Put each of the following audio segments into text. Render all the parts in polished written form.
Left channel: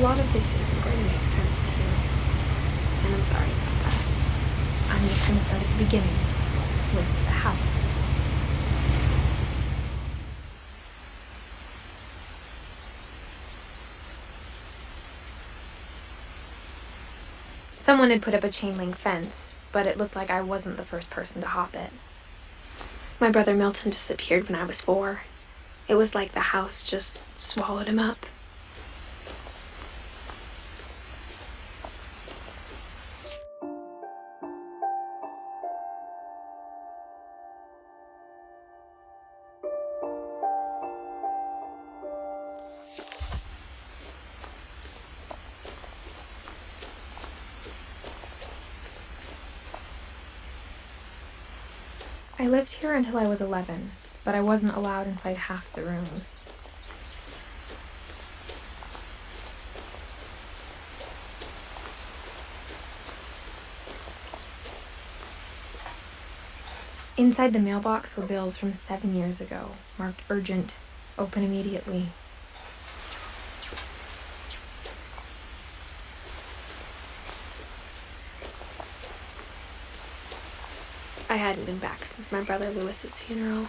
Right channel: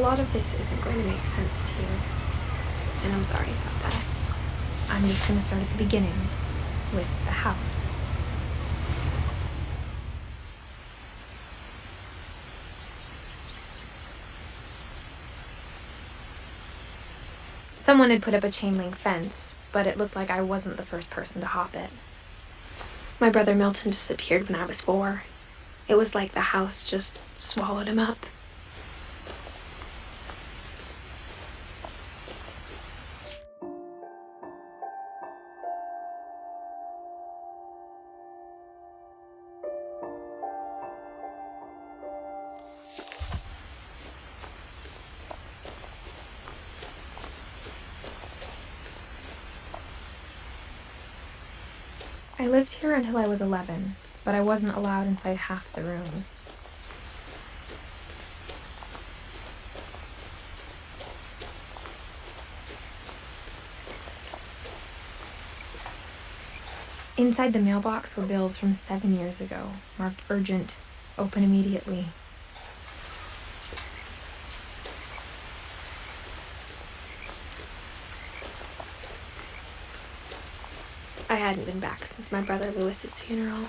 lot of this isn't going to make sense to you, and I'm sorry about that. I'm just going to start at the beginning, with the house. Someone had put up a chain-link fence, but it looked like I wasn't the first person to hop it. My brother Milton disappeared when I was 4. It was like the house just swallowed him up. I lived here until I was 11, but I wasn't allowed inside half the rooms. Inside the mailbox were bills from 7 years ago, marked urgent, open immediately. I hadn't been back since my brother Lewis's funeral.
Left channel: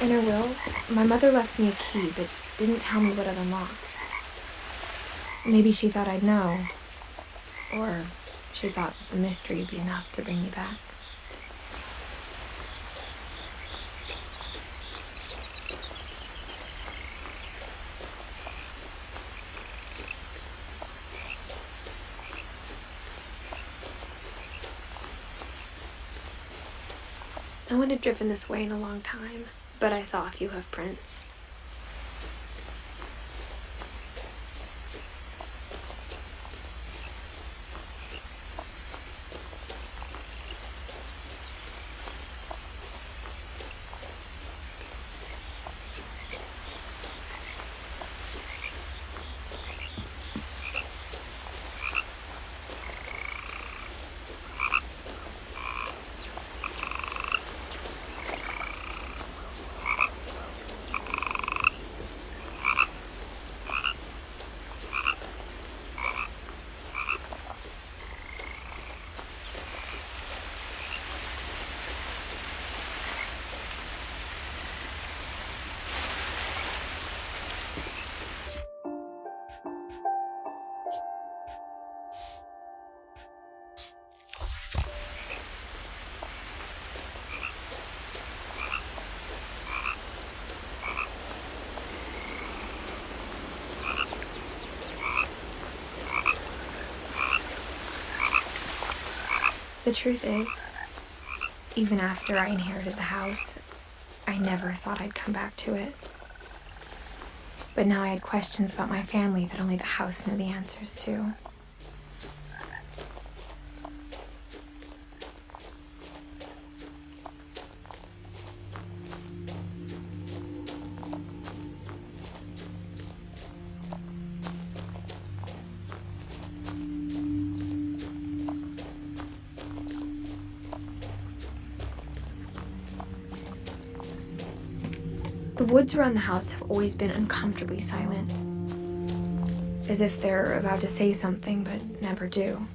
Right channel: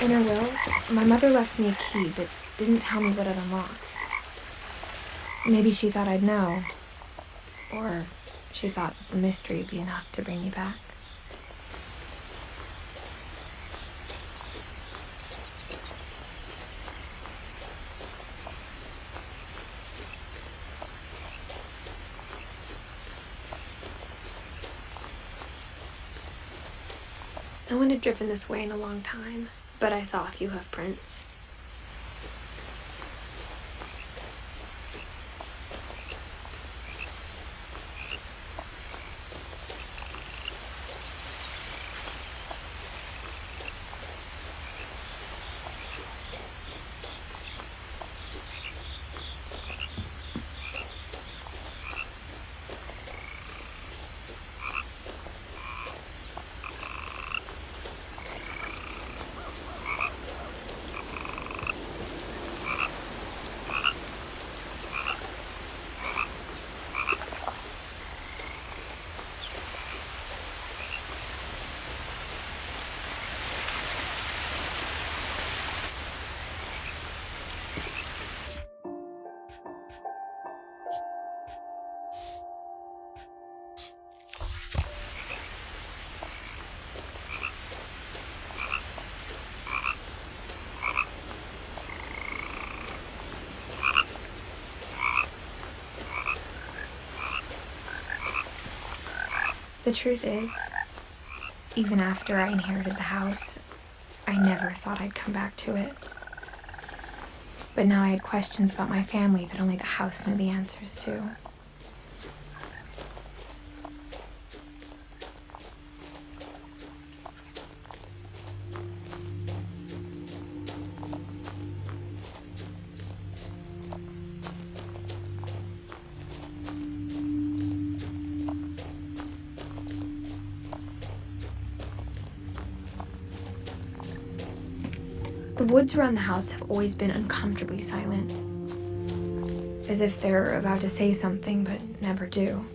In her will, my mother left me a key, but didn't tell me what it unlocked. Maybe she thought I'd know, or she thought the mystery would be enough to bring me back. No one had driven this way in a long time, but I saw a few hoof prints. The truth is, even after I inherited the house, I never thought I'd come back to it. But now I had questions about my family that only the house knew the answers to. The woods around the house have always been uncomfortably silent, as if they're about to say something but never do.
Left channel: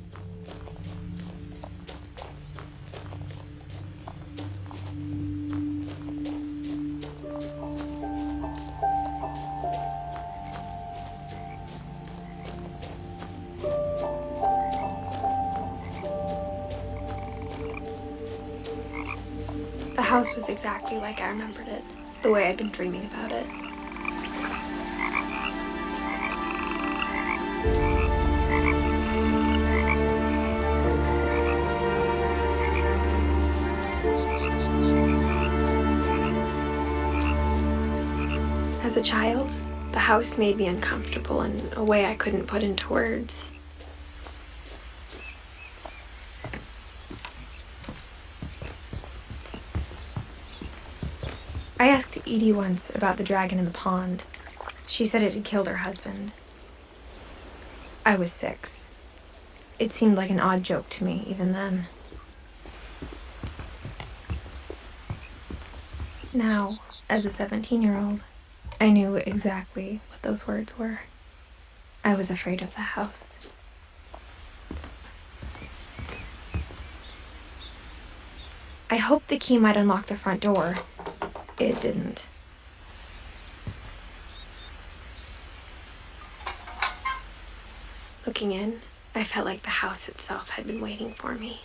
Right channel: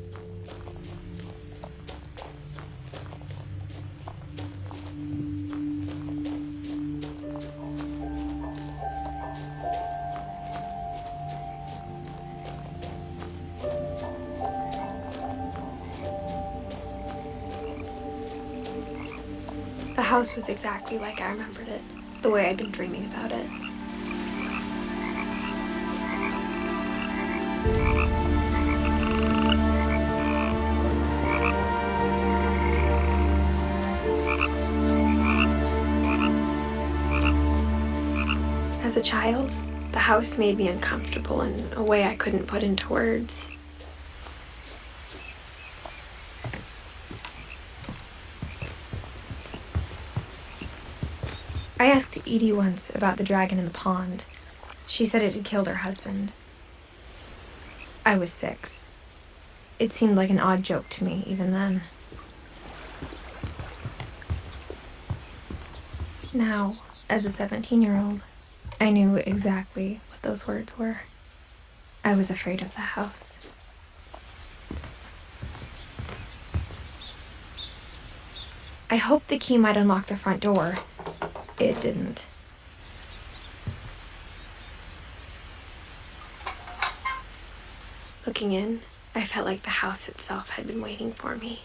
The house was exactly like I remembered it, the way I'd been dreaming about it. As a child, the house made me uncomfortable in a way I couldn't put into words. I asked Edith once about the dragon in the pond. She said it had killed her husband. I was 6. It seemed like an odd joke to me even then. Now, as a 17-year-old, I knew exactly what those words were. I was afraid of the house. I hoped the key might unlock the front door. It didn't. Looking in, I felt like the house itself had been waiting for me.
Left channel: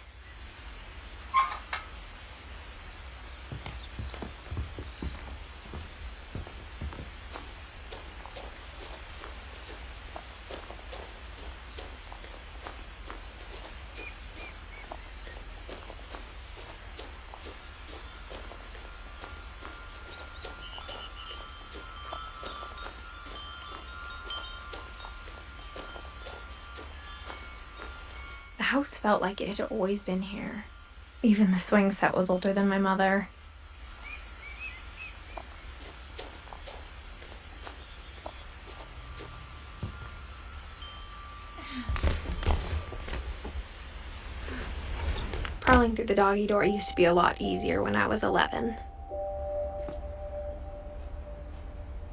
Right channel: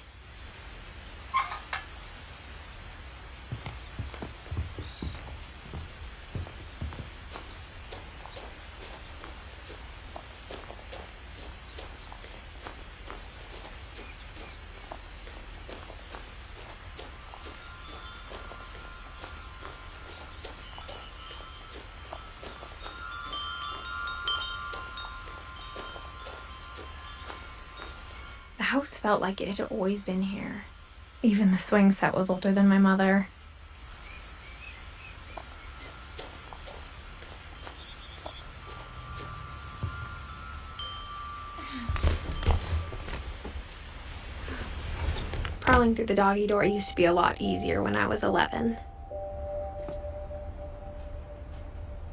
The house felt like it had always been here. Even the swing set was older than my mother. Crawling through the doggy door used to be a lot easier when I was 11.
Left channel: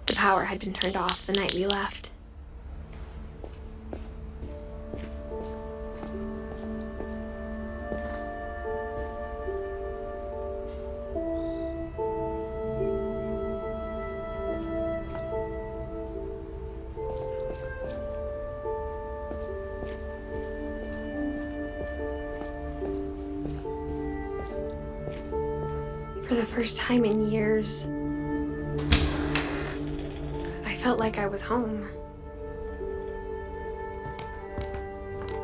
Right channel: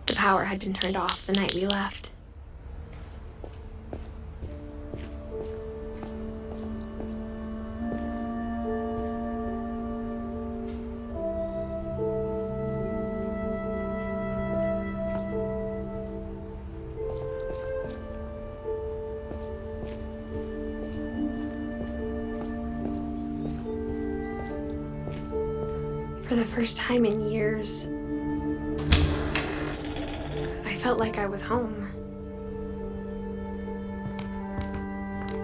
The power had been turned off the night we left. For the first time in years, I felt like I was home.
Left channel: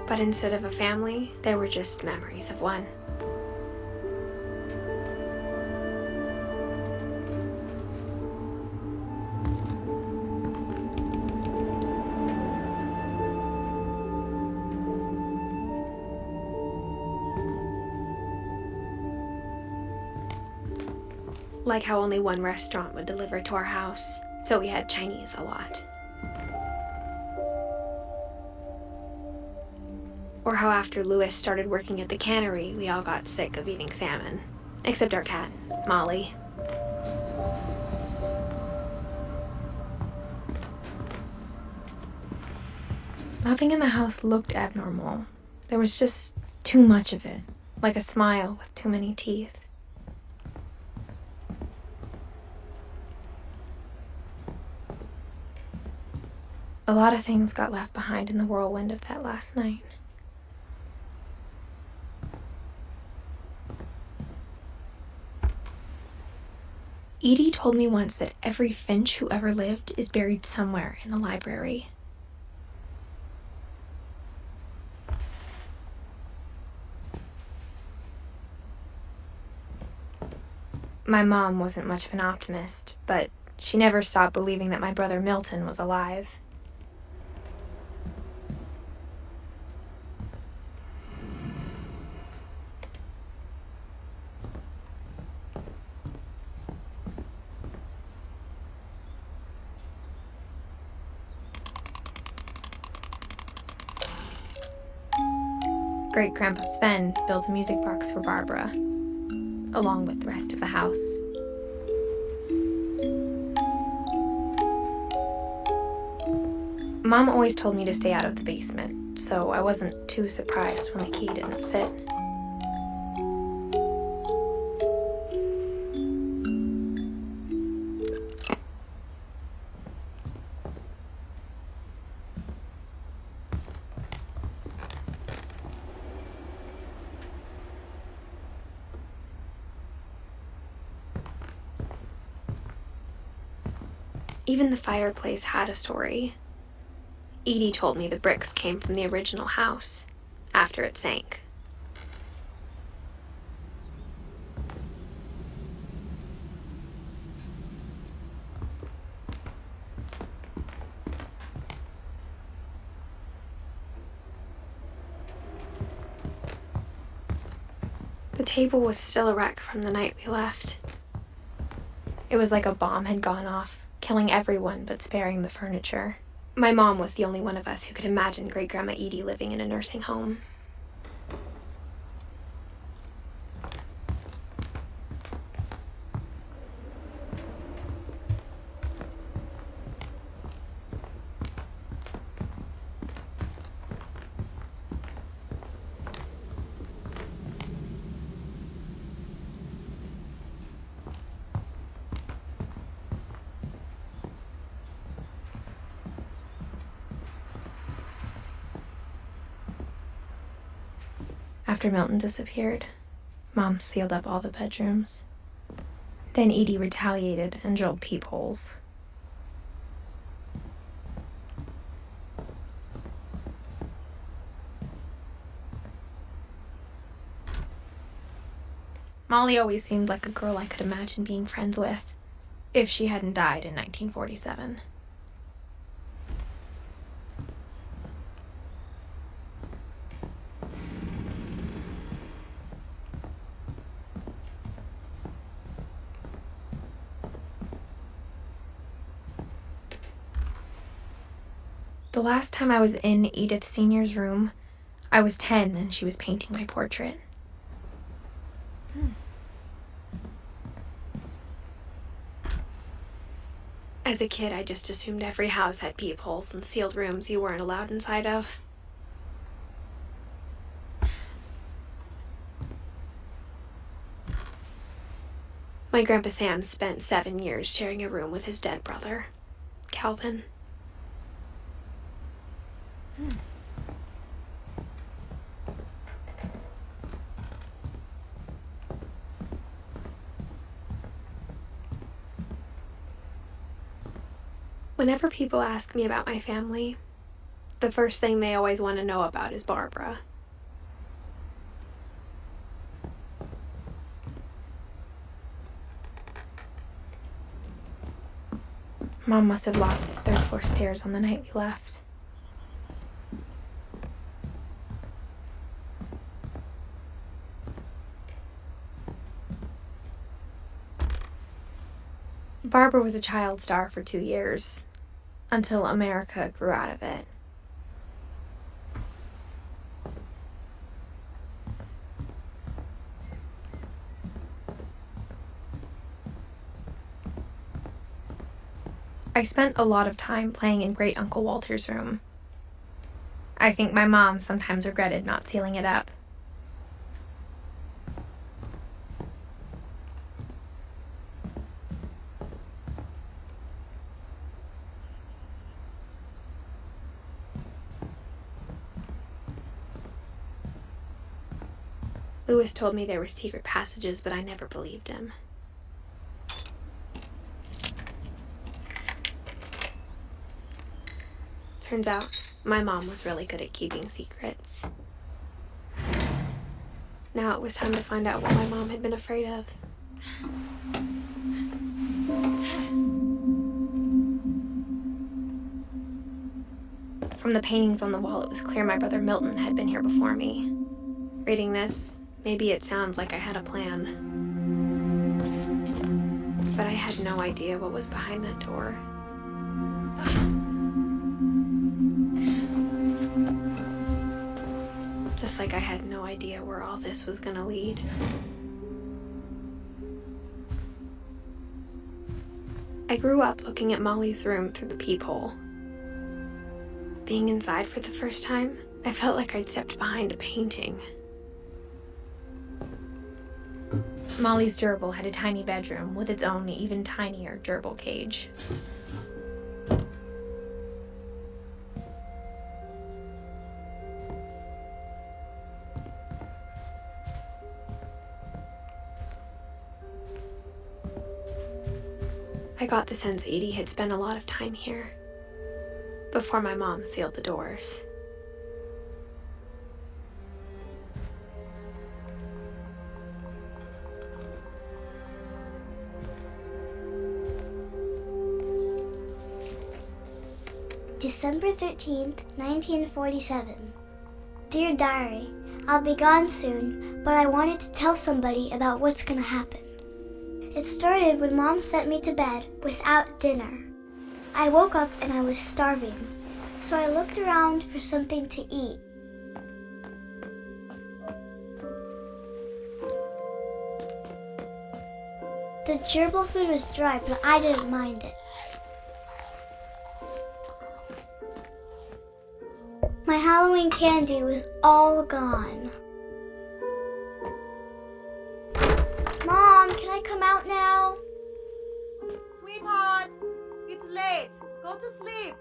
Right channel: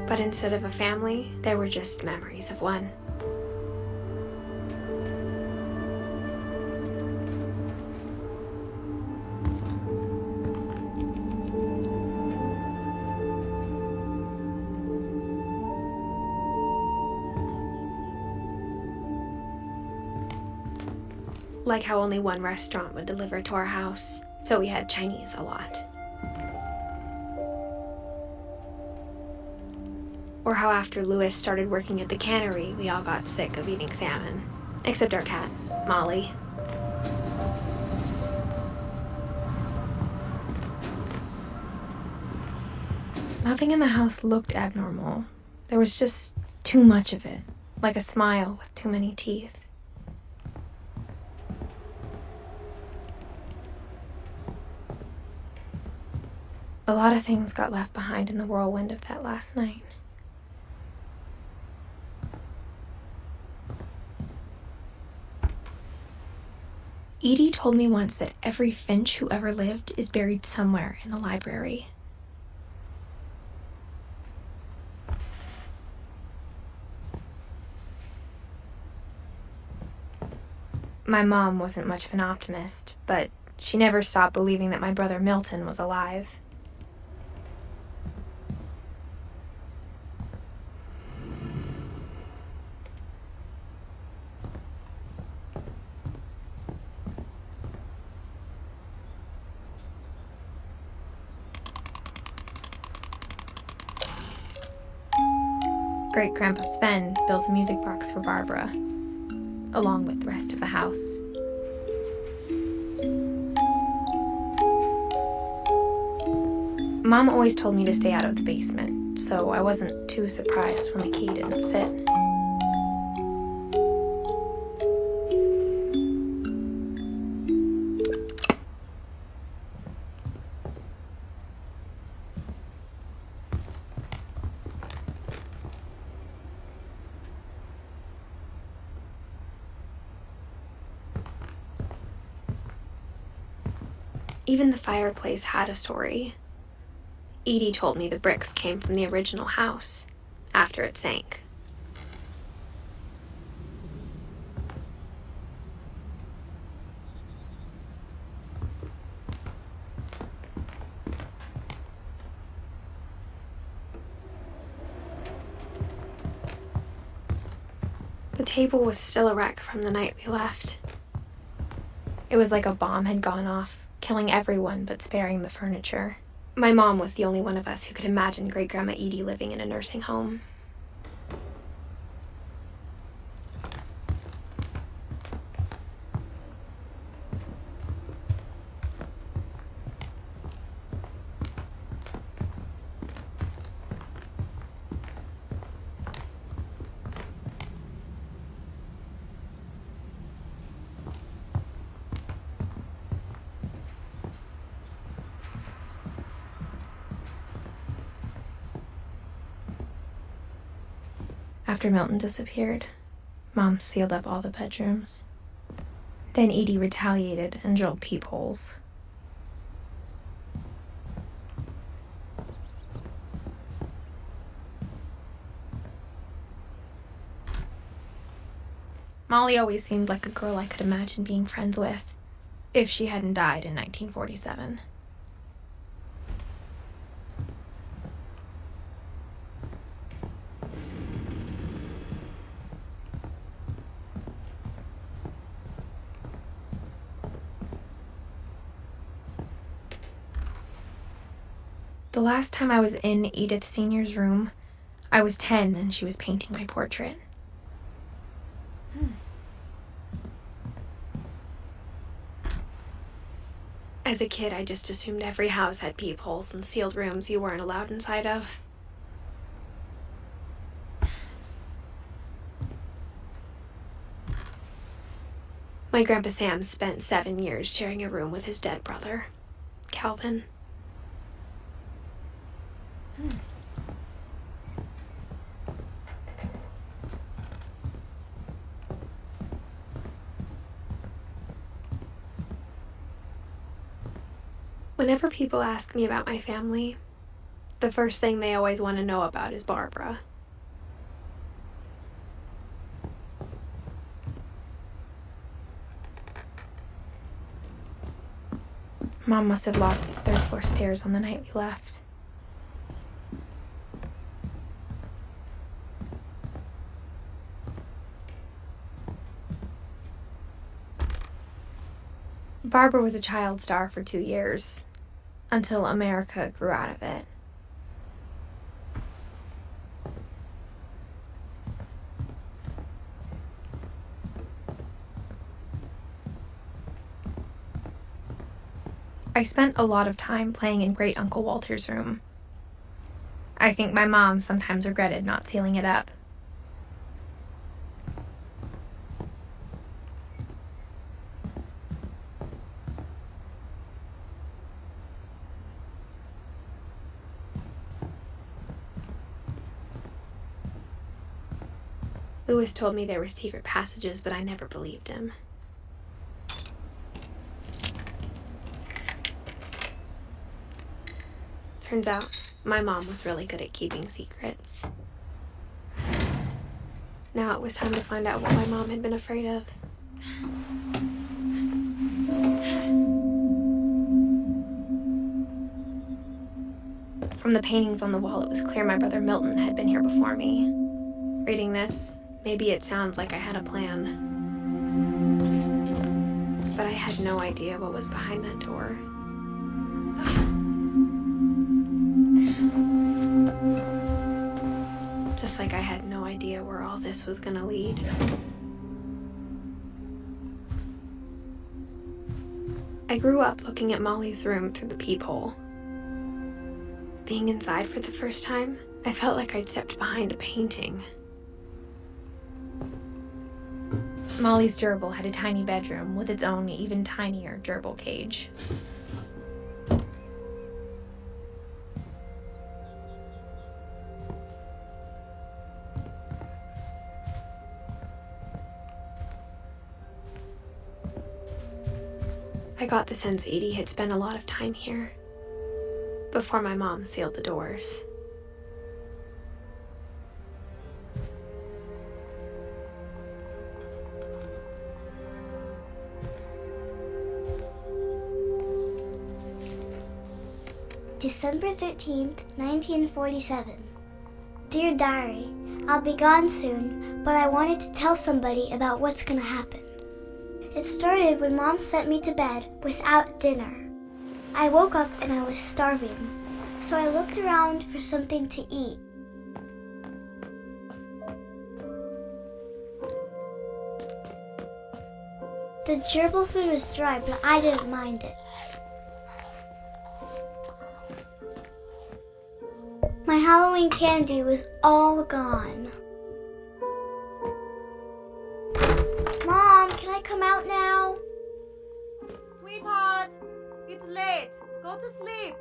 But instead of a family, there were just memories of one. Like how only one restaurant would deliver to our house, so we had Chinese a lot. Or how after Louis started working at the cannery, we all got sick of eating salmon. Except our cat, Molly. Nothing in the house looked abnormal. There was just too much of it, like a smile with too many teeth. A lot of things got left behind in the whirlwind of that last night. Edith told me once that every Finch who ever lived is buried somewhere in the library. My mom wasn't much of an optimist, but she never stopped believing that my brother Milton was alive. Great-Grandpa Sven built a music box for Barbara, along with the rest of the house. Mom always told me to stay out of the basement, so I wasn't too surprised when the key didn't fit. Even the fireplace had a story. Edie told me the bricks came from the original house, after it sank. The table was still a wreck from the night we left. It was like a bomb had gone off, killing everyone but sparing the furniture. My mom was the only one of us who could imagine Great-Grandma Edie living in a nursing home. After Milton disappeared, Mom sealed up all the bedrooms. Then Edie retaliated and drilled peepholes. Molly always seemed like a girl I could imagine being friends with, if she hadn't died in 1947. The last time I was in Edith Sr.'s room, I was 10 and she was painting my portrait. As a kid, I just assumed every house had peepholes and sealed rooms you weren't allowed inside of. My Grandpa Sam spent 7 years sharing a room with his dead brother, Calvin. Whenever people ask me about my family, the first thing they always want to know about is Barbara. Mom must have locked the third floor stairs on the night we left. Barbara was a child star for 2 years, until America grew out of it. I spent a lot of time playing in Great Uncle Walter's room. I think my mom sometimes regretted not sealing it up. Lewis told me there were secret passages, but I never believed him. Turns out, my mom was really good at keeping secrets. Now it was time to find out what my mom had been afraid of. From the paintings on the wall, it was clear my brother Milton had been here before me. Reading this, maybe it sounds like I had a plan. But I had no idea what was behind that door. Just like I had no idea where all this was gonna lead. I grew up looking at Molly's room through the peephole. Being inside for the first time, I felt like I'd stepped behind a painting. Molly's gerbil had a tiny bedroom with its own even tinier gerbil cage. I got the sense Edie had spent a lot of time here, before my mom sealed the doors. December 13th, 1947. Dear Diary, I'll be gone soon, but I wanted to tell somebody about what's gonna happen. It started when Mom sent me to bed without dinner. I woke up and I was starving, so I looked around for something to eat. The gerbil food was dry, but I didn't mind it. My Halloween candy was all gone. Mom, can I come out now? Sweetheart, it's late. Go to sleep.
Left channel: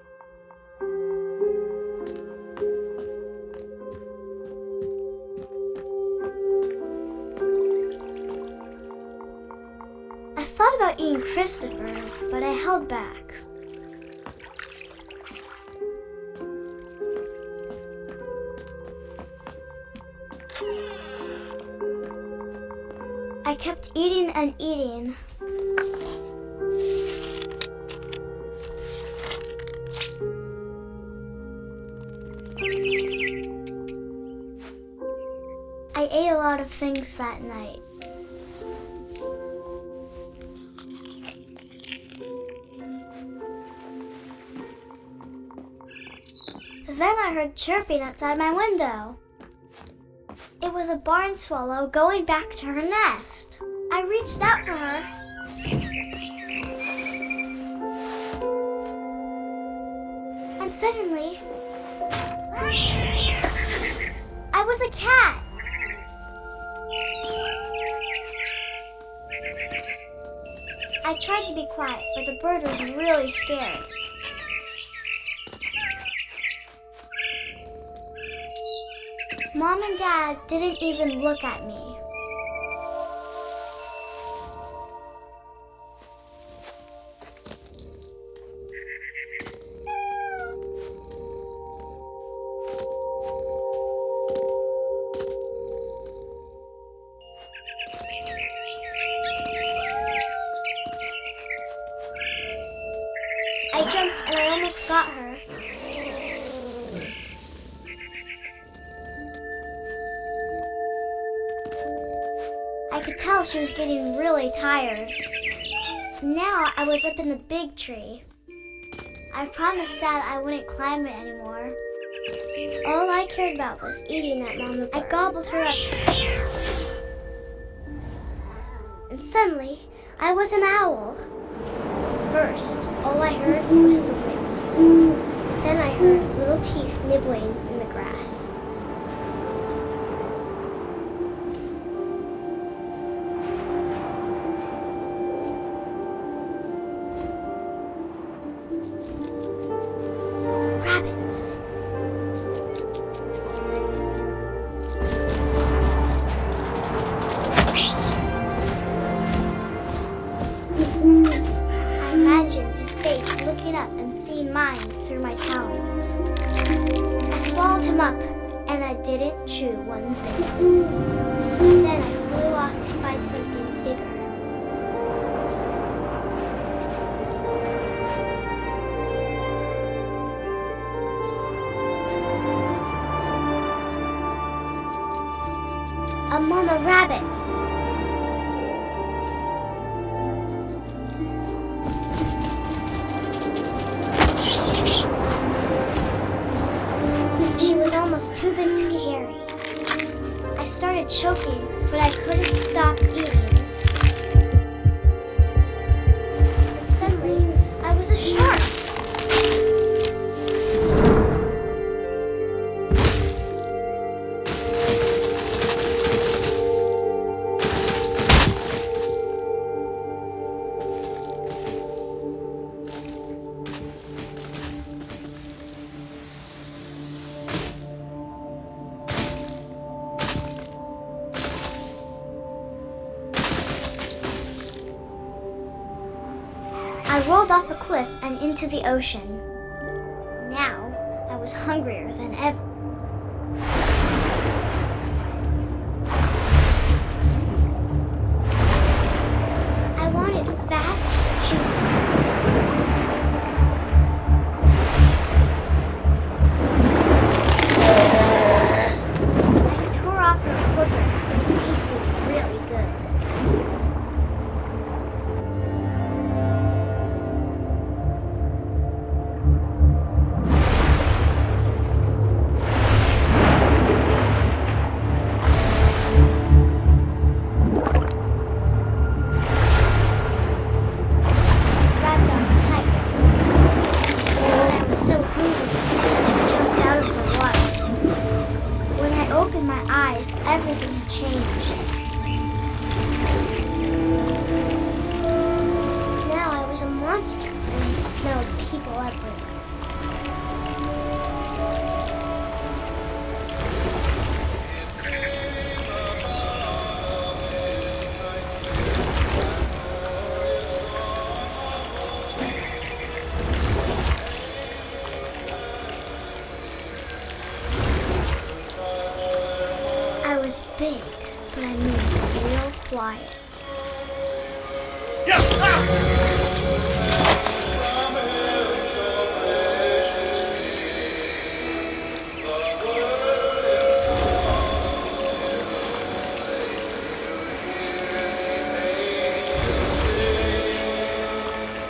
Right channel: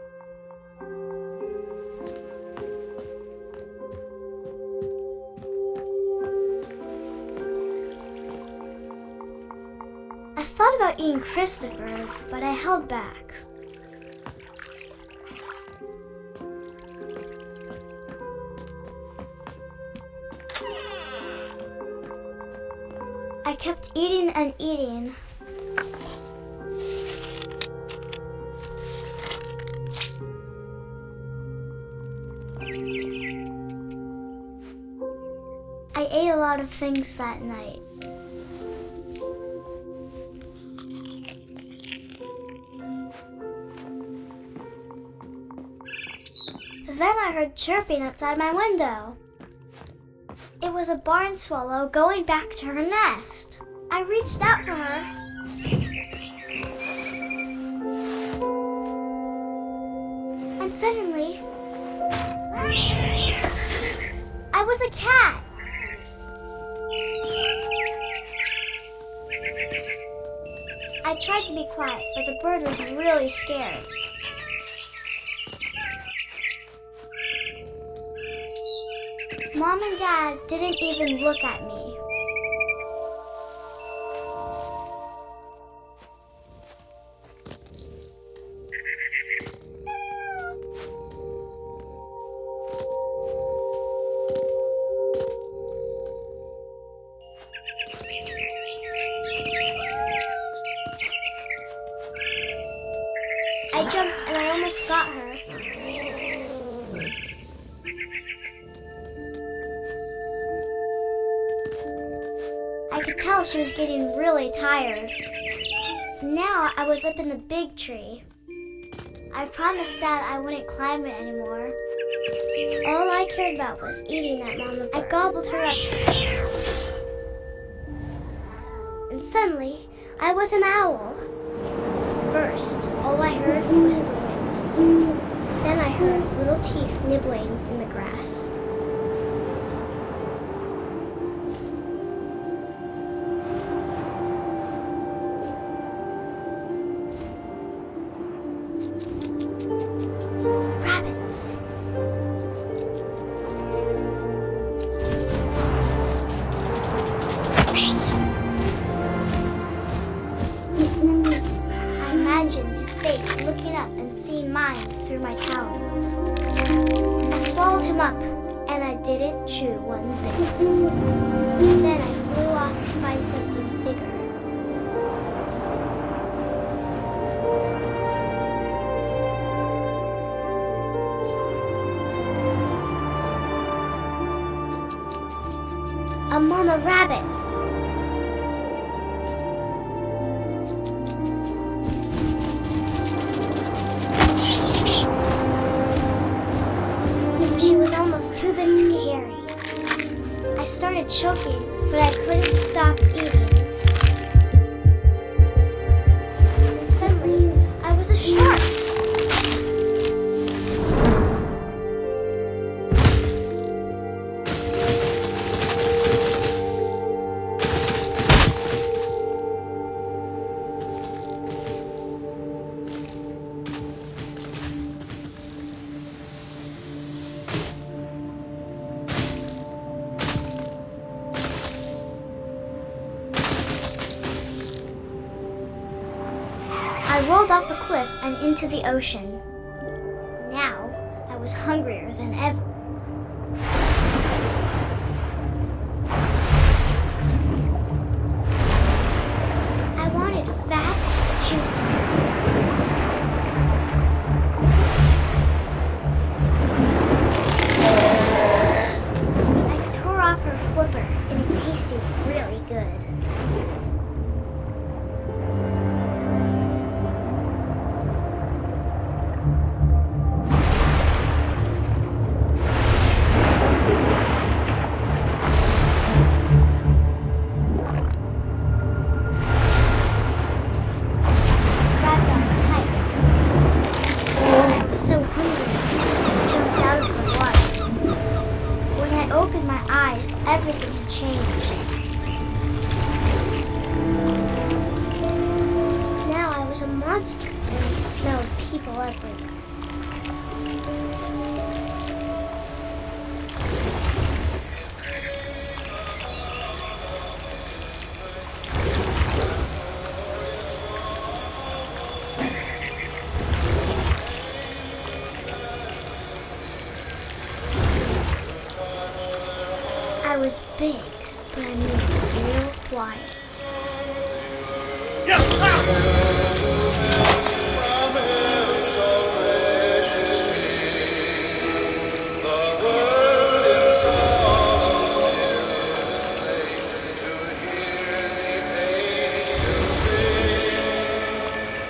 being Christopher, but I held back. I kept eating and eating. I ate a lot of things that night. Then I heard chirping outside my window. It was a barn swallow going back to her nest. I reached out for her. And suddenly, I was a cat. I tried to be quiet, but the bird was really scared. Mom and Dad didn't even look at me. I jumped and I almost got her. I could tell she was getting really tired. Now I was up in the big tree. I promised Dad I wouldn't climb it anymore. All I cared about was eating that mama bird. I gobbled her up. And suddenly, I was an owl. First, all I heard was the wind. Then I heard little teeth nibbling in the grass. Rabbits. I imagined his face looking up and seeing mine through my talons. I swallowed him up, and I didn't chew one bit. Then I flew off to find something bigger. A mama rabbit. She was almost too big to carry. I started choking, but I couldn't stop eating. And suddenly, I was a shark. I rolled off a cliff and into the ocean. Now, I was hungrier than ever. I wanted fat, juicy seeds. I tore off her flipper, and it tasted really good. Grabbed on tight. I was so hungry, I jumped out of the water. When I opened my eyes, everything had changed. Now I was a monster, and I smelled people everywhere. was big, but I moved real quiet.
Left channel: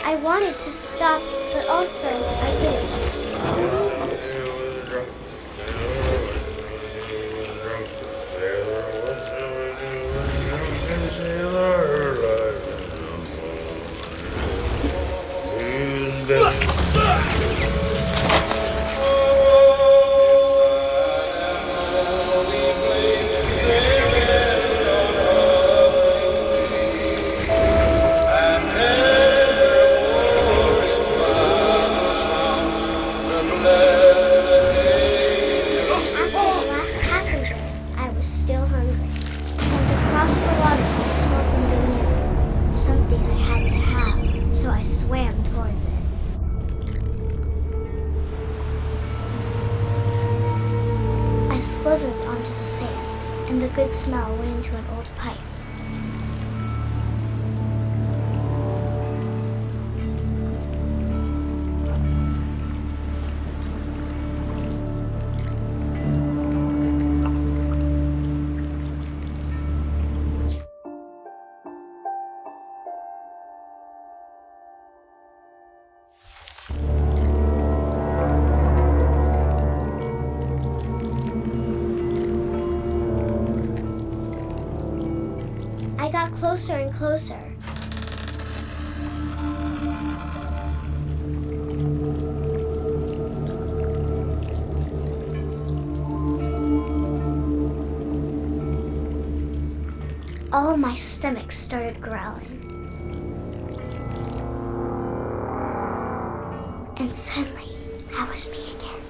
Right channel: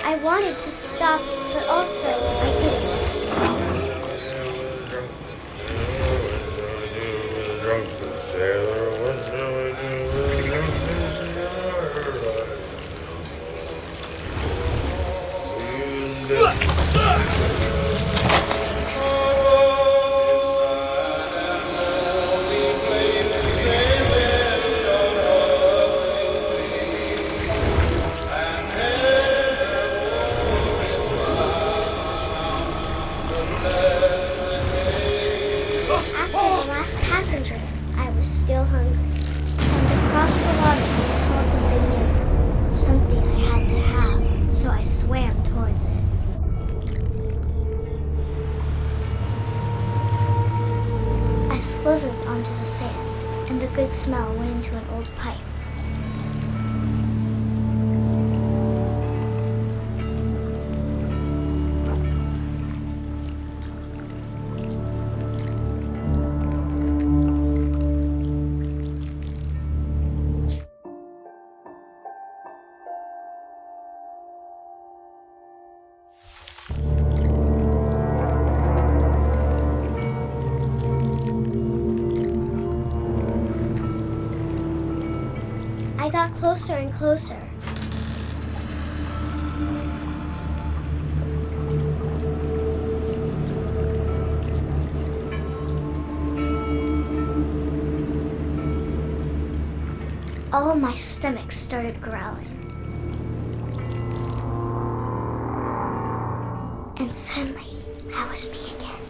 I wanted to stop, but also I didn't. Passenger, I was still hungry, and across the water I saw something I had to have, so I swam towards it. I slithered onto the sand, and the good smell went into an old pipe. I got closer and closer. All of my stomach started growling. And suddenly, I was me again.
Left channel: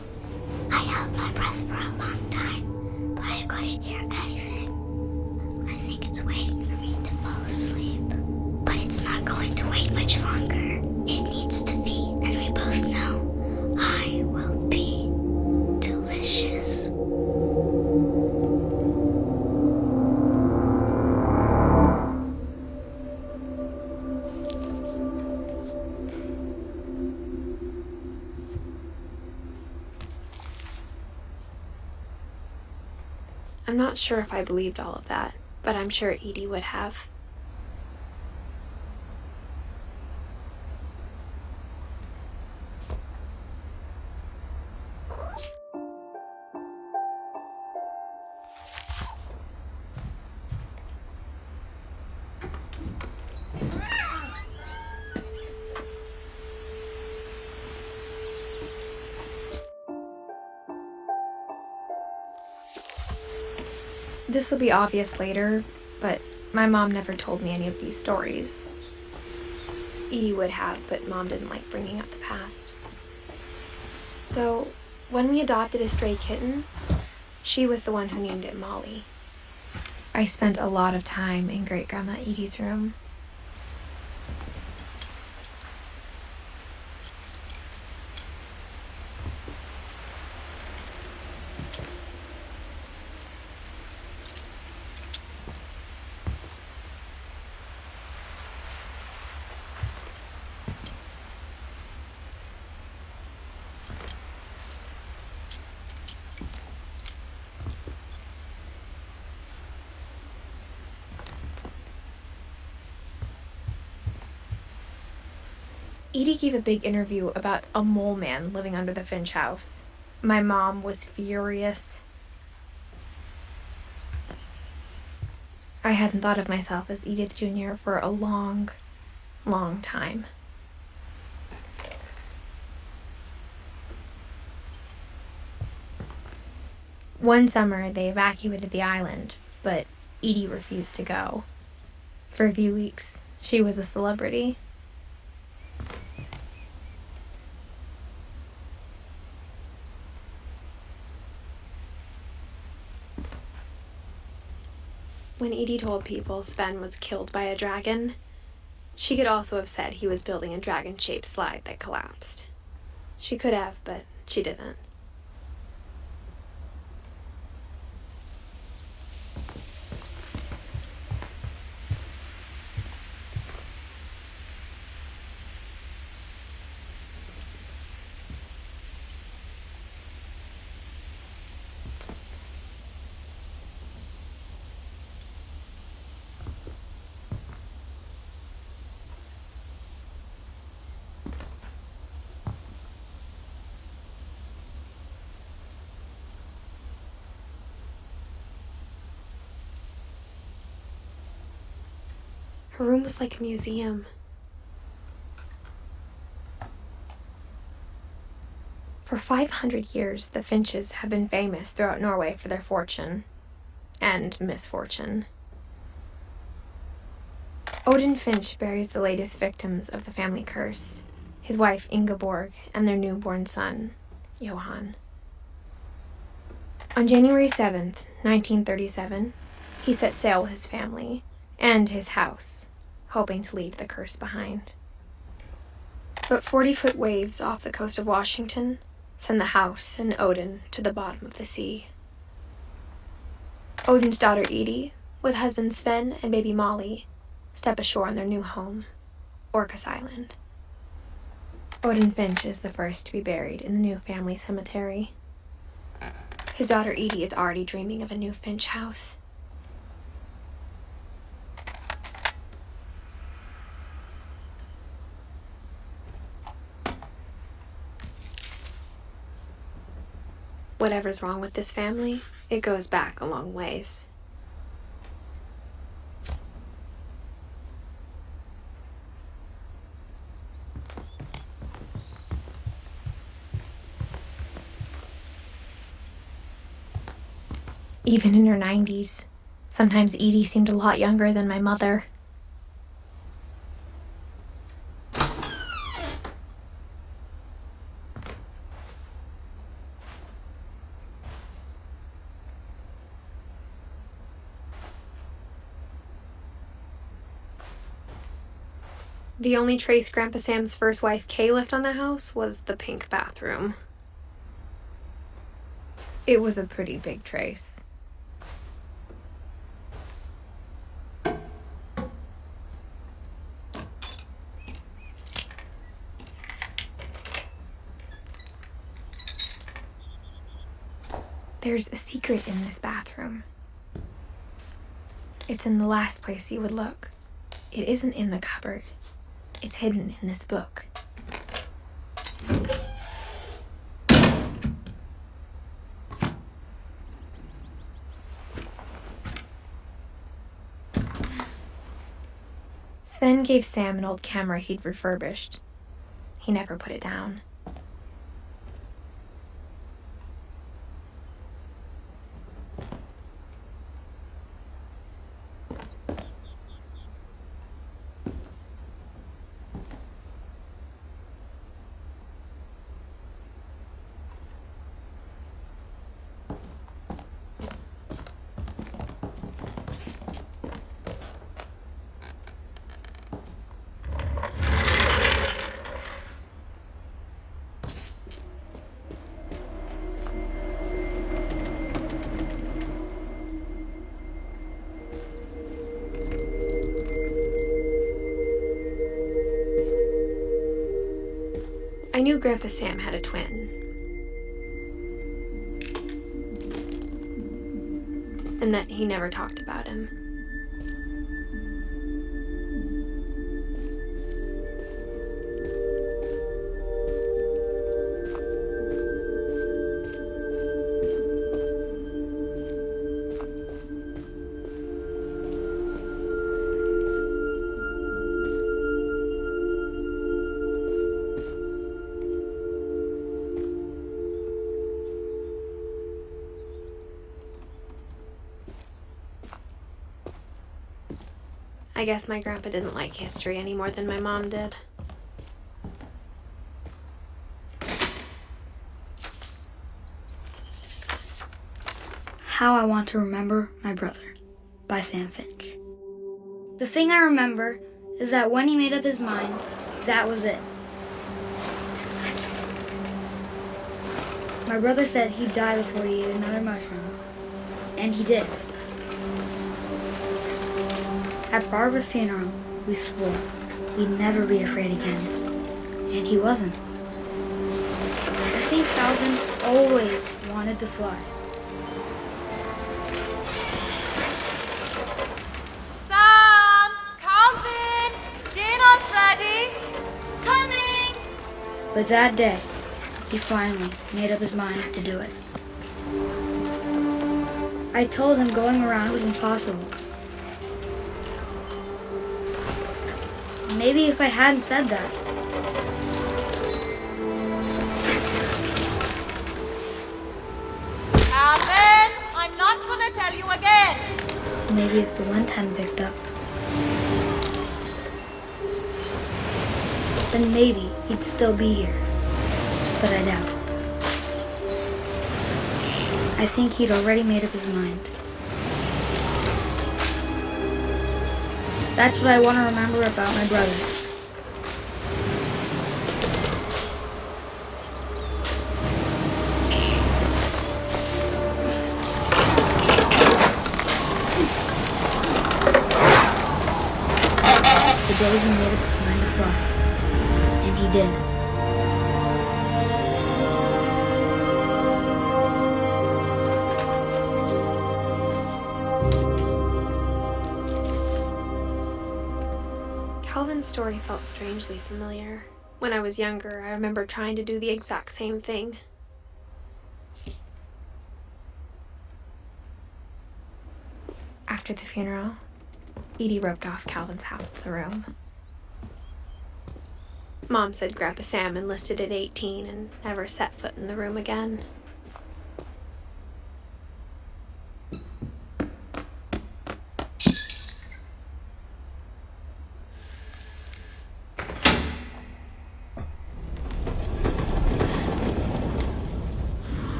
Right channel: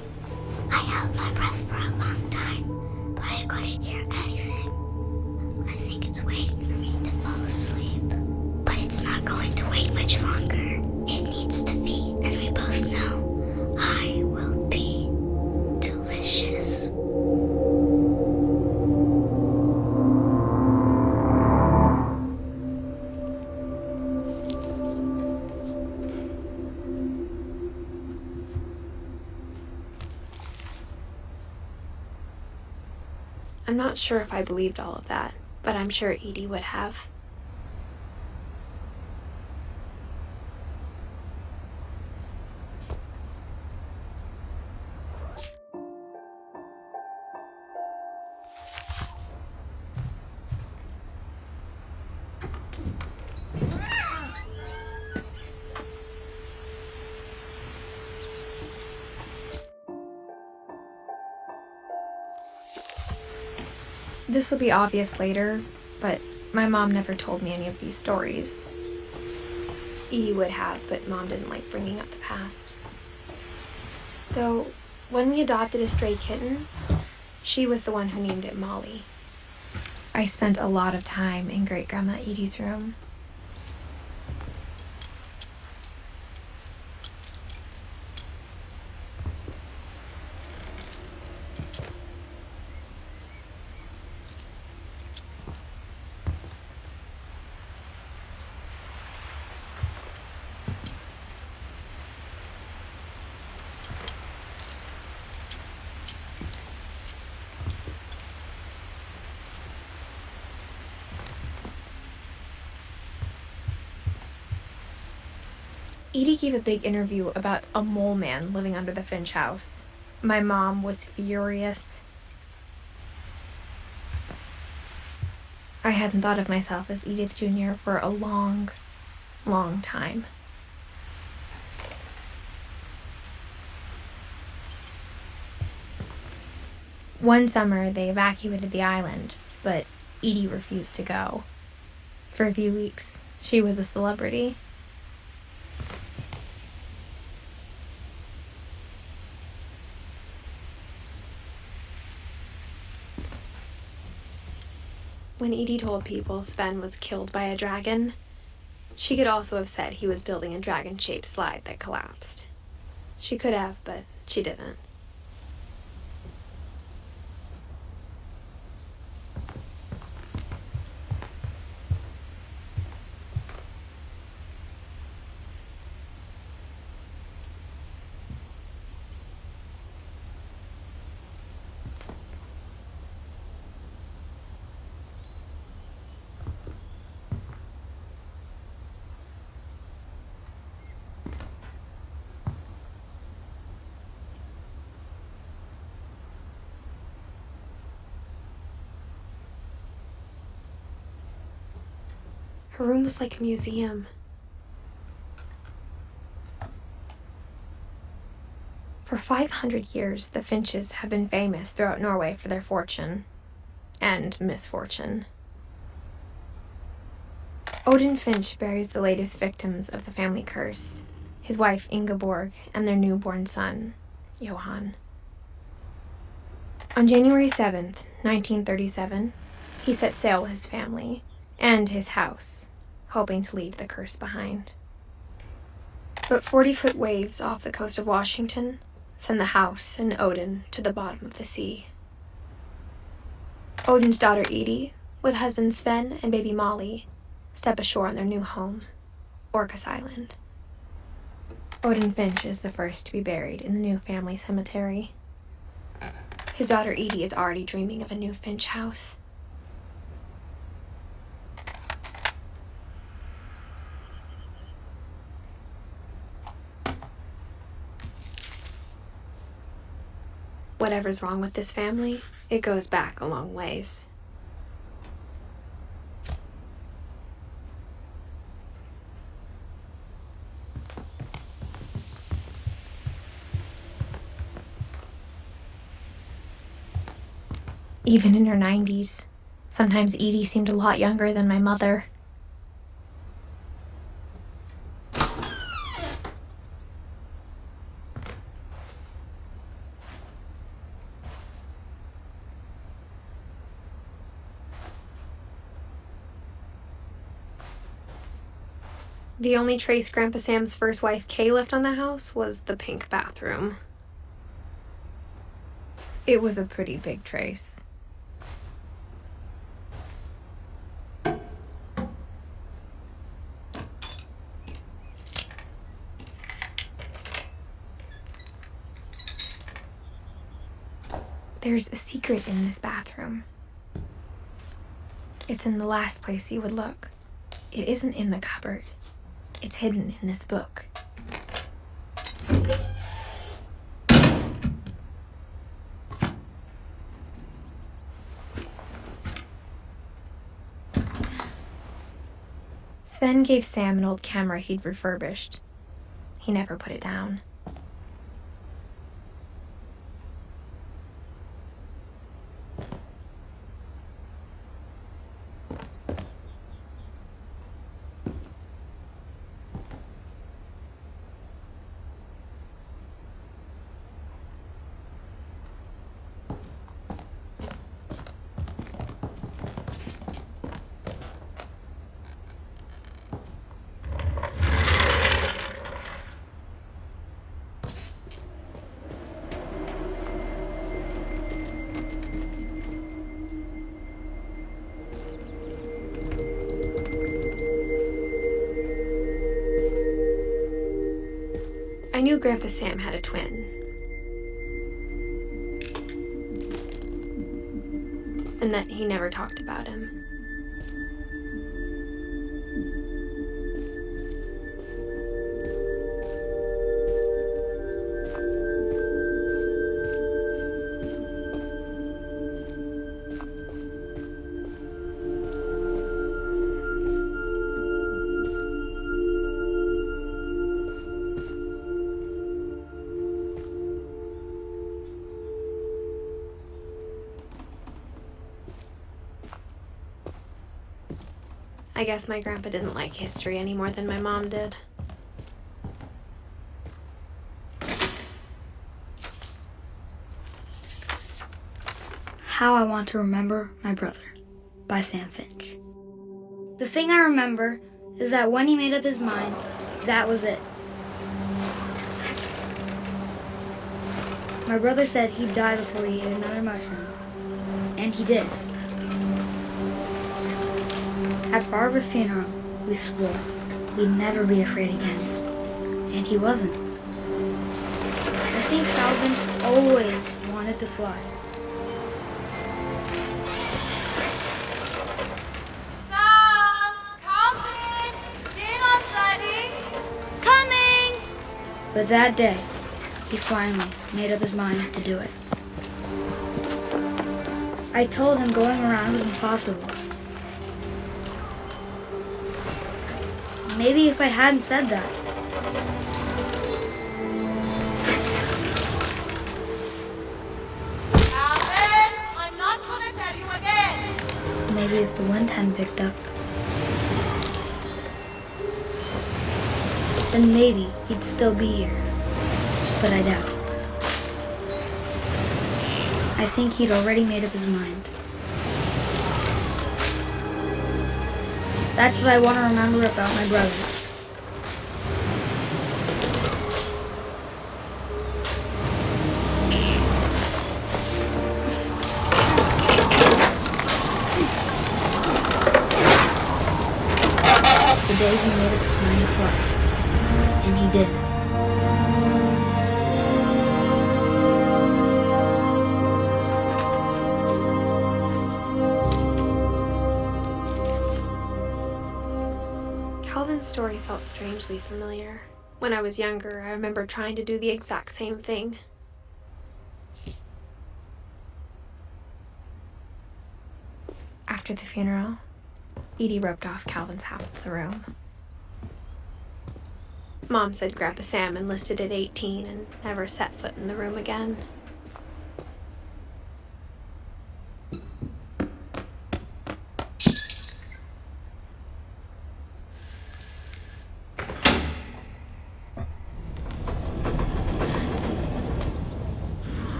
I held my breath for a long time, but I couldn't hear anything. I think it's waiting for me to fall asleep. But it's not going to wait much longer. It needs to feed, and we both know I will be delicious. I'm not sure if I believed all of that, but I'm sure Edie would have. This will be obvious later, but my mom never told me any of these stories. Edie would have, but Mom didn't like bringing up the past. Though, when we adopted a stray kitten, she was the one who named it Molly. I spent a lot of time in Great-Grandma Edie's room. Edie gave a big interview about a mole man living under the Finch house. My mom was furious. I hadn't thought of myself as Edith Jr. for a long, long time. One summer, they evacuated the island, but Edie refused to go. For a few weeks, she was a celebrity. When Edie told people Sven was killed by a dragon, she could also have said he was building a dragon-shaped slide that collapsed. She could have, but she didn't. Her room was like a museum. For 500 years, the Finches have been famous throughout Norway for their fortune and misfortune. Odin Finch buries the latest victims of the family curse, his wife Ingeborg and their newborn son, Johan. On January 7th, 1937, he set sail with his family and his house, hoping to leave the curse behind. But 40-foot waves off the coast of Washington send the house and Odin to the bottom of the sea. Odin's daughter Edith, with husband Sven and baby Molly, step ashore on their new home, Orcas Island. Odin Finch is the first to be buried in the new family cemetery. His daughter Edith is already dreaming of a new Finch house. Whatever's wrong with this family, it goes back a long ways. Even in her 90s, sometimes Edie seemed a lot younger than my mother. The only trace Grandpa Sam's first wife Kay left on the house was the pink bathroom. It was a pretty big trace. There's a secret in this bathroom. It's in the last place you would look. It isn't in the cupboard. It's hidden in this book. Sven gave Sam an old camera he'd refurbished. He never put it down. I knew Grandpa Sam had a twin. And that he never talked about him. I guess my grandpa didn't like history any more than my mom did. How I Want to Remember My Brother by Sam Finch. The thing I remember is that when he made up his mind, that was it. My brother said he'd die before he ate another mushroom, and he did. At Barbara's funeral, we swore we'd never be afraid again, and he wasn't. I think Calvin always wanted to fly. Sam! Calvin! Dinner's ready! Coming! But that day, he finally made up his mind to do it. I told him going around was impossible. Maybe if I hadn't said that. Calvin, I'm not gonna tell you again. Maybe if the wind hadn't picked up. Then maybe he'd still be here. But I doubt it. I think he'd already made up his mind. That's what I want to remember about my brother. The day he made up his mind to fly. And he did. Calvin's story felt strangely familiar. When I was younger, I remember trying to do the exact same thing. After the funeral, Edie roped off Calvin's half of the room. Mom said Grandpa Sam enlisted at 18 and never set foot in the room again.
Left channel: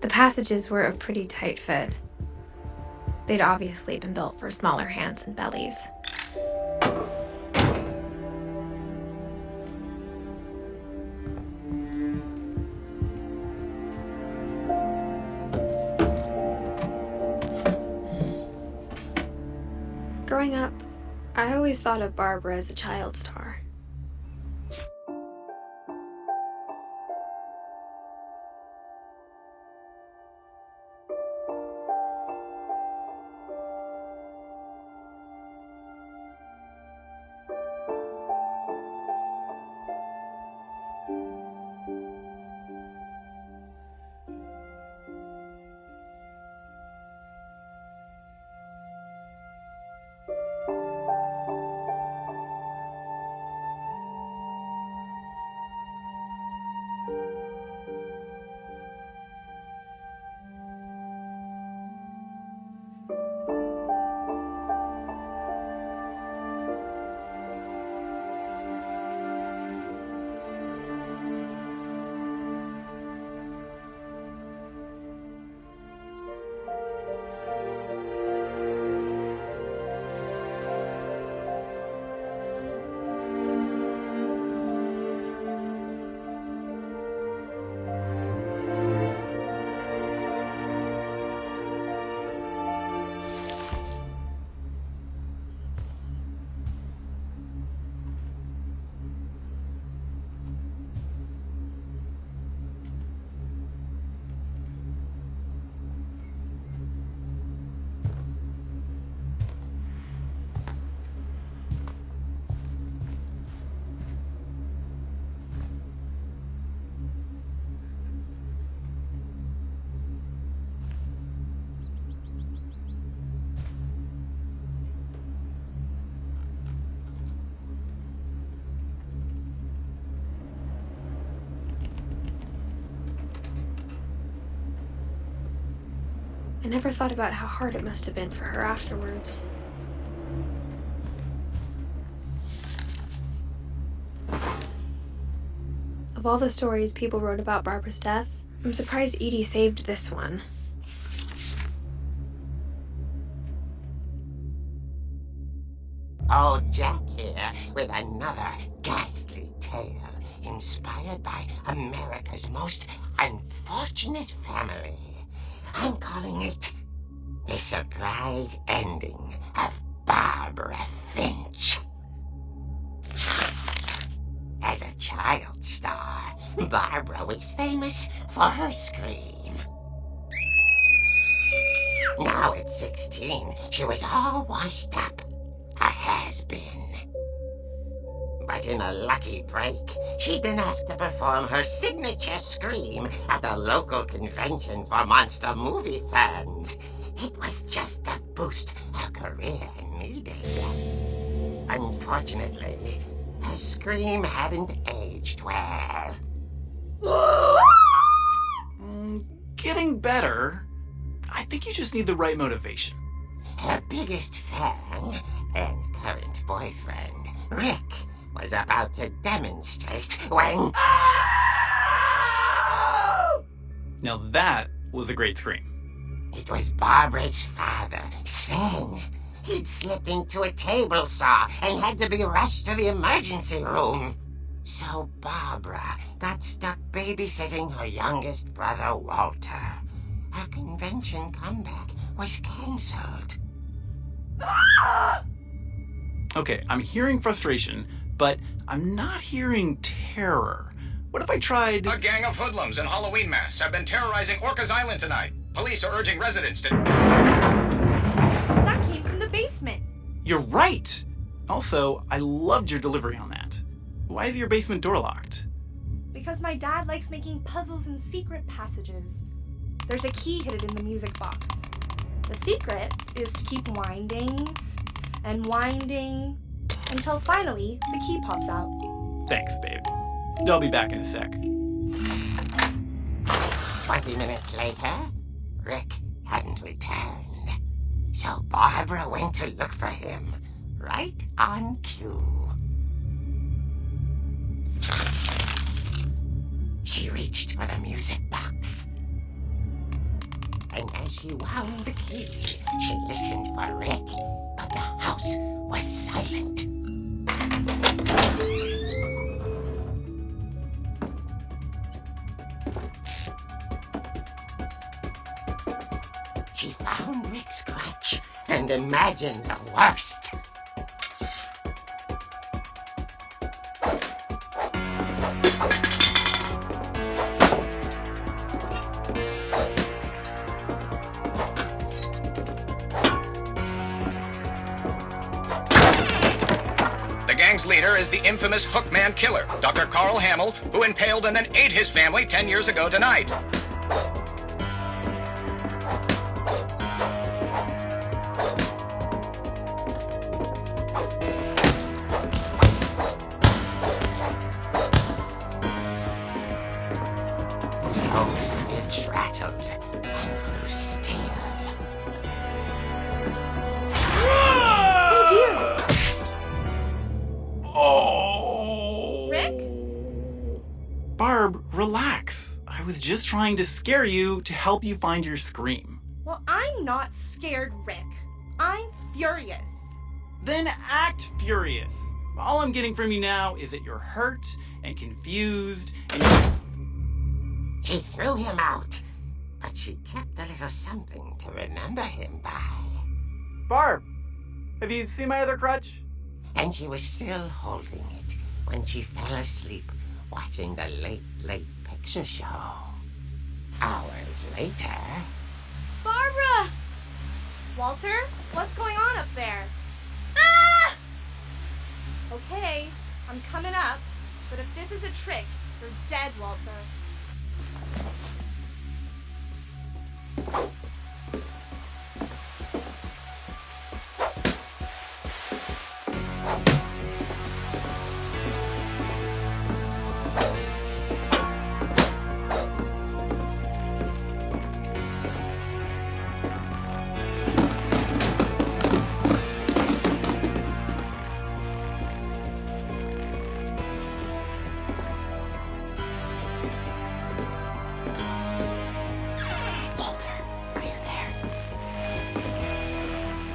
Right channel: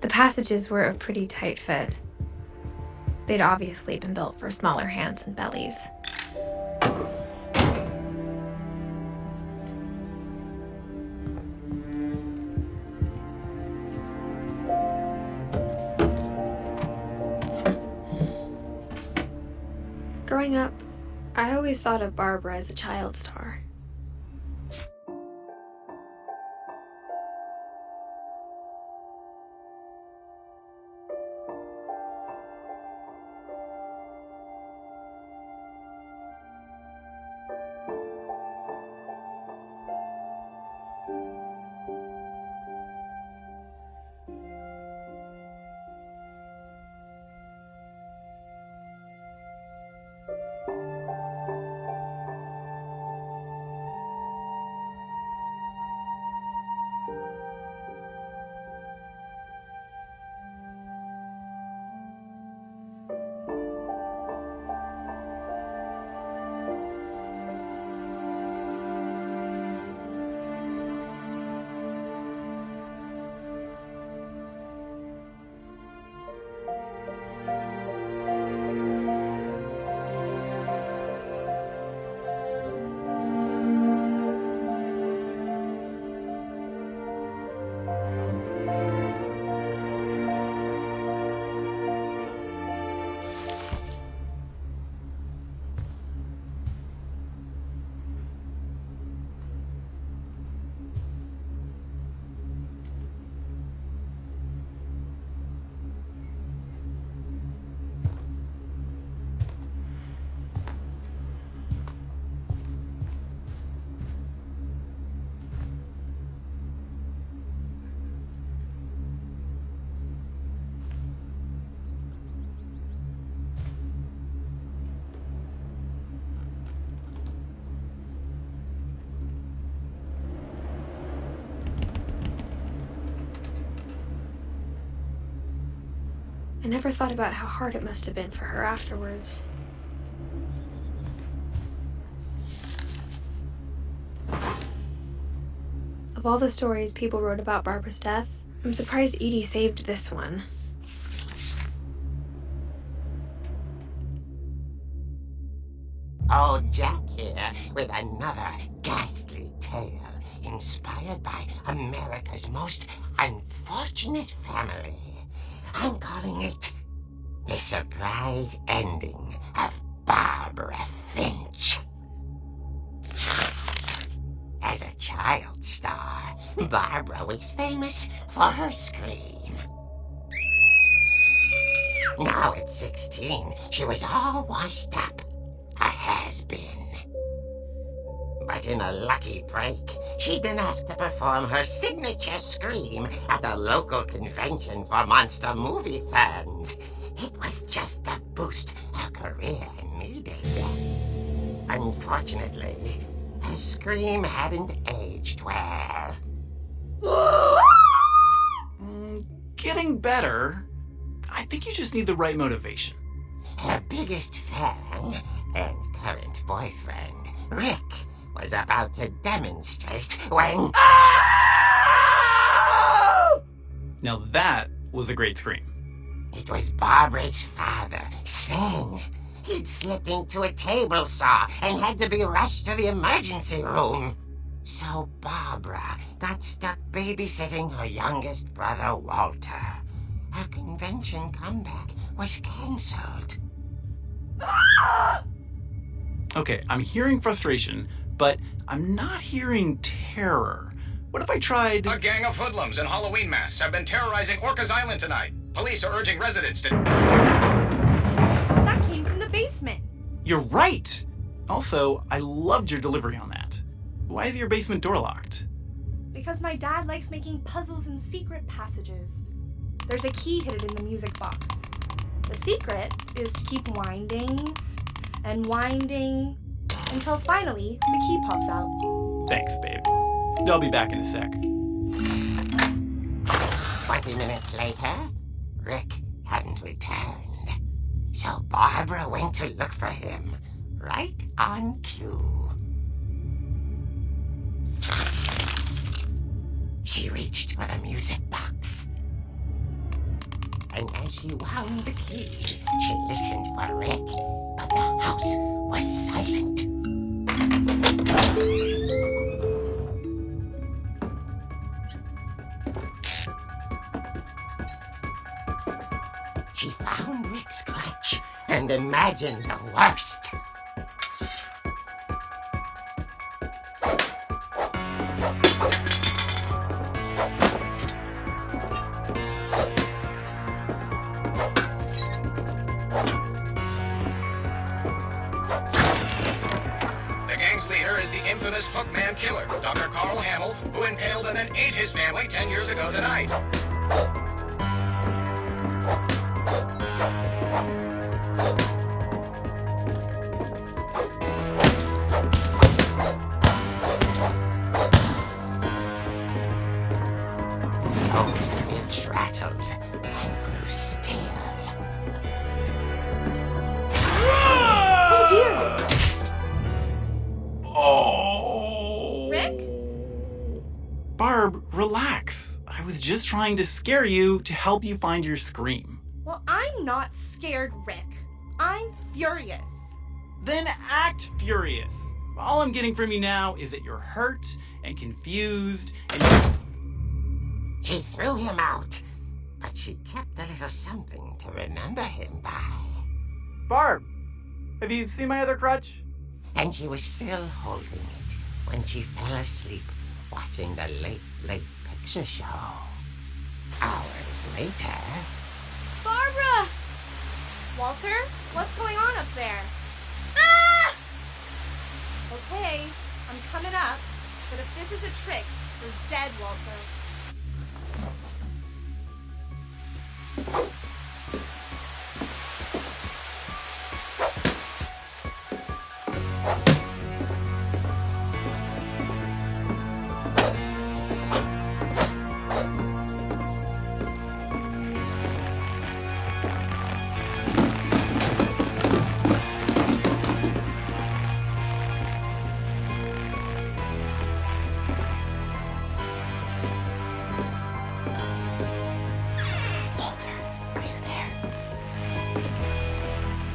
The passages were a pretty tight fit. They'd obviously been built for smaller hands and bellies. Growing up, I always thought of Barbara as a child star. I never thought about how hard it must have been for her afterwards. Of all the stories people wrote about Barbara's death, I'm surprised Edie saved this one. Old Jack here with another ghastly tale inspired by America's most unfortunate family. I'm calling it The Surprise Ending of Barbara Finch. As a child star, Barbara was famous for her scream. Now at 16, she was all washed up. A has-been. But in a lucky break, she'd been asked to perform her signature scream at a local convention for monster movie fans. It was just the boost her career needed. Unfortunately, her scream hadn't aged well. Getting better. I think you just need the right motivation. Her biggest fan and current boyfriend, Rick, was about to demonstrate when... Now that was a great scream. It was Barbara's father, Sven. He'd slipped into a table saw and had to be rushed to the emergency room. So Barbara got stuck babysitting her youngest brother, Walter. Her convention comeback was cancelled. Okay, I'm hearing frustration, but I'm not hearing terror. What if I tried... A gang of hoodlums in Halloween masks have been terrorizing Orcas Island tonight. Police are urging residents to... That came from the basement. You're right! Also, I loved your delivery on that. Why is your basement door locked? Because my dad likes making puzzles and secret passages. There's a key hidden in the music box. The secret is to keep winding and winding until finally the key pops out. Thanks, babe. I'll be back in a sec. 20 minutes later, Rick hadn't returned. So Barbara went to look for him, right on cue. She reached for the music box. And as she wound the key, she listened for Rick, but the house was silent. She found Rick's crutch and imagined the worst. The gang's leader is the infamous Hookman killer, Dr. Carl Hamill, who impaled and then ate his family 10 years ago tonight. Oh, Finch rattled and grew still. Oh dear! Oh! Rick? Barb, relax. I was just trying to scare you to help you find your scream. Well, I'm not scared, Rick. I'm furious. Then act furious. All I'm getting from you now is that you're hurt and confused and She threw him out, but she kept a little something to remember him by. Barb, have you seen my other crutch? And she was still holding it when she fell asleep watching the late picture show. Hours later... Barbara! Walter, what's going on up there? Ah! Okay, I'm coming up, but if this is a trick, you're dead, Walter.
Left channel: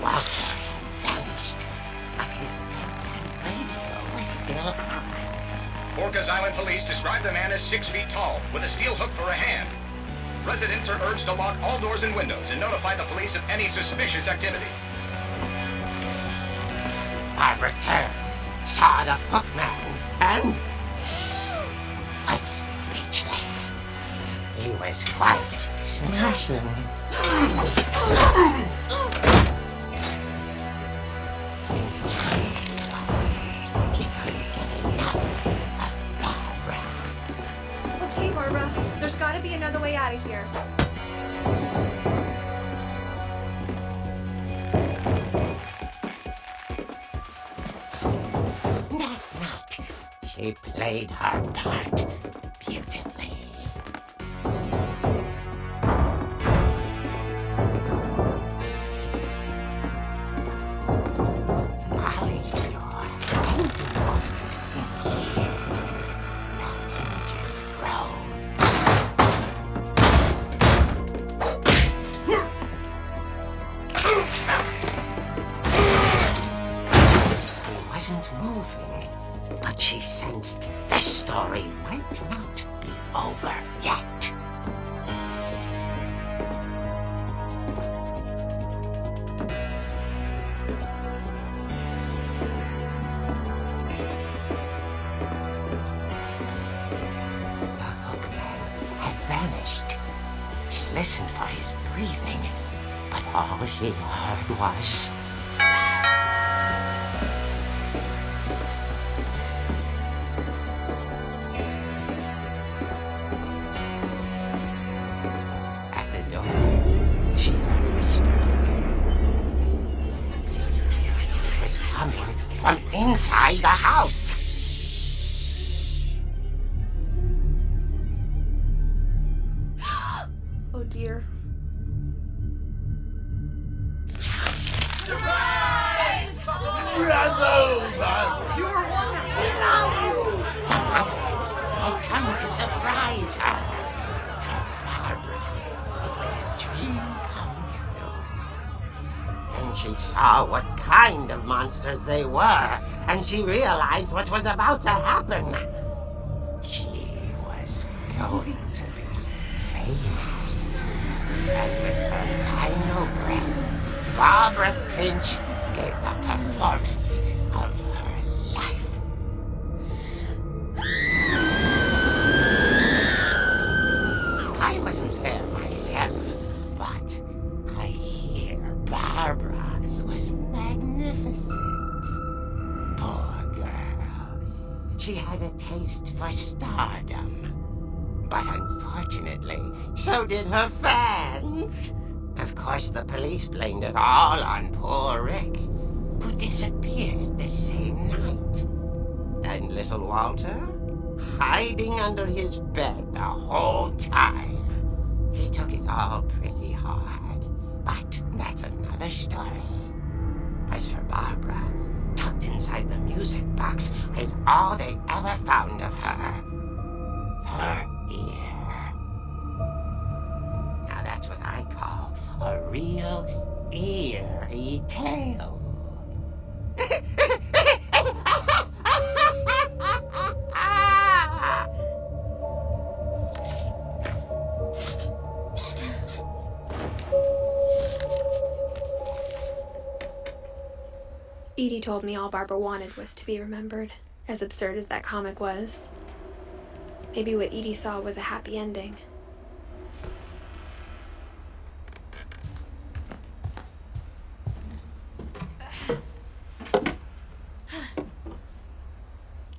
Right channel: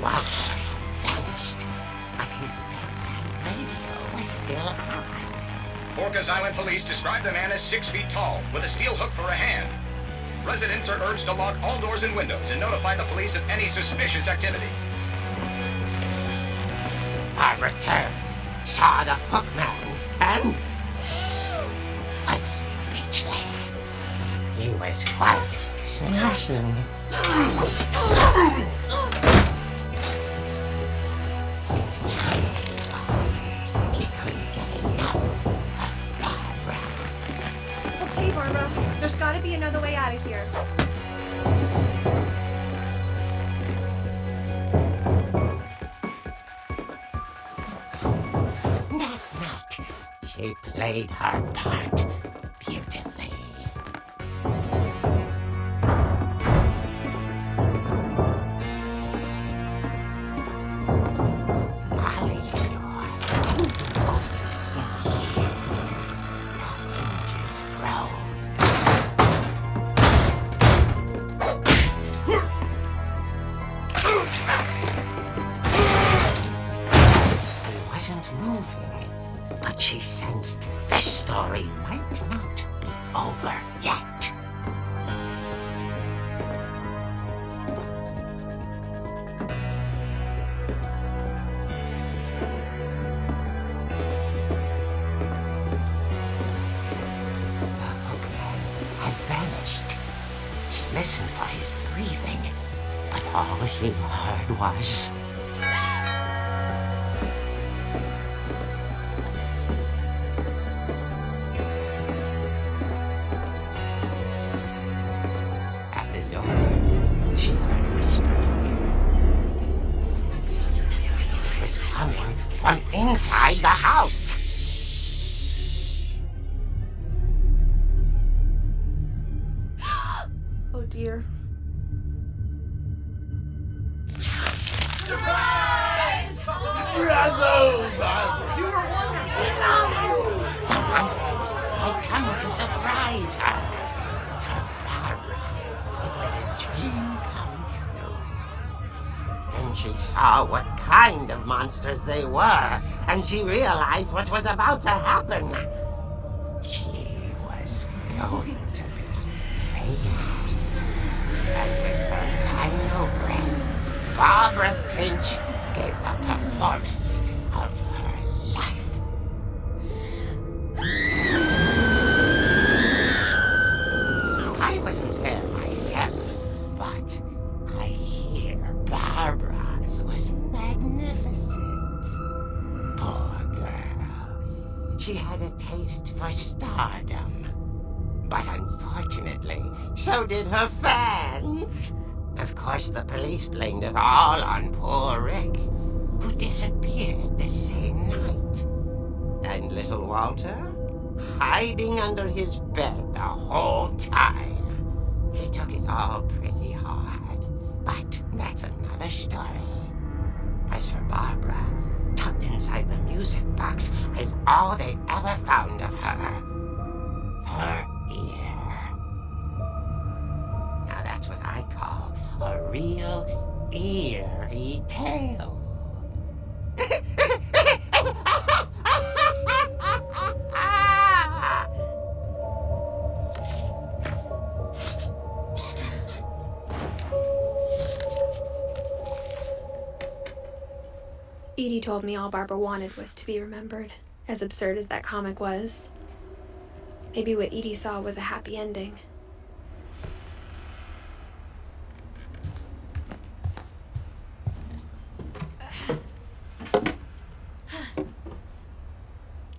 Walter had vanished, but his bedside radio was still on. Orcas Island police describe the man as 6 feet tall, with a steel hook for a hand. Residents are urged to lock all doors and windows and notify the police of any suspicious activity. Barbara turned, saw the hookman, and was speechless. He was quite smashing. And he was. He couldn't get enough. gotta be another way out of here. That night, she played her part beautifully. Molly's door hadn't been opened in years. The hinges groaned. He wasn't moving, but she sensed the story might not be over yet. The hookman had vanished. She listened for his breathing, but all she heard was... At the door, she heard whispering. It was coming from inside the house. Oh dear. The monsters had come to surprise her. For Barbara, it was a dream come true. Then she saw what kind of monsters they were, and she realized what was about to happen. She was going to be famous. And with her final breath, Barbara Finch gave the performance of her life. I wasn't there myself, but I hear Barbara was magnificent. Poor girl. She had a taste for stardom. But unfortunately, so did her fans. Of course, the police blamed it all on poor Rick, who disappeared the same night. And little Walter? Hiding under his bed the whole time. He took it all pretty hard, but that's another story. As for Barbara, tucked inside the music box is all they ever found of her. Her ear. Now that's what I call a real eerie tale. Edie told me all Barbara wanted was to be remembered, as absurd as that comic was. Maybe what Edie saw was a happy ending.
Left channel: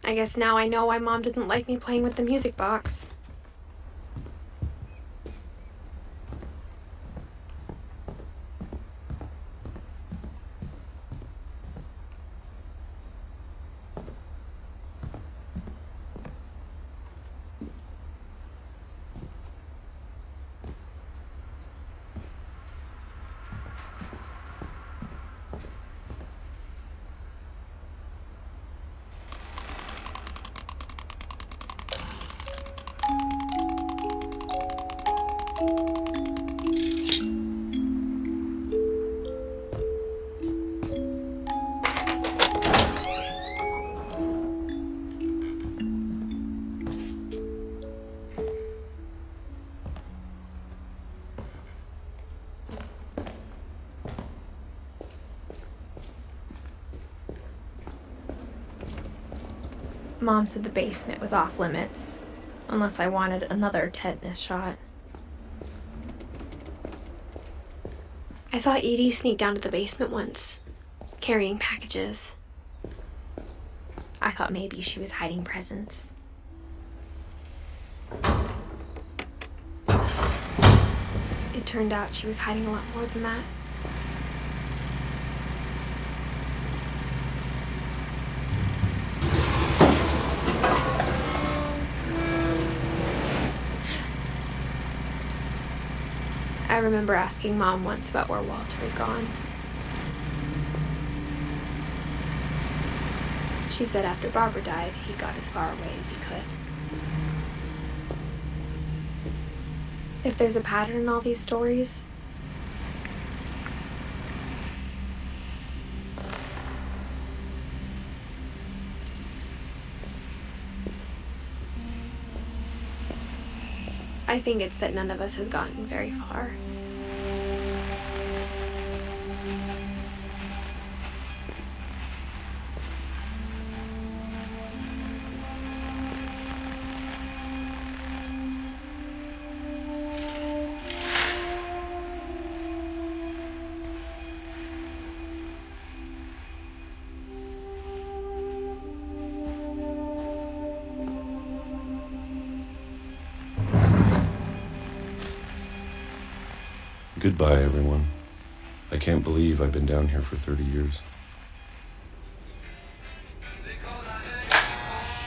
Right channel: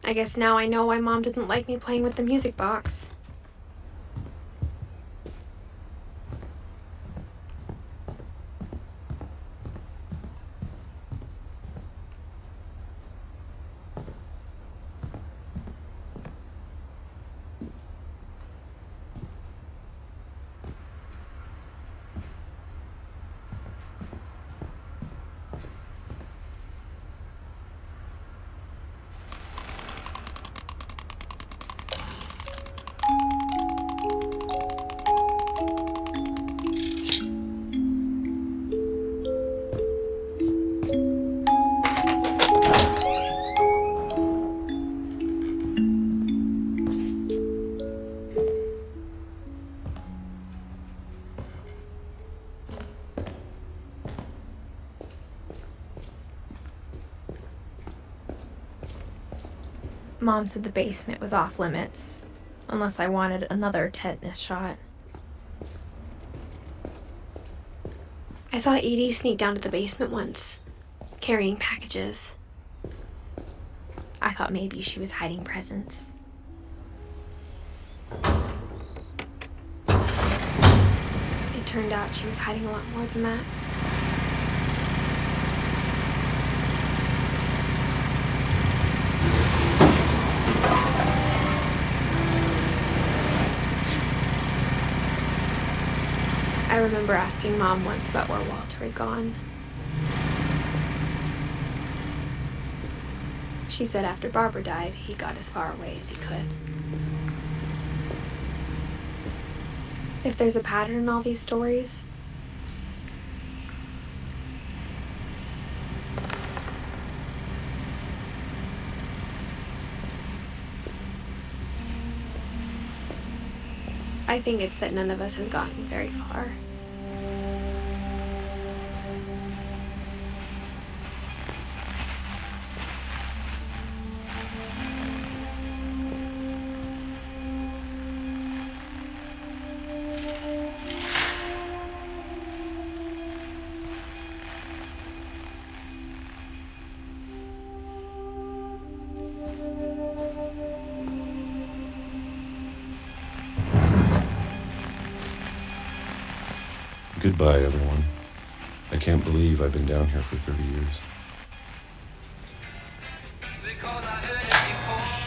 I guess now I know why Mom didn't like me playing with the music box. Mom said the basement was off limits, unless I wanted another tetanus shot. I saw Edie sneak down to the basement once, carrying packages. I thought maybe she was hiding presents. turned out she was hiding a lot more than that. I remember asking Mom once about where Walter had gone. She said after Barbara died, he got as far away as he could. If there's a pattern in all these stories, I think it's that none of us has gotten very far. Goodbye, everyone. I can't believe I've been down here for 30 years.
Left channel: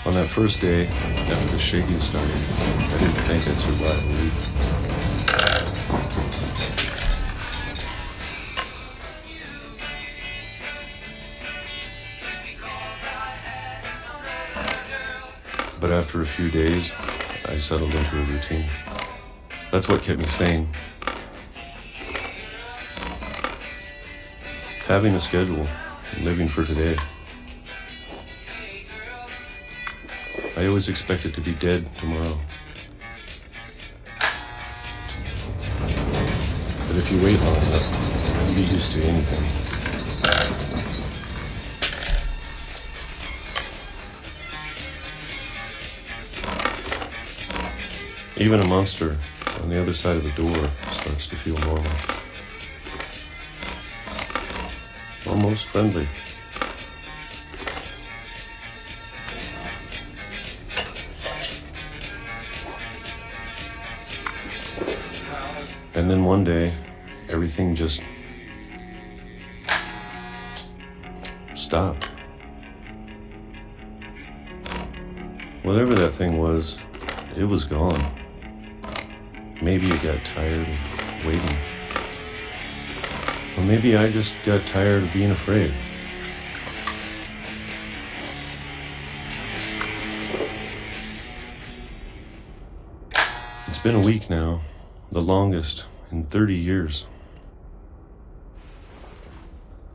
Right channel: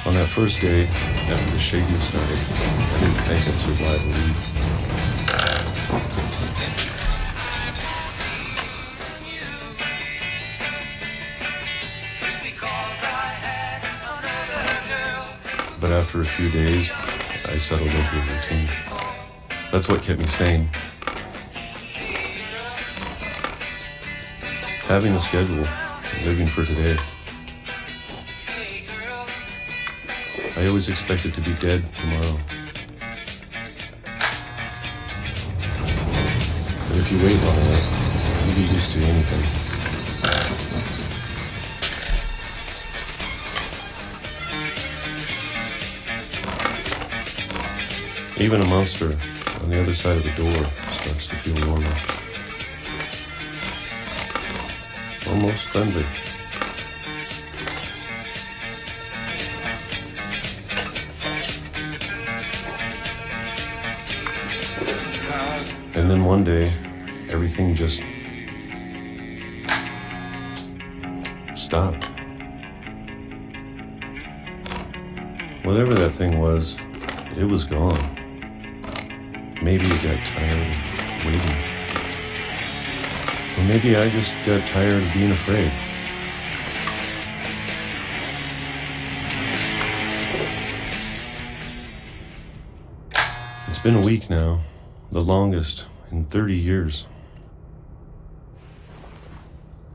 On that first day, after the shaking started, I didn't think I'd survive a week. But after a few days, I settled into a routine. That's what kept me sane. Having a schedule, living for today. I always expected to be dead tomorrow. But if you wait long enough, you get used to anything. Even a monster on the other side of the door starts to feel normal. Almost friendly. And then one day, everything just stopped. Whatever that thing was, it was gone. Maybe it got tired of waiting. Or maybe I just got tired of being afraid. It's been a week now, the longest in 30 years.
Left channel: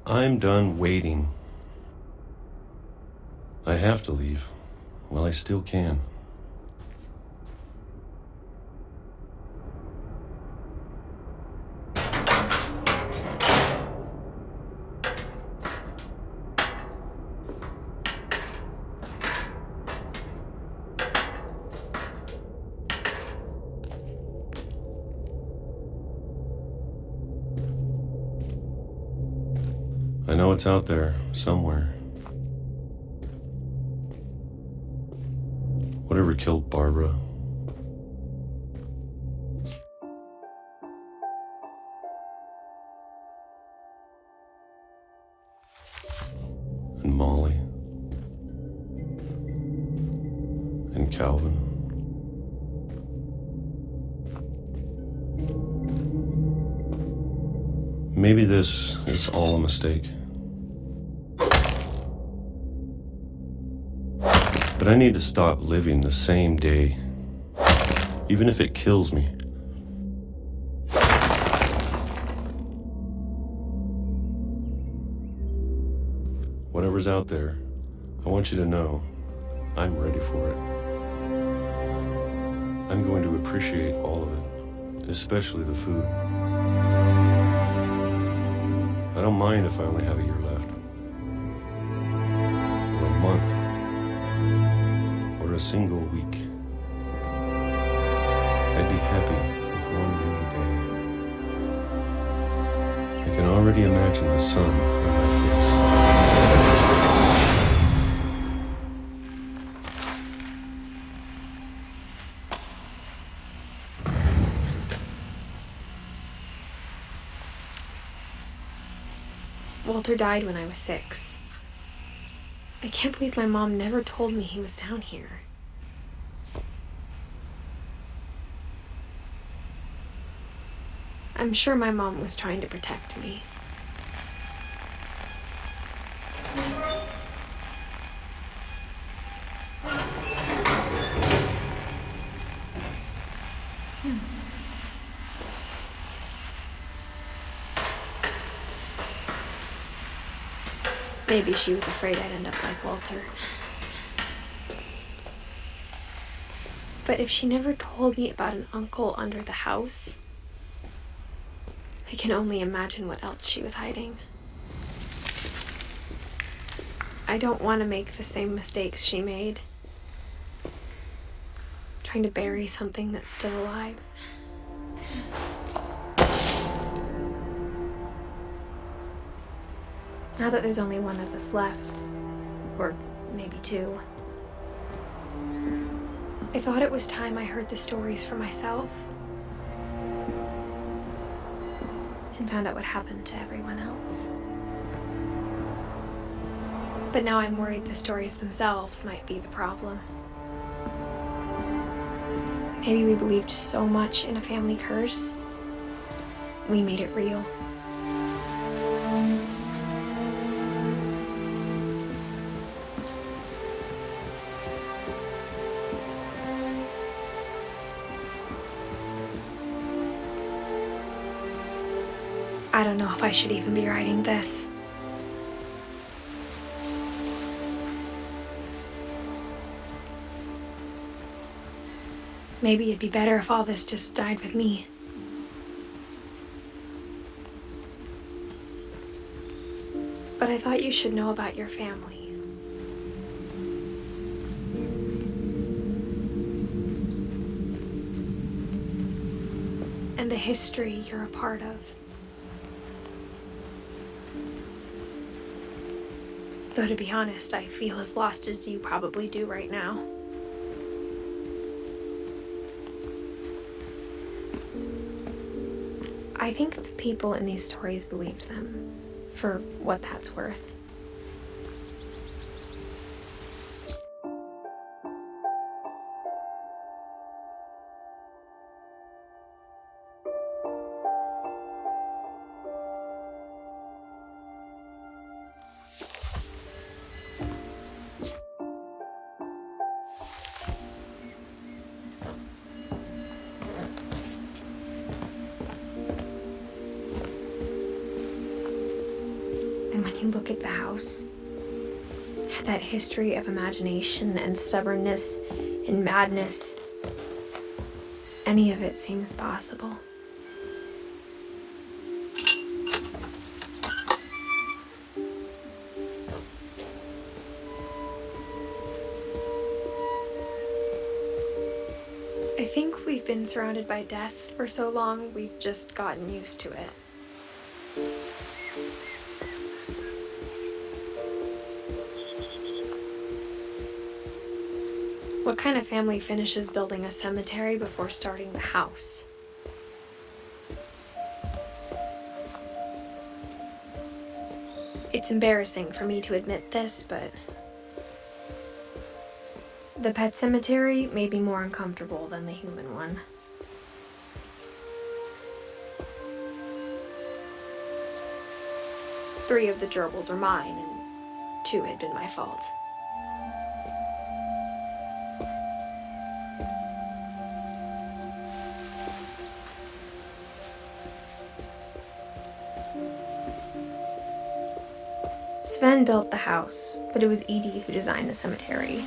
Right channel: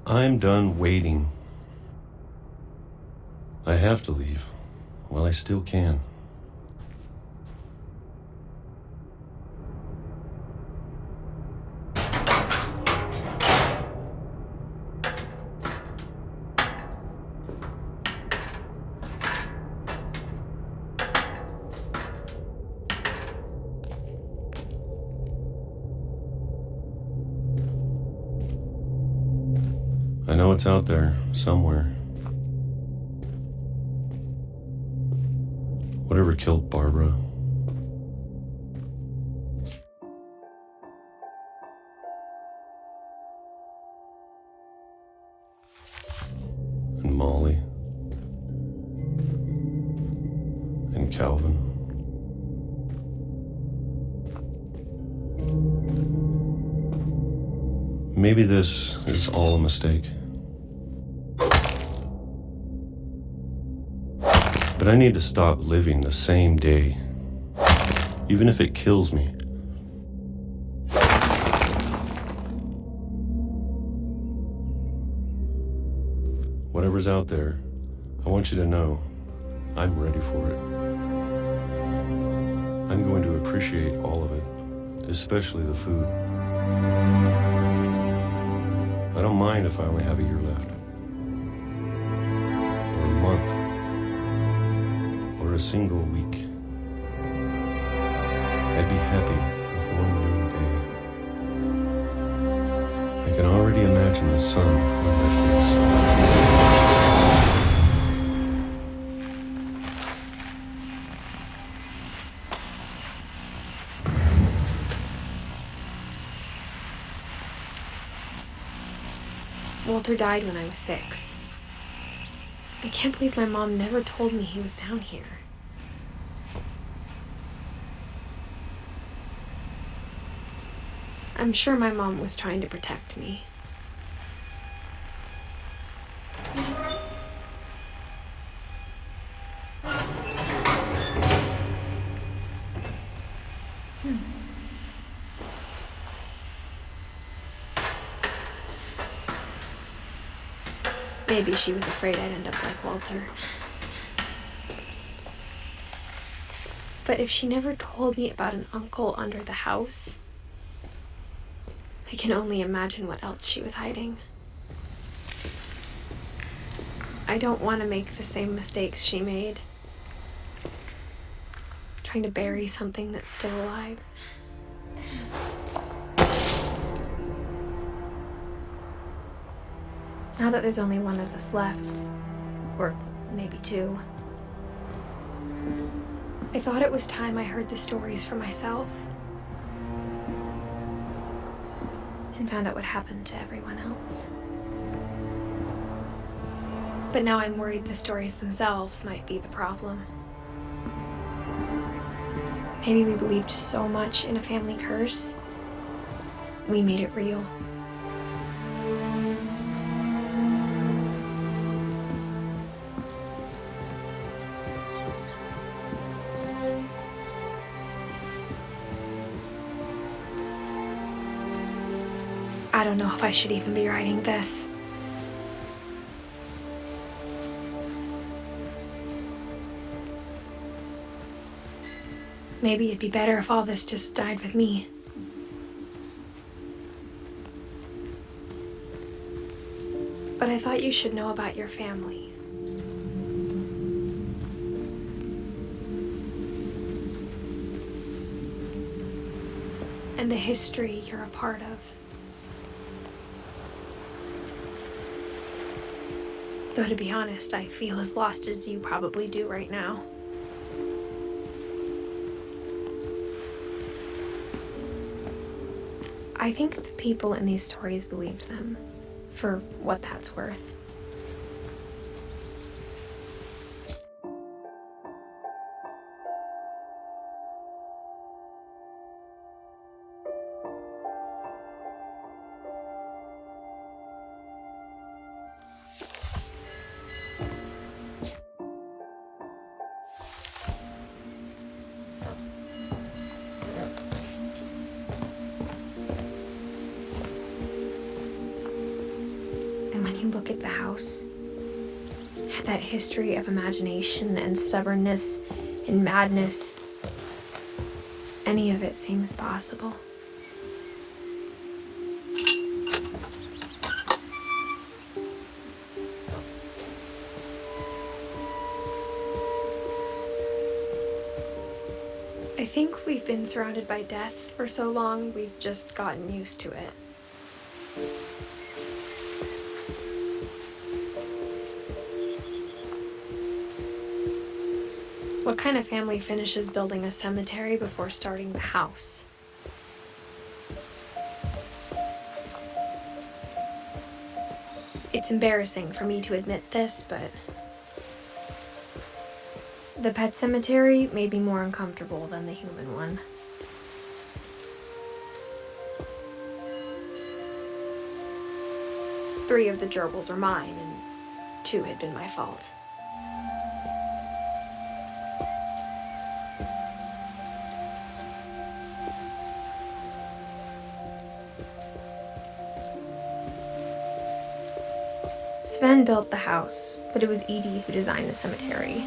I'm done waiting. I have to leave while I still can. I know it's out there, somewhere. Whatever killed Barbara. And Molly. And Calvin. Maybe this is all a mistake. But I need to stop living the same day, even if it kills me. Whatever's out there, I want you to know I'm ready for it. I'm going to appreciate all of it, especially the food. I don't mind if I only have a year left, or a month, or a single week. I'd be happy with one new day. I can already imagine the sun on my face. Walter died when I was 6. I can't believe my mom never told me he was down here. I'm sure my mom was trying to protect me. Maybe she was afraid I'd end up like Walter. But if she never told me about an uncle under the house, I can only imagine what else she was hiding. I don't want to make the same mistakes she made, trying to bury something that's still alive. Now that there's only one of us left, or maybe 2, I thought it was time I heard the stories for myself and found out what happened to everyone else. But now I'm worried the stories themselves might be the problem. Maybe we believed so much in a family curse, we made it real. I don't know if I should even be writing this. Maybe it'd be better if all this just died with me. But I thought you should know about your family. And the history you're a part of. Though to be honest, I feel as lost as you probably do right now. I think the people in these stories believed them, for what that's worth. You look at the house, that history of imagination and stubbornness and madness, any of it seems possible. I think we've been surrounded by death for so long, we've just gotten used to it. What kind of family finishes building a cemetery before starting the house? It's embarrassing for me to admit this, but the pet cemetery made me more uncomfortable than the human one. Three of the gerbils are mine, and 2 had been my fault. Sven built the house, but it was Edith who designed the cemetery.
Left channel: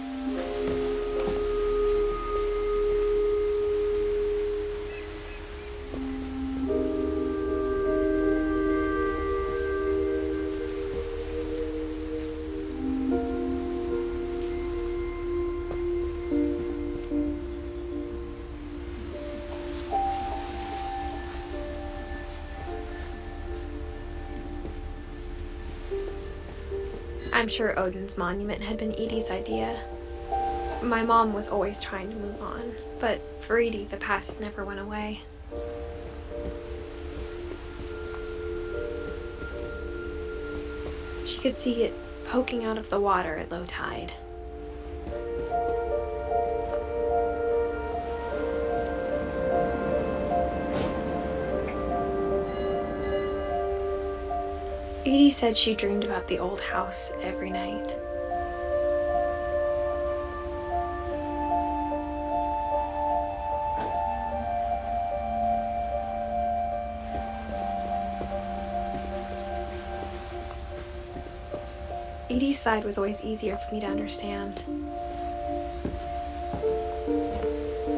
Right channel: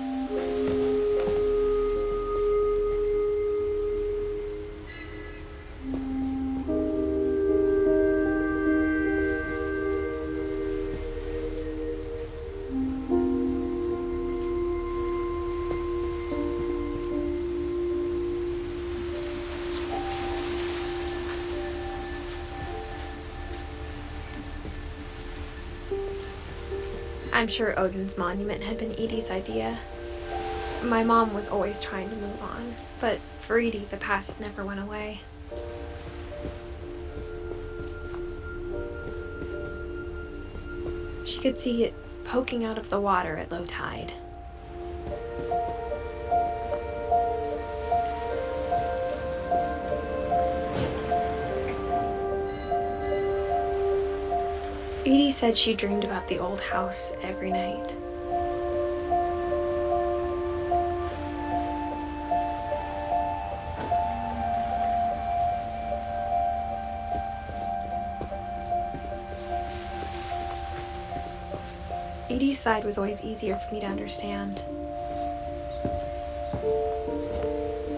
I'm sure Odin's monument had been Edie's idea. My mom was always trying to move on, but for Edie, the past never went away. She could see it poking out of the water at low tide. Edie said she dreamed about the old house every night. Edie's side was always easier for me to understand.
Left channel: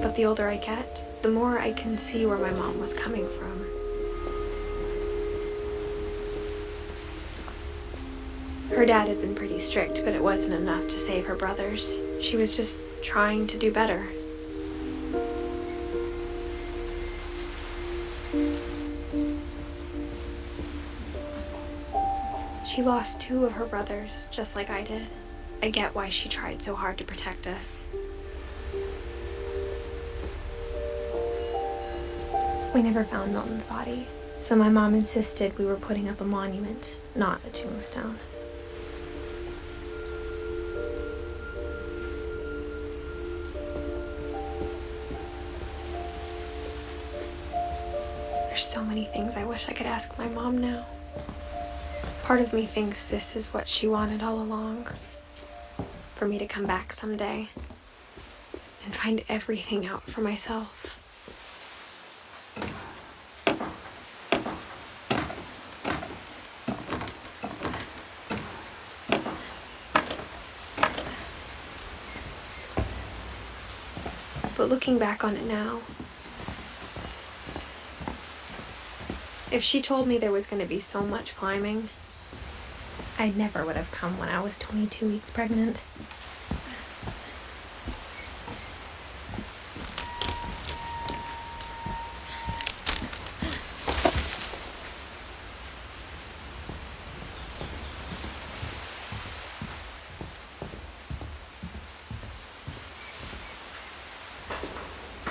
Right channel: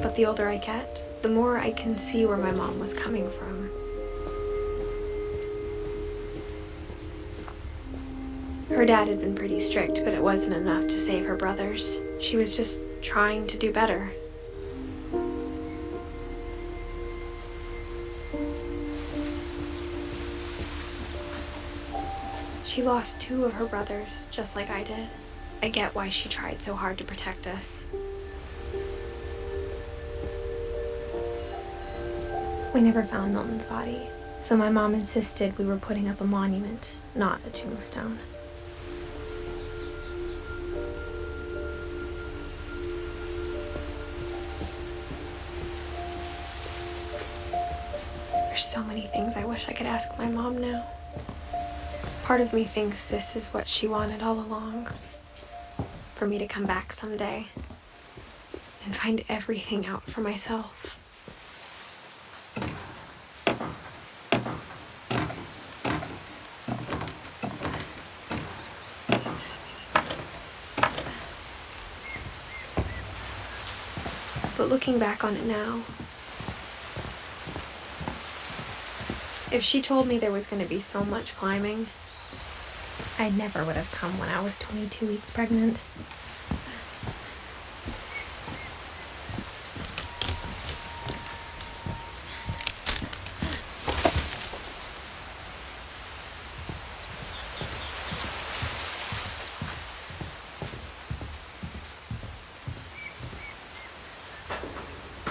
But the older I get, the more I can see where my mom was coming from. Her dad had been pretty strict, but it wasn't enough to save her brothers. She was just trying to do better. She lost 2 of her brothers, just like I did. I get why she tried so hard to protect us. We never found Milton's body, so my mom insisted we were putting up a monument, not a tombstone. There's so many things I wish I could ask my mom now. Part of me thinks this is what she wanted all along. For me to come back someday and find everything out for myself. But looking back on it now, if she told me there was going to be so much climbing, I never would have come when I was 22 weeks pregnant.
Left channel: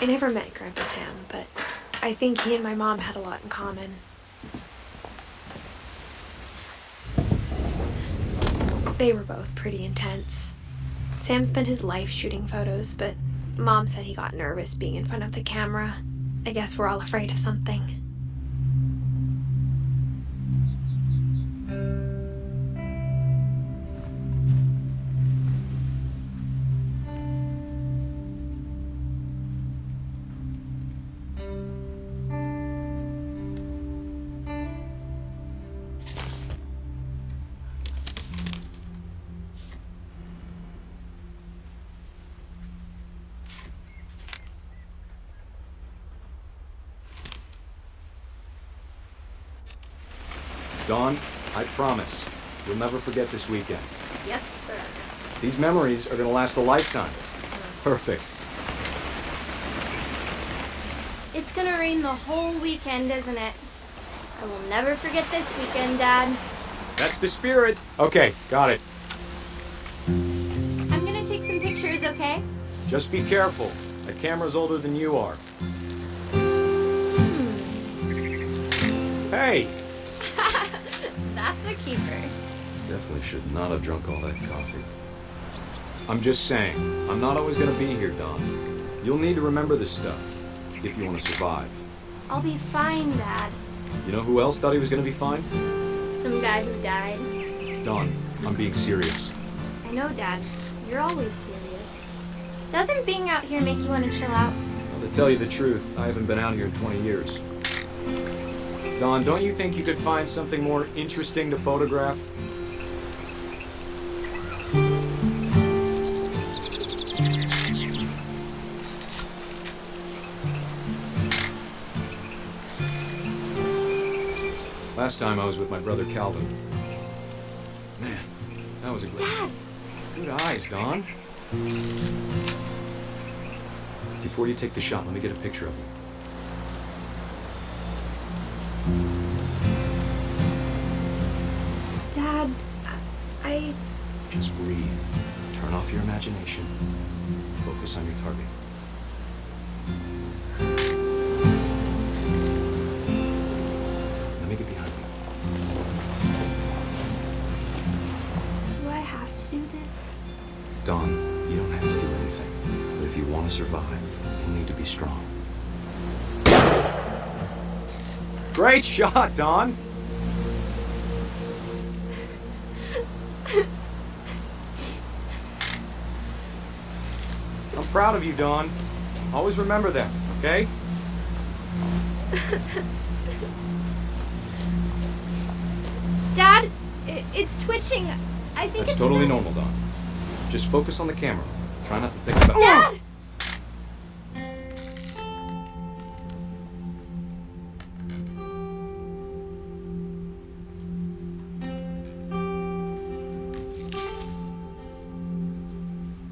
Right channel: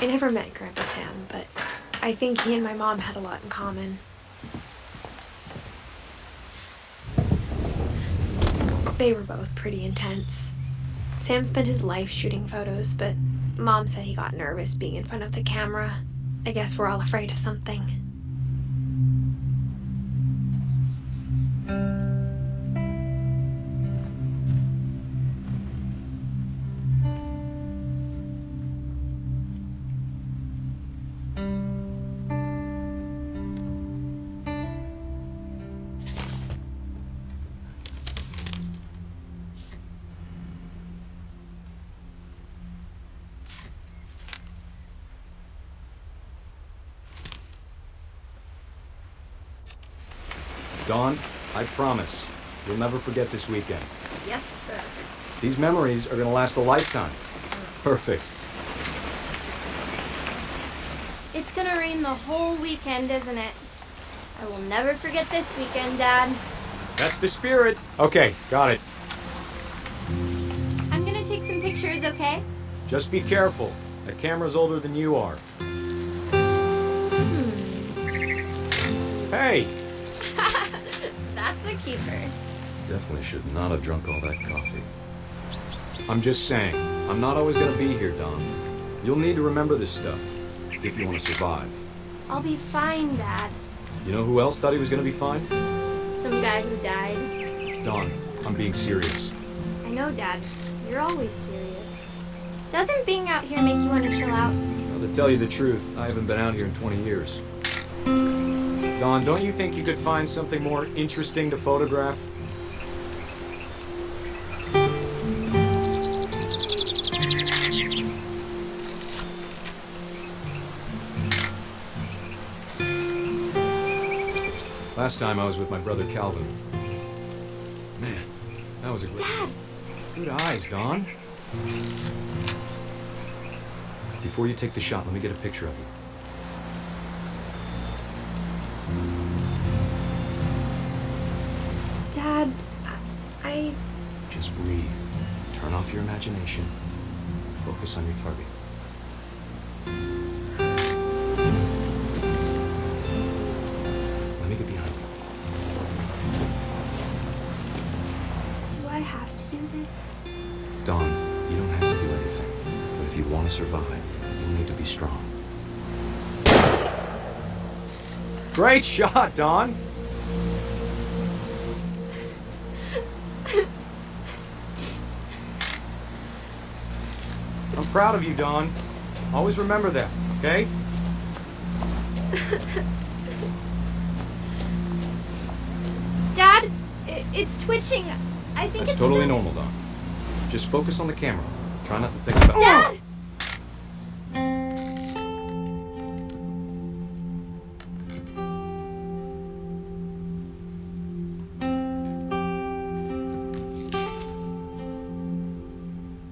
I never met Grandpa Sam, but I think he and my mom had a lot in common. They were both pretty intense. Sam spent his life shooting photos, but Mom said he got nervous being in front of the camera. I guess we're all afraid of something. Dawn, I promise, you'll never forget this weekend. Yes, sir. These memories are gonna last a lifetime. Perfect. It's gonna rain the whole weekend, isn't it? I will never forget this weekend, Dad. That's the spirit. Okay, got it. I'm gonna take some pictures, okay? Just be careful. That camera's older than you are. Hey! That's a keeper. Definitely should not have drunk all that coffee. I'm just saying, I'm not always gonna be here, Dawn. You'll need to remember this stuff, if you want to survive. I'll be fine, Dad. You know who else thought he was gonna be fine? Some guy who died. Dawn, I'm being serious. I know, Dad. You're always serious. Doesn't being out here make you want to chill out? Well, to tell you the truth, I haven't been out here in 20 years. Dawn, don't you think you could find something more interesting to photograph? Last time I was with my brother Calvin. Man, that was a good... Dad! Good eyes, Dawn. Before you take the shot, let me get a picture of you. Dad, I... Just breathe. Turn off your imagination. Focus on your target. Let me get behind you. Dawn, you don't have to do anything. But if you want to survive, you'll need to be strong. Great shot, Dawn! I'm proud of you, Dawn. Always remember that, okay? Dad, it's twitching. I think That's it's totally normal, Dawn. Just focus on the camera. Try not to think about... Dad!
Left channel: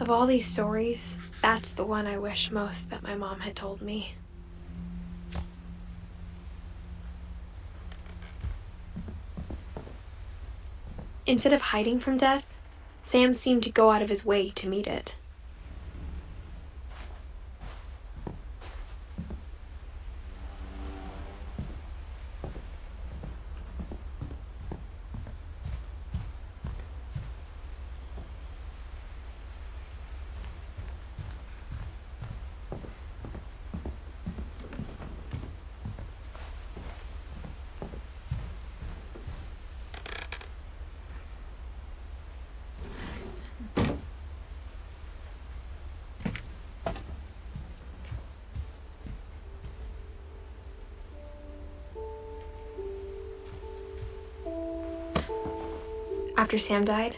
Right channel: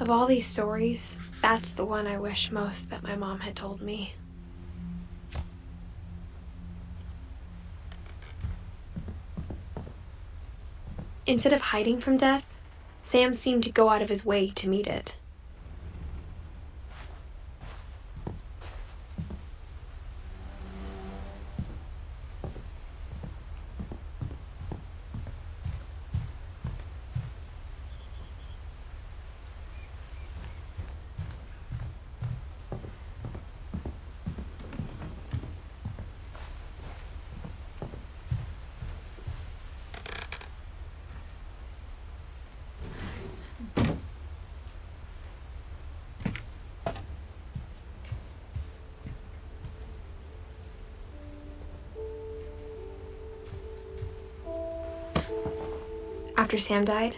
Of all these stories, that's the one I wish most that my mom had told me. Instead of hiding from death, Sam seemed to go out of his way to meet it. After Sam died,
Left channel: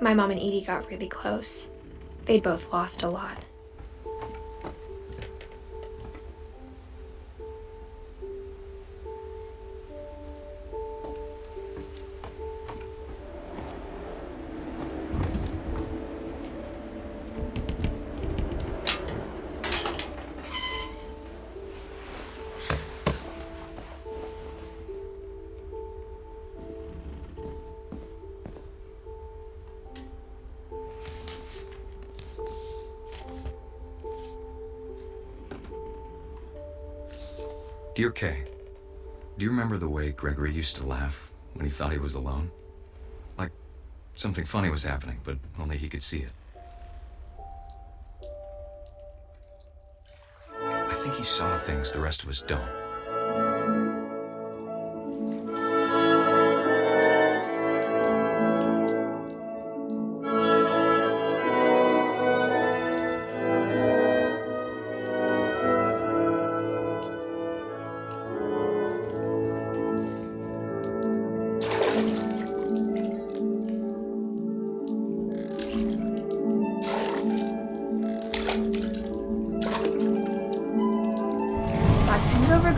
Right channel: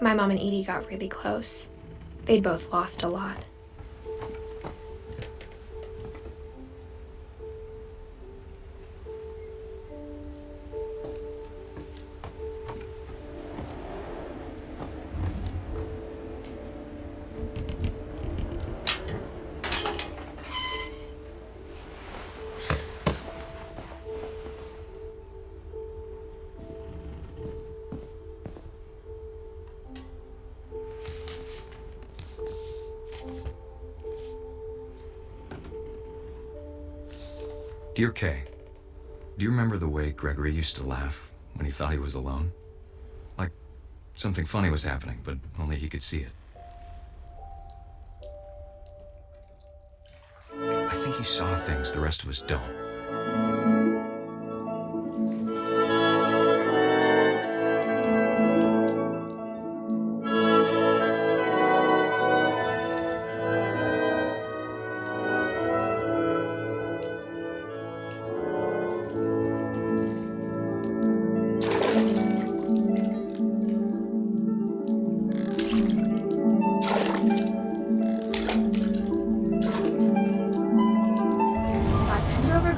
my mom and Edie got really close. They'd both lost a lot. Dear Kay, do you remember the way Gregory used to laugh when he thought he was alone? Like something funny was happening, but only he could see it. I think he saw things the rest of us don't.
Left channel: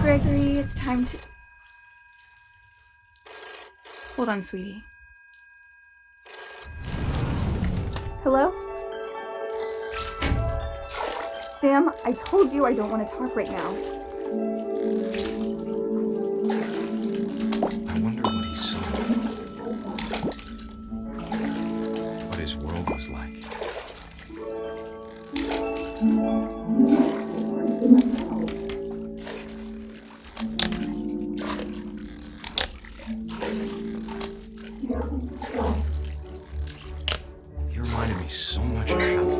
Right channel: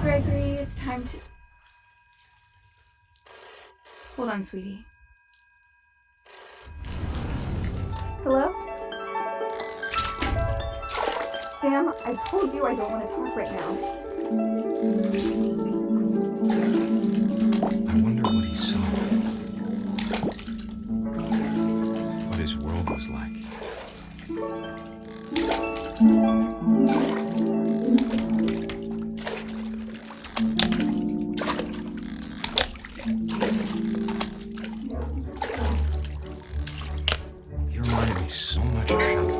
Gregory, it's time to... Hold on, sweetie. Hello? Sam, I told you I don't want to talk right now. I wonder what he saw. What his world was like. You reminded me so much of Shelby.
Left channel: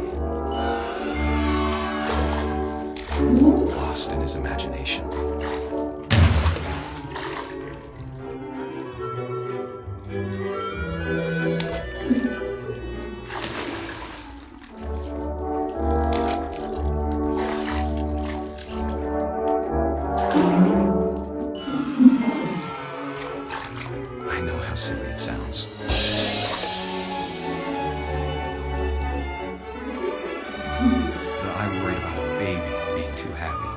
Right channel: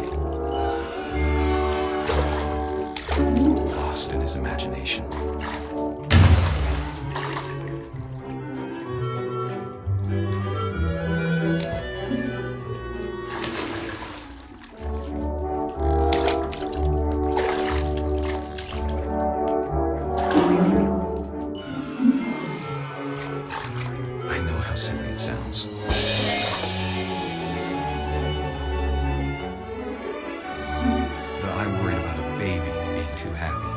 Lost in his imagination. I know how silly it sounds. But I worried about a baby being too happy.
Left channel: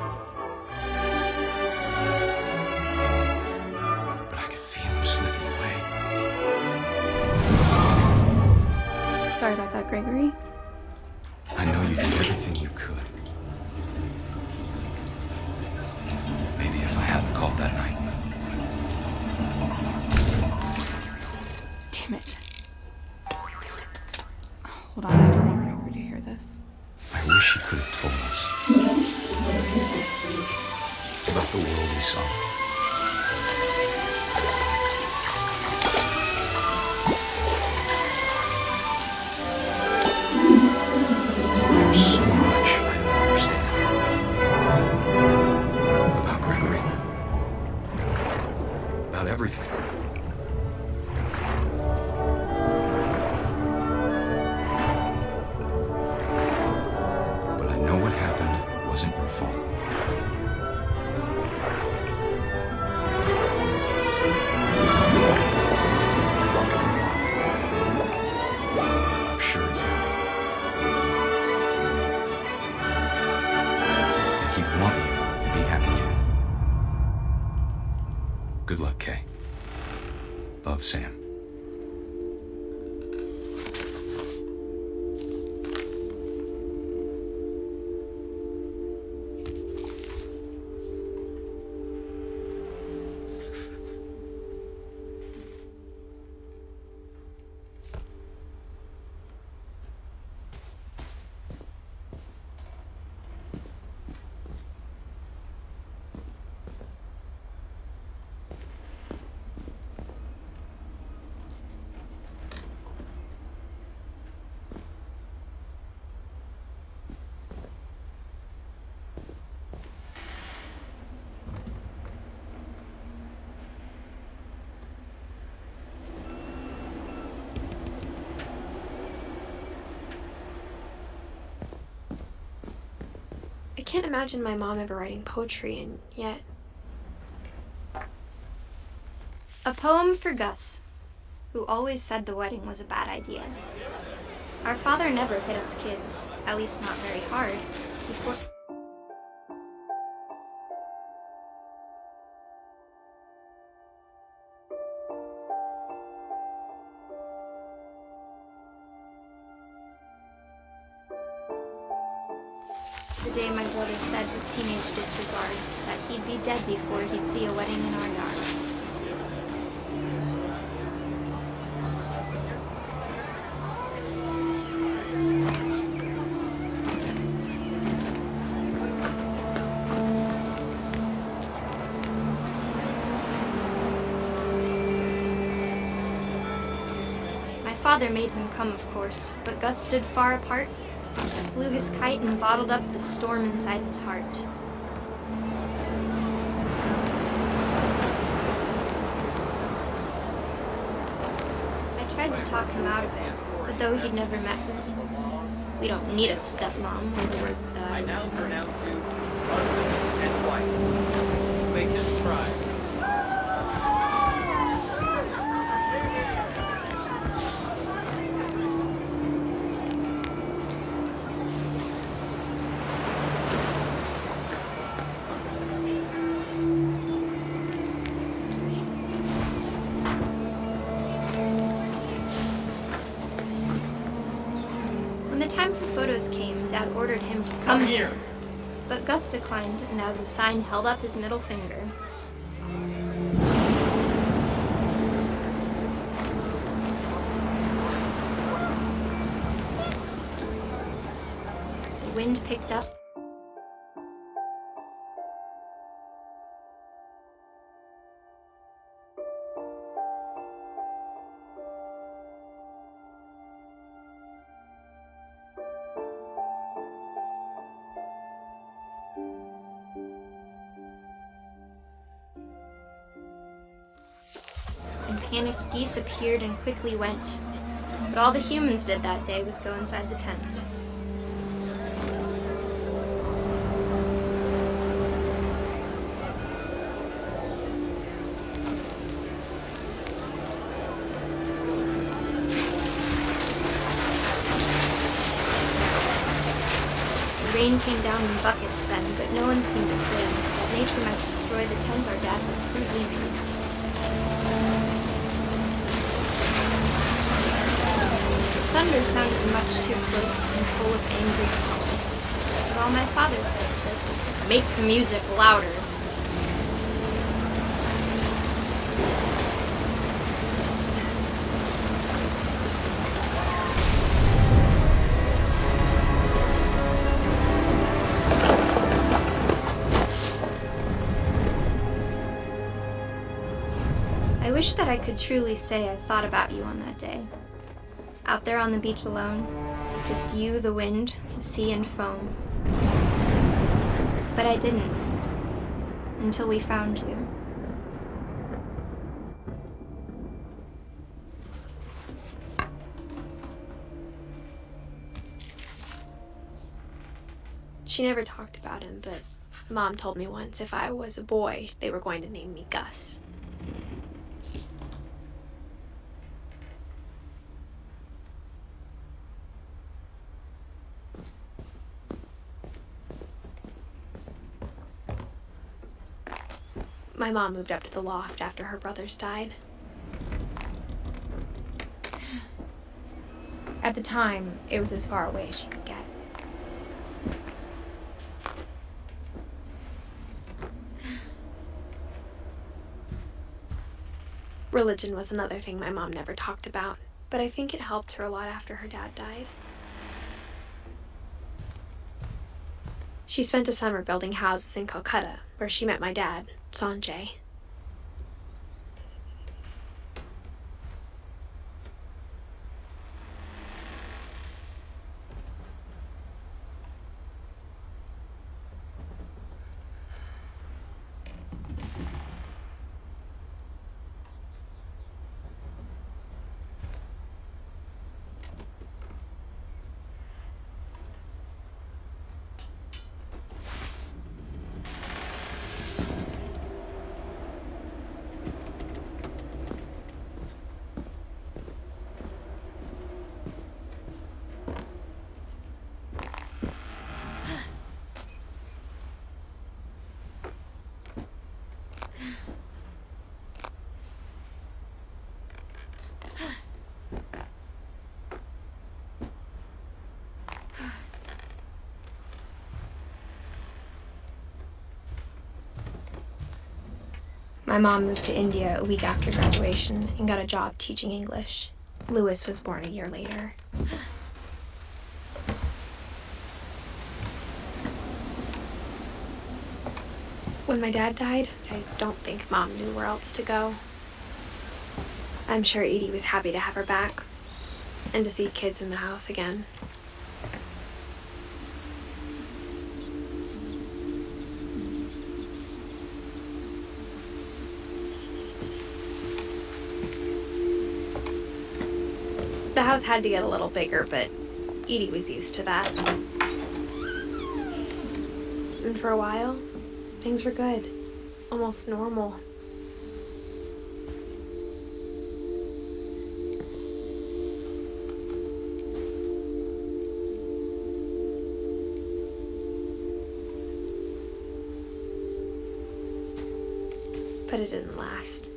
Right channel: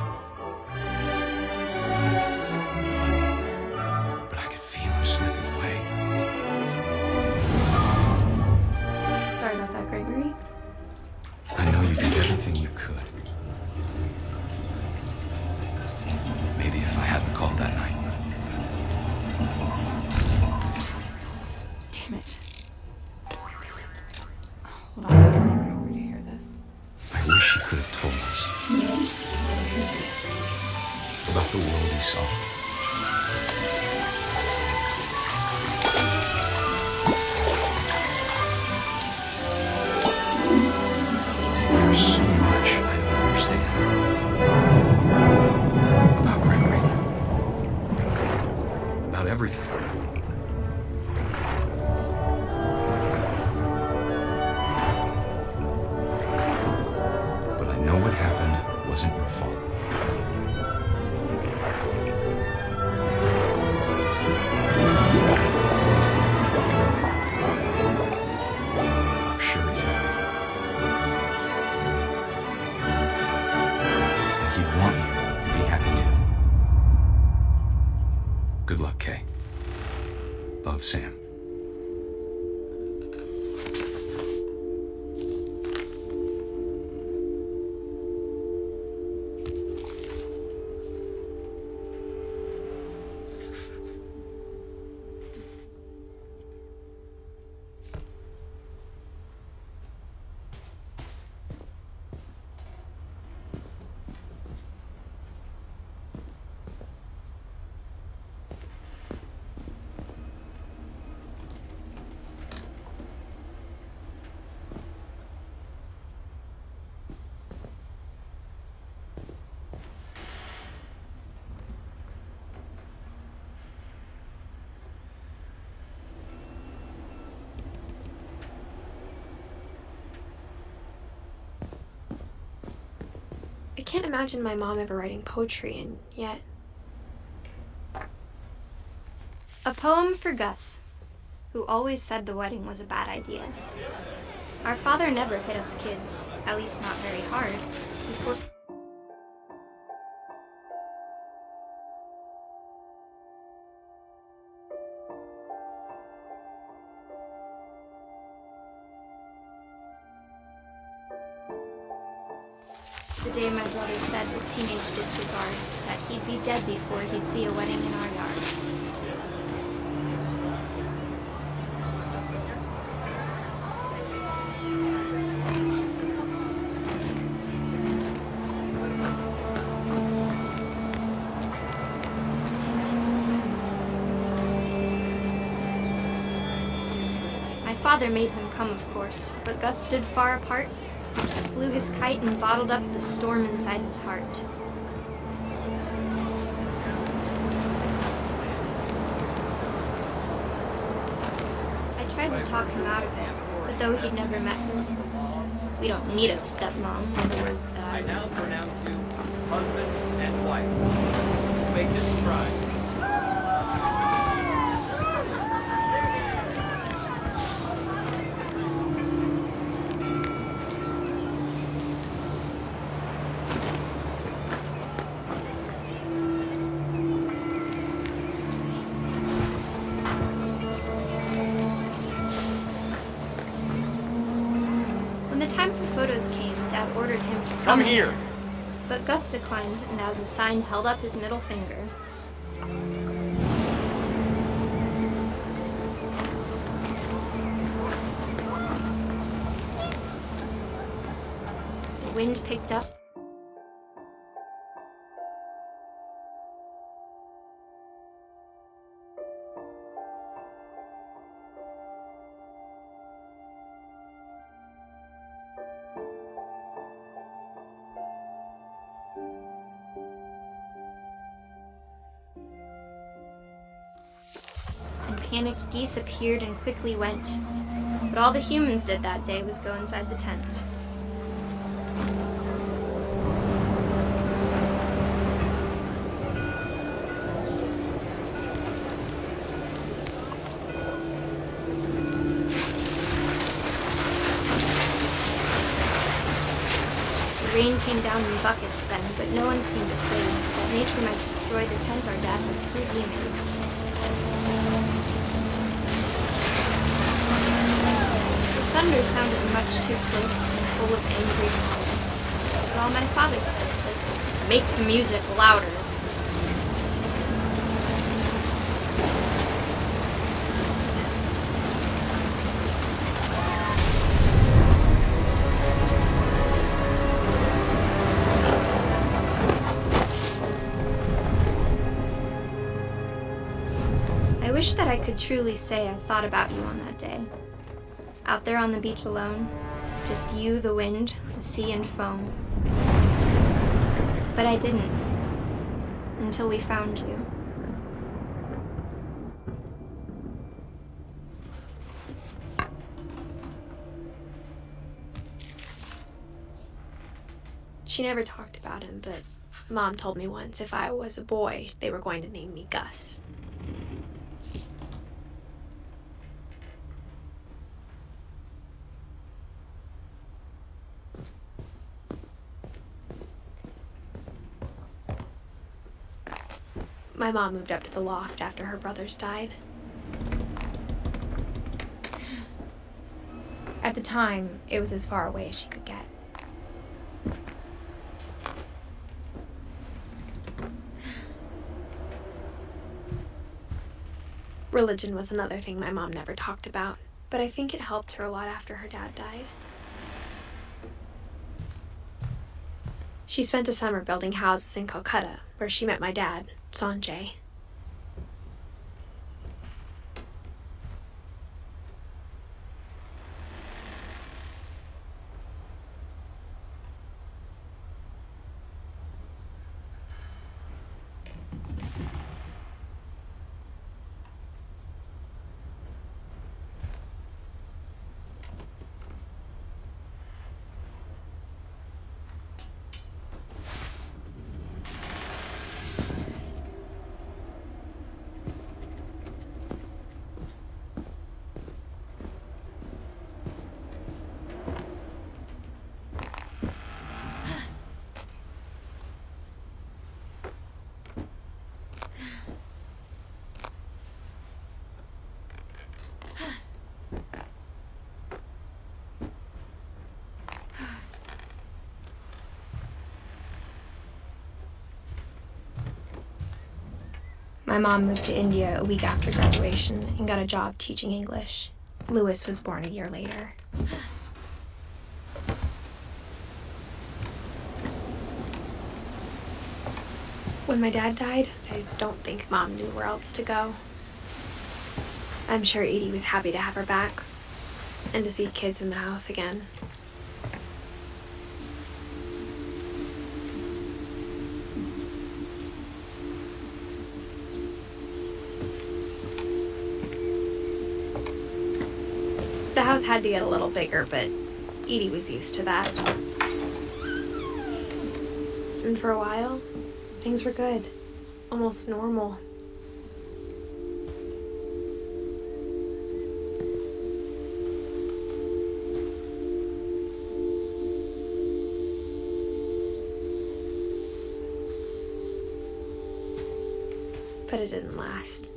But I could feel him slipping away. Sorry about that, Gregory. I know you did everything you could. Maybe if I hadn't called that night. Damn it. Hold on, I don't want Gregory to hear this. I wish he could have told us about the world he saw. of Sam. I can't imagine my mom ever writing poetry, and yet. A poem for Gus, who always said the wedding was a bad idea. Our father never hit us kids, at least not very hard, before. The day my brother said with teenage disregard that he'd be dead before he'd see a wedding in our yard. My father made him come, of course, but Gus stood far apart, just flew his kite and bottled up the storm inside his heart. I tried to talk him out of it, but though he'd never met her, we don't need a stepmom, were the words that I now pronounce you husband and wife. Make this try. When the time for photos came, Dad ordered him to Come here. But Gus declined, and as a sign held up his middle finger. The wind picked up. And panicked geese appeared and quickly went. But all the humans did that day was go inside the tent. The rain came down in buckets then, but no one seemed afraid that nature might destroy the tent our dad had crudely made. The thunder sounded much too close and full of angry power. But all my father said of this was, "Make the music louder." I wish that I could truly say I thought about you on that day. Out there on the beach alone, just you, the wind, the sea, and foam. But I didn't, until we found you. She never talked about him, but Mom told me once if I was a boy, they were going to name me Gus. My mom moved up to the loft after her brothers died. At the time, it was as far away as she could get. Religion was another thing my mom never talked about, but I think it helped her a lot after her dad died. She spent a summer building houses in Calcutta, where she met my dad, Sanjay. My mom moved to India a week after graduation and got a job teaching English. Louis was born a year later. When my dad died, I don't think Mom knew where else to go. I'm sure Edie was happy to have her back and to see kids in the house again. The house had to get a little bigger, but Edie was used to that. And for a while, things were good, almost normal. But it didn't last.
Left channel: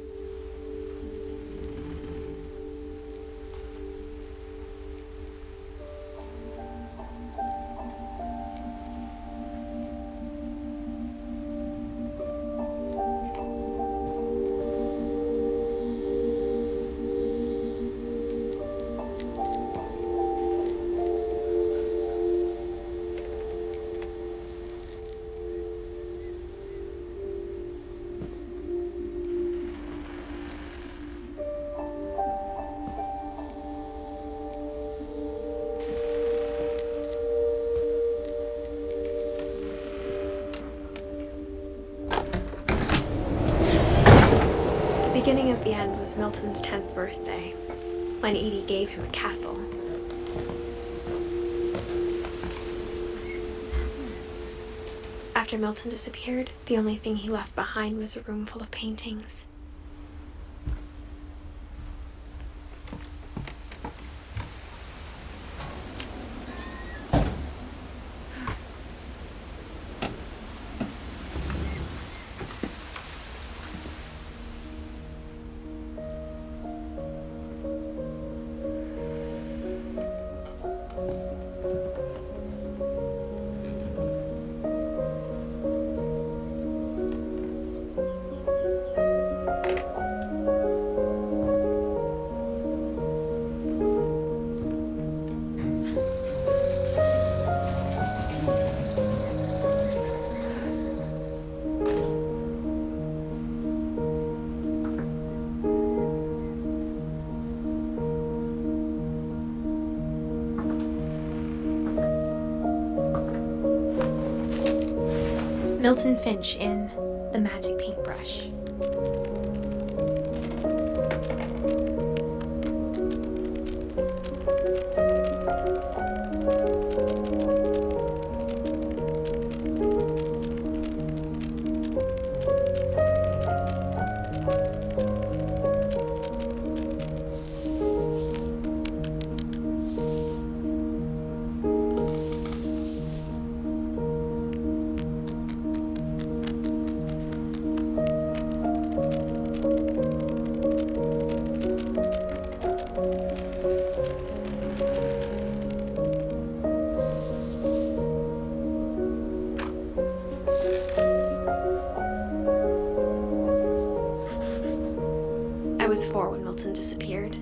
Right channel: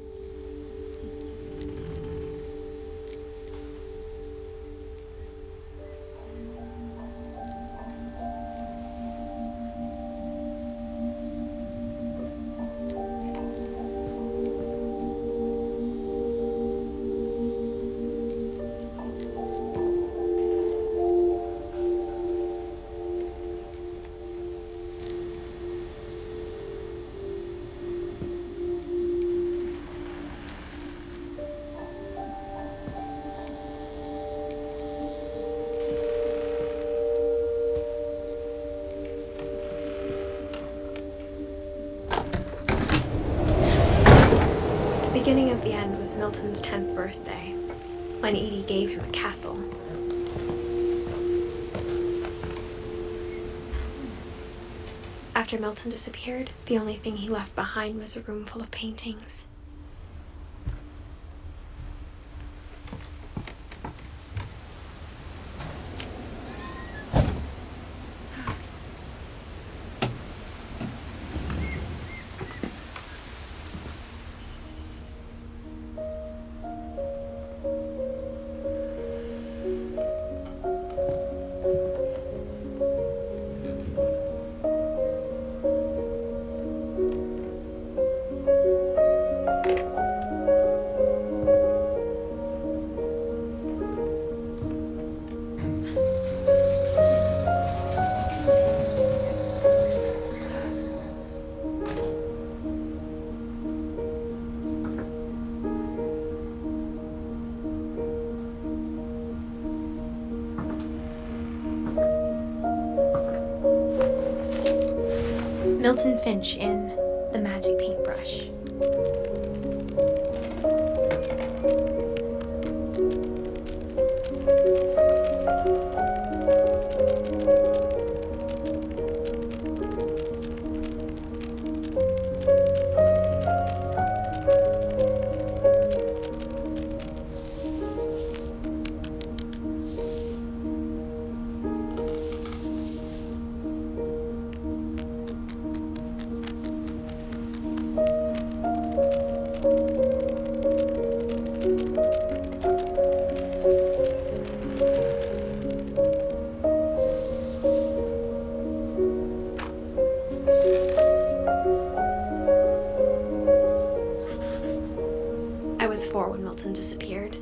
The beginning of the end was Milton's 10th birthday, when Edie gave him a castle. After Milton disappeared, the only thing he left behind was a room full of paintings. Milton Finch in The Magic Paintbrush. Wilson disappeared.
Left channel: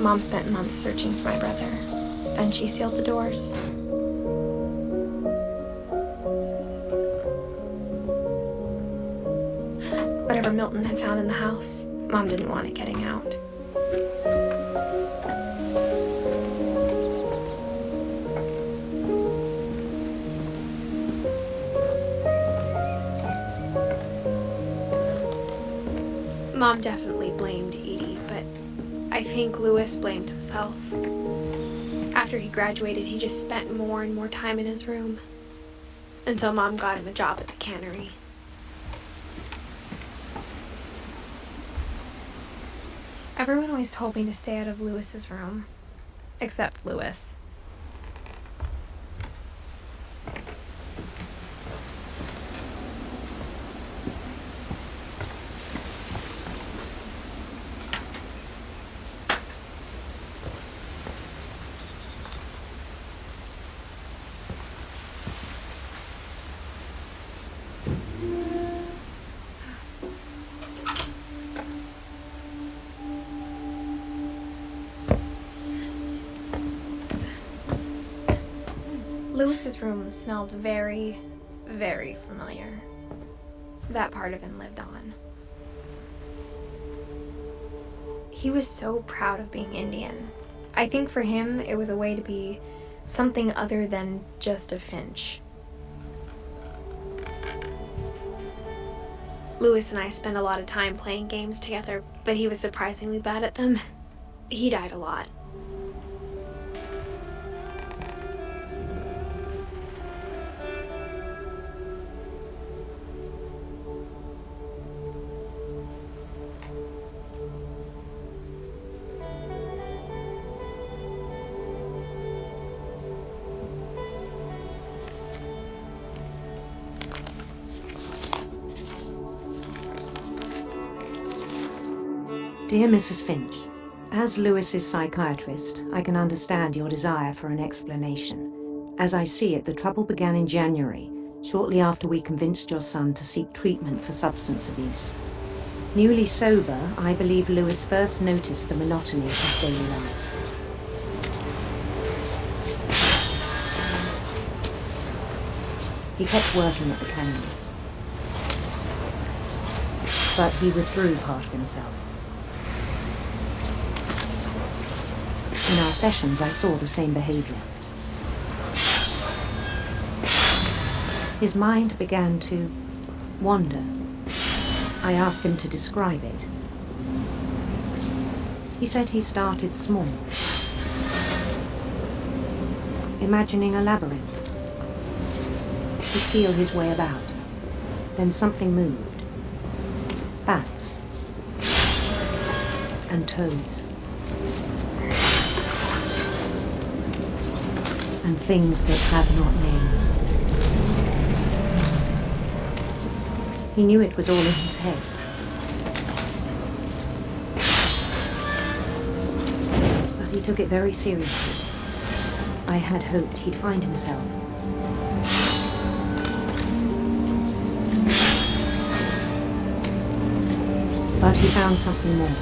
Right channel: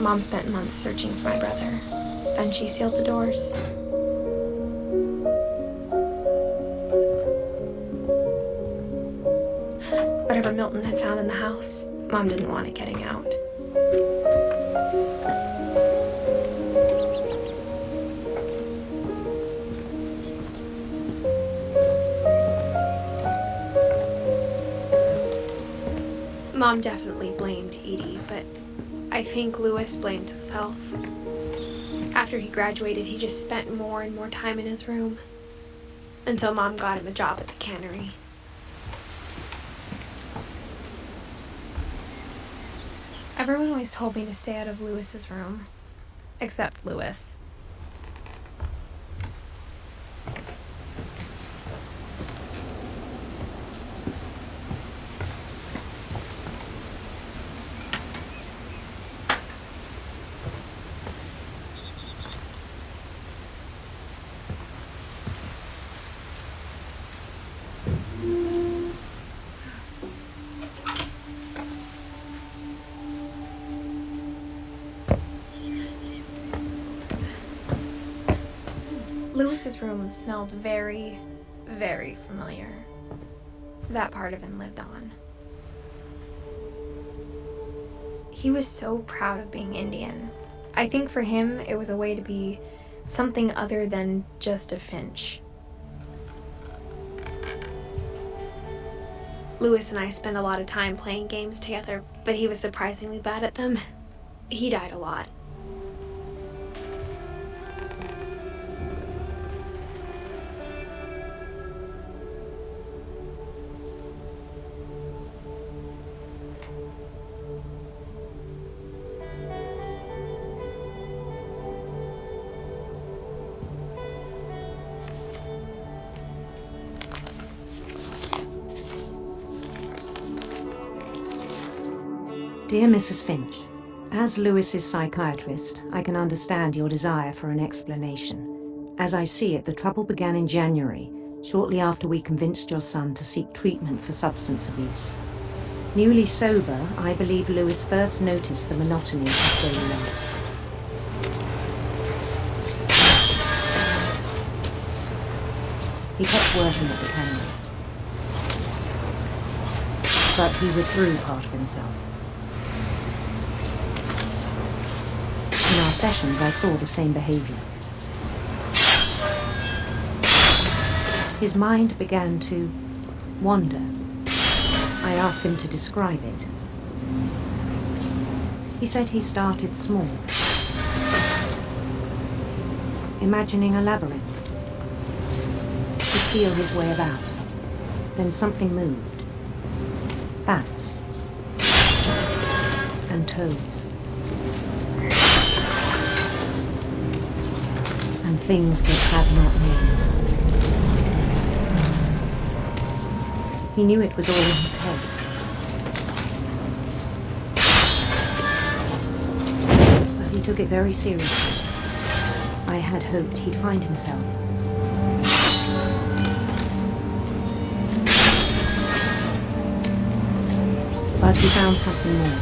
Mom spent months searching for my brother. Then she sealed the doors. Whatever Milton had found in the house, Mom didn't want it getting out. Mom definitely blamed Edie, but I think Louis blamed himself. After he graduated, he just spent more and more time in his room, until Mom got him a job at the cannery. Everyone always told me to stay out of Louis's room, except Louis. Louis's room smelled very, very familiar. That part of him lived on. He was so proud of being Indian. I think for him, it was a way to be something other than just a Finch. Louis and I spent a lot of time playing games together, but he was surprisingly bad at them. He died a lot. Dear Mrs. Finch, as Louis's psychiatrist, I can understand your desire for an explanation. As I see it, the trouble began in January, shortly after we convinced your son to seek treatment for substance abuse. Newly sober, I believe Louis first noticed the monotony of his daily life. He kept working at the cannery, but he withdrew part of himself. In our sessions, I saw the same behavior. His mind began to wander. I asked him to describe it. He said he started small, imagining a labyrinth. He'd feel his way about. Then something moved. Bats and toads. And things that have not names. He knew it was all in his head. But he took it very seriously. I had hoped he'd find himself. But he found something more.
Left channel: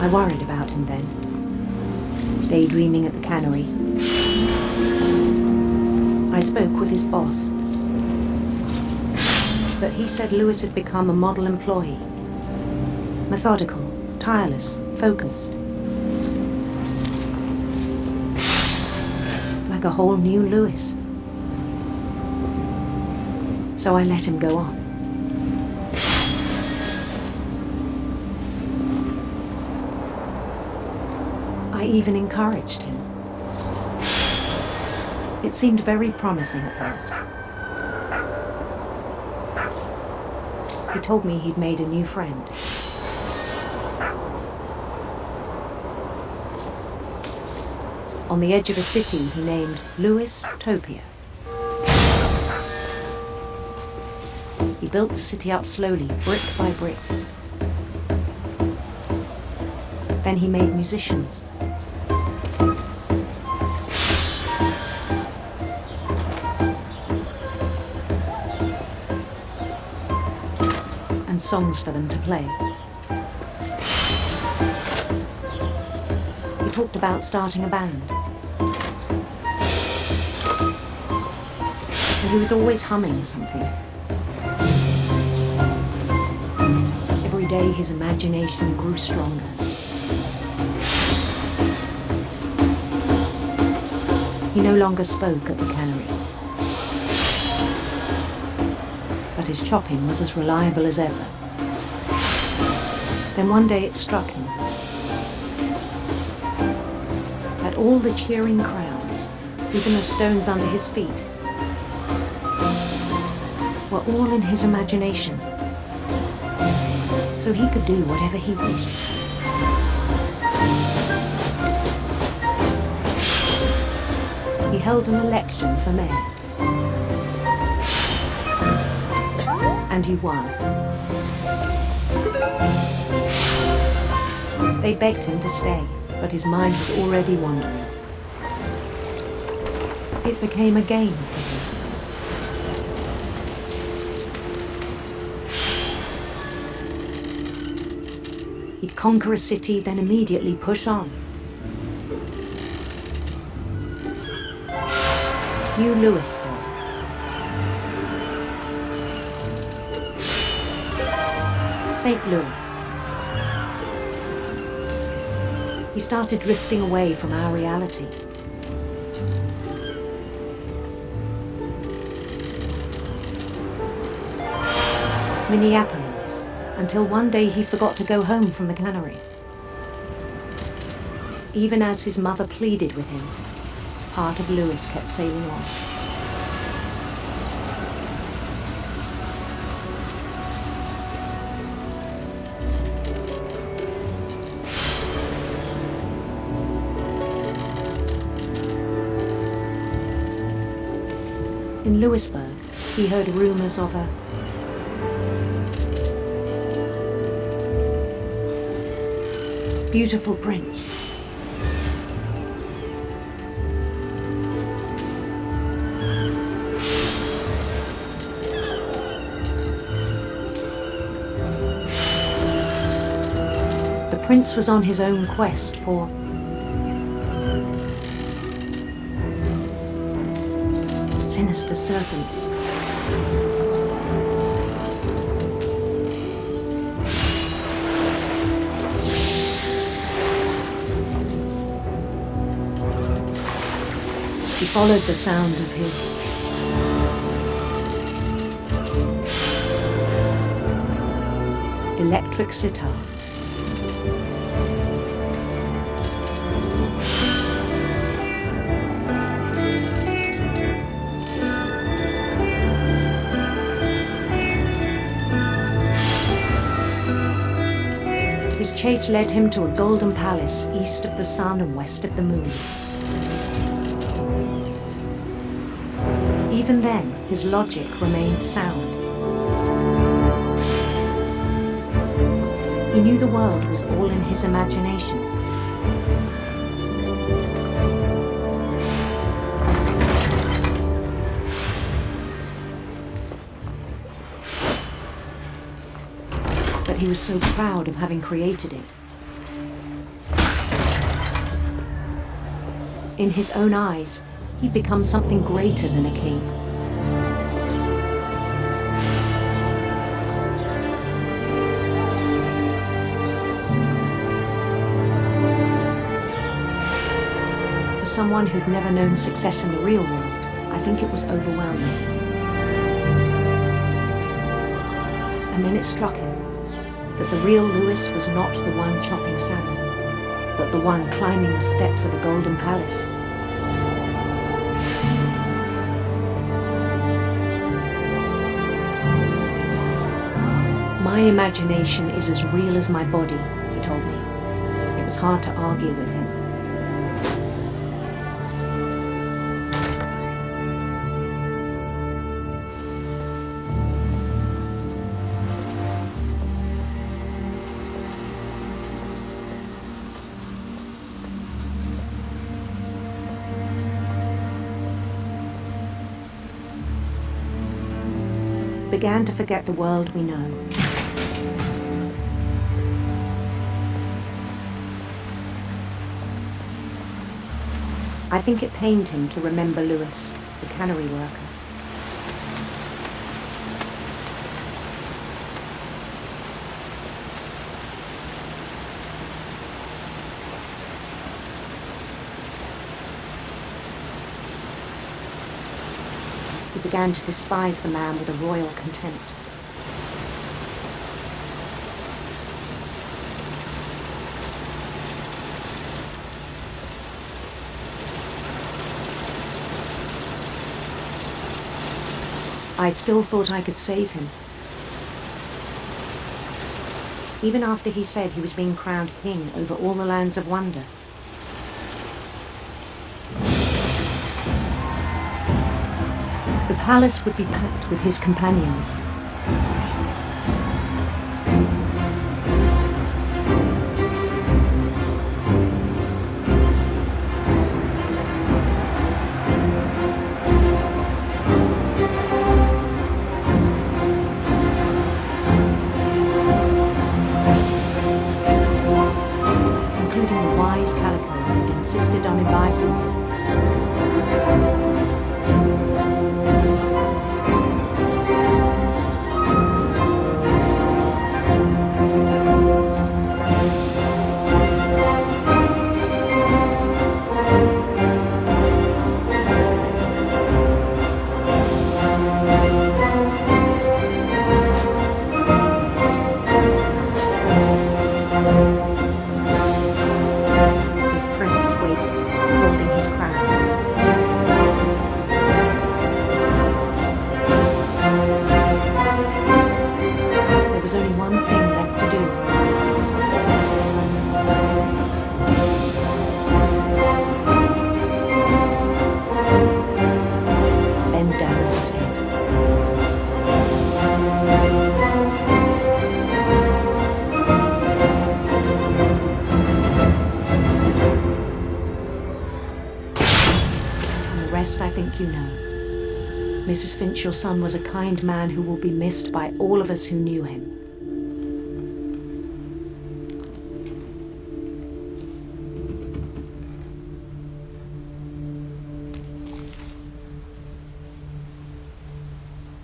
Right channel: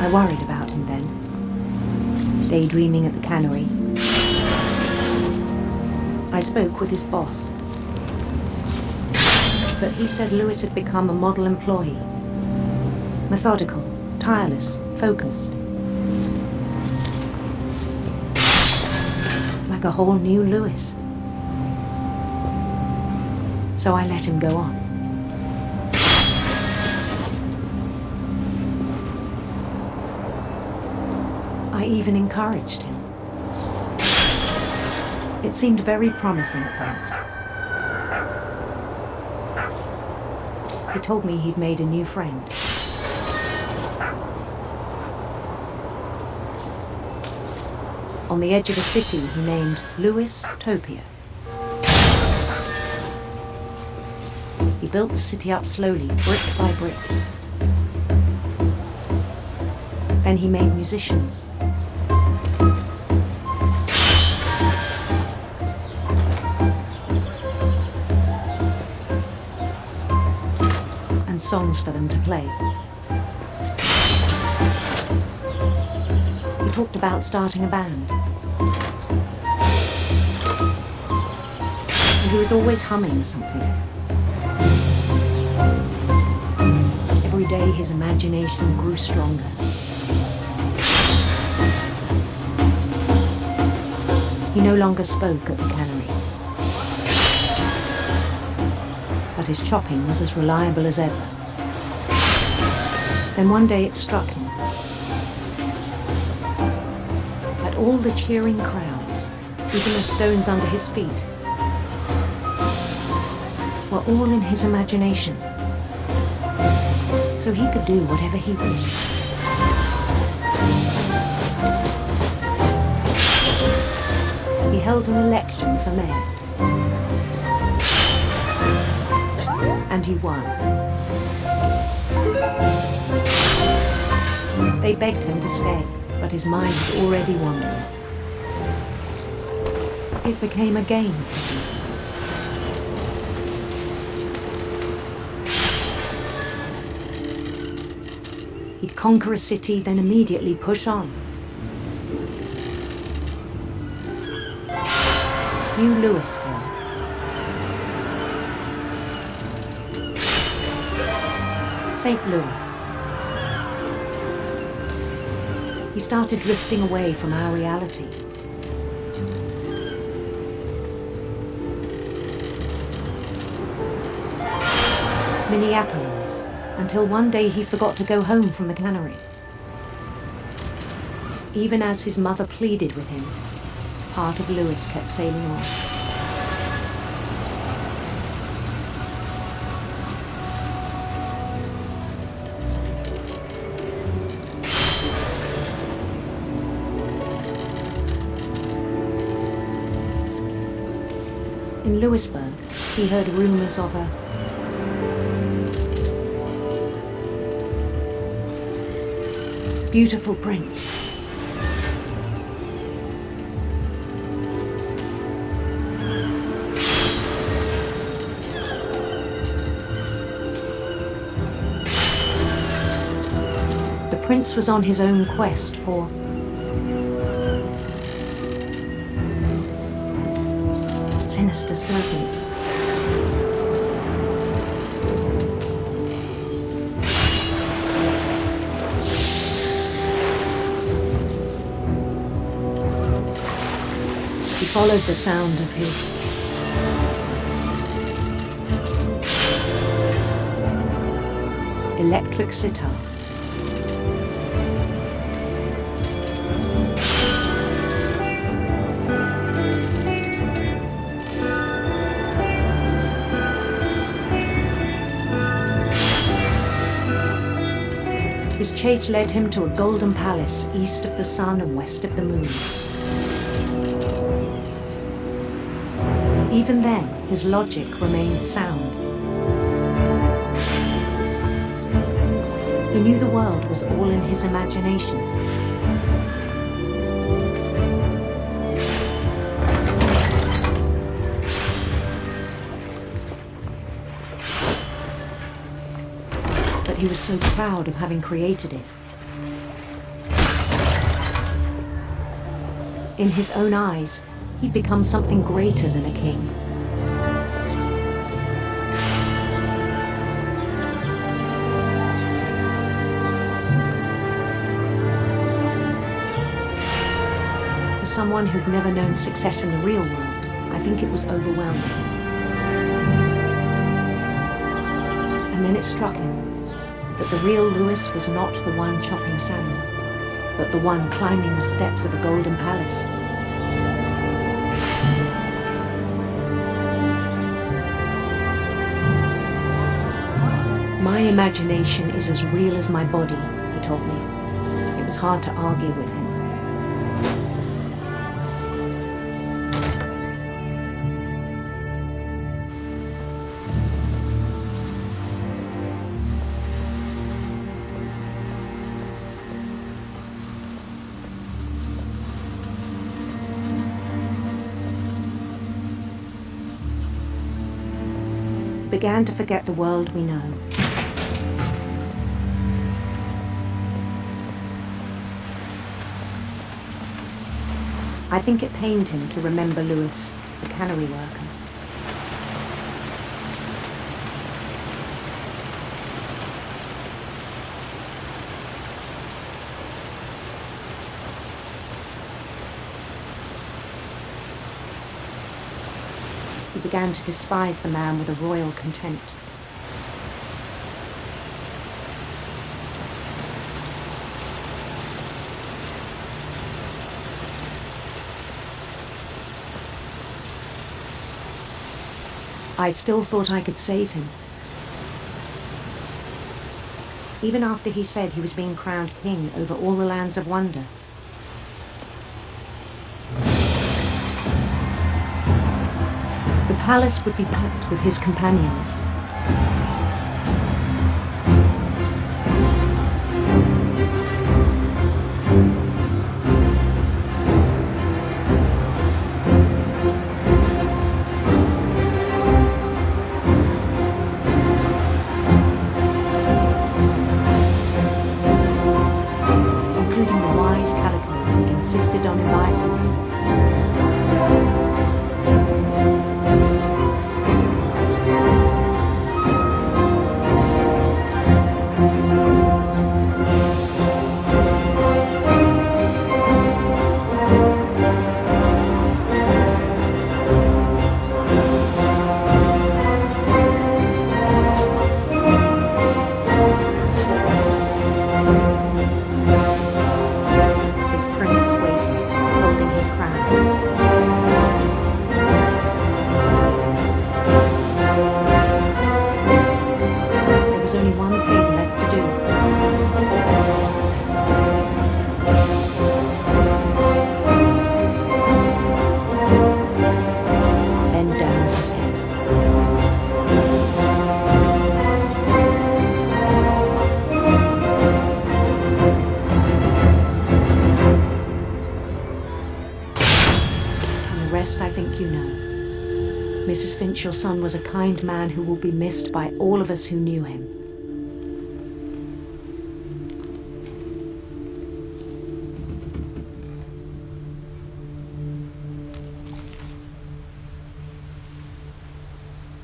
I worried about him then. Daydreaming at the cannery. I spoke with his boss. But he said Louis had become a model employee. Methodical, tireless, focused. Like a whole new Louis. So I let him go on. I even encouraged him. It seemed very promising at first. He told me he'd made a new friend. On the edge of a city he named Louis Topia. He built the city up slowly, brick by brick. Then he made musicians. And songs for them to play. He talked about starting a band. And he was always humming something. Every day his imagination grew stronger. He no longer spoke at the cannery. But his chopping was as reliable as ever. Then one day it struck him that all the cheering crowds, even the stones under his feet, were all in his imagination. So he could do whatever he wished. He held an election for mayor. And he won. They begged him to stay, but his mind was already wandering. It became a game for him. He'd conquer a city, then immediately push on. New Louisville. St. Louis. He started drifting away from our reality. Minneapolis, until one day he forgot to go home from the cannery. Even as his mother pleaded with him, part of Louis kept sailing on. In Louisburg, he heard rumors of a beautiful prince. The prince was on his own quest for sinister serpents. He followed the sound of his electric sitar. His chase led him to a golden palace east of the sun and west of the moon. Even then, his logic remained sound. He knew the world was all in his imagination. But he was so proud of having created it. In his own eyes, he'd become something greater than a king. For someone who'd never known success in the real world, I think it was overwhelming. And then it struck him that the real Louis was not the one chopping salmon, but the one climbing the steps of a golden palace. My imagination is as real as my body, he told me. It was hard to argue with him. began to forget the world we know. I think it pained him to remember Lewis, the cannery worker. He began to despise the man with a royal contempt. I still thought I could save him. Even after he said he was being crowned king over all the lands of wonder. The palace would be packed with his companions. Including the wise Calico who'd insisted on inviting him. His prince waited, holding his crown. There was only one thing left to do. Bend down his head. And the rest I think you know. Mrs. Finch, your son was a kind man who will be missed by all of us who knew him.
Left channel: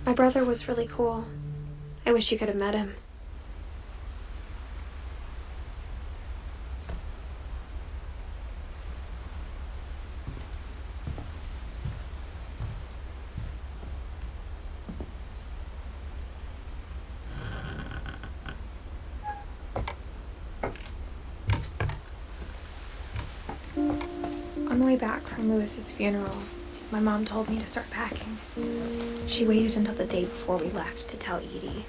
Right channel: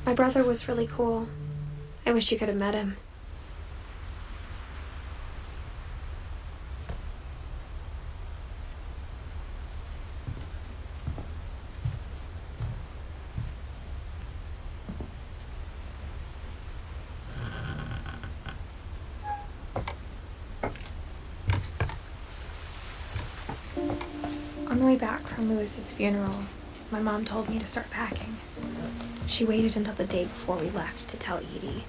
My brother was really cool. I wish you could have met him. On the way back from Lewis's funeral, my mom told me to start packing. She waited until the day before we left to tell Edie.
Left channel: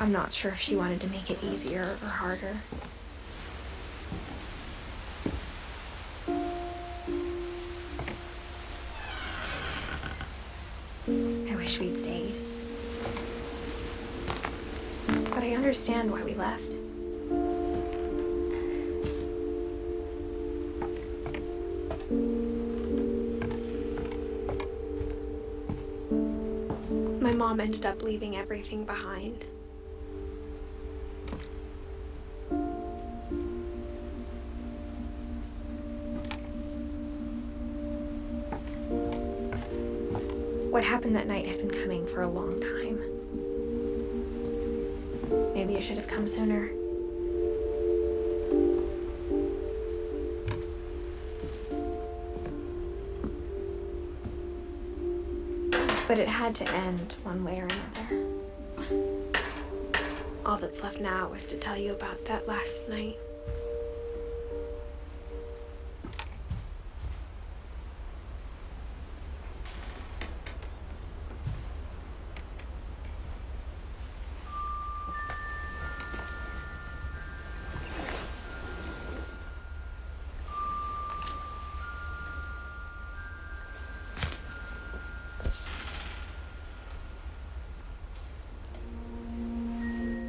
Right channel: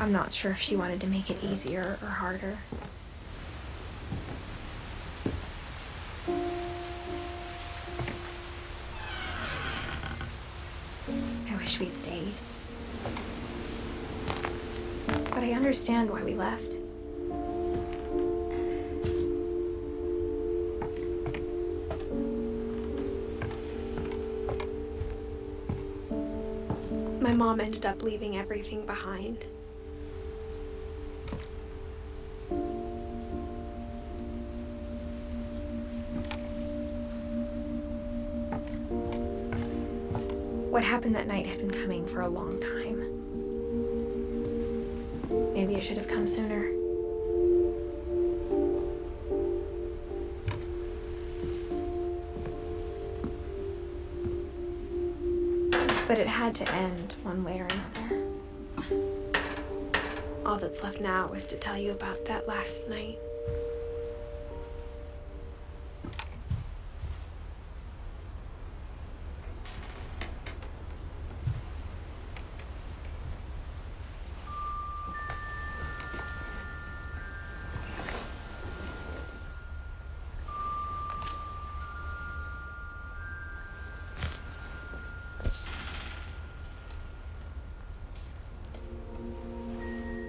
I'm not sure if she wanted to make it easier or harder. I wish we'd stayed. But I understand why we left. My mom ended up leaving everything behind. What happened that night had been coming for a long time. Maybe I should have come sooner. But it had to end one way or another. All that's left now is to tell you about that last night.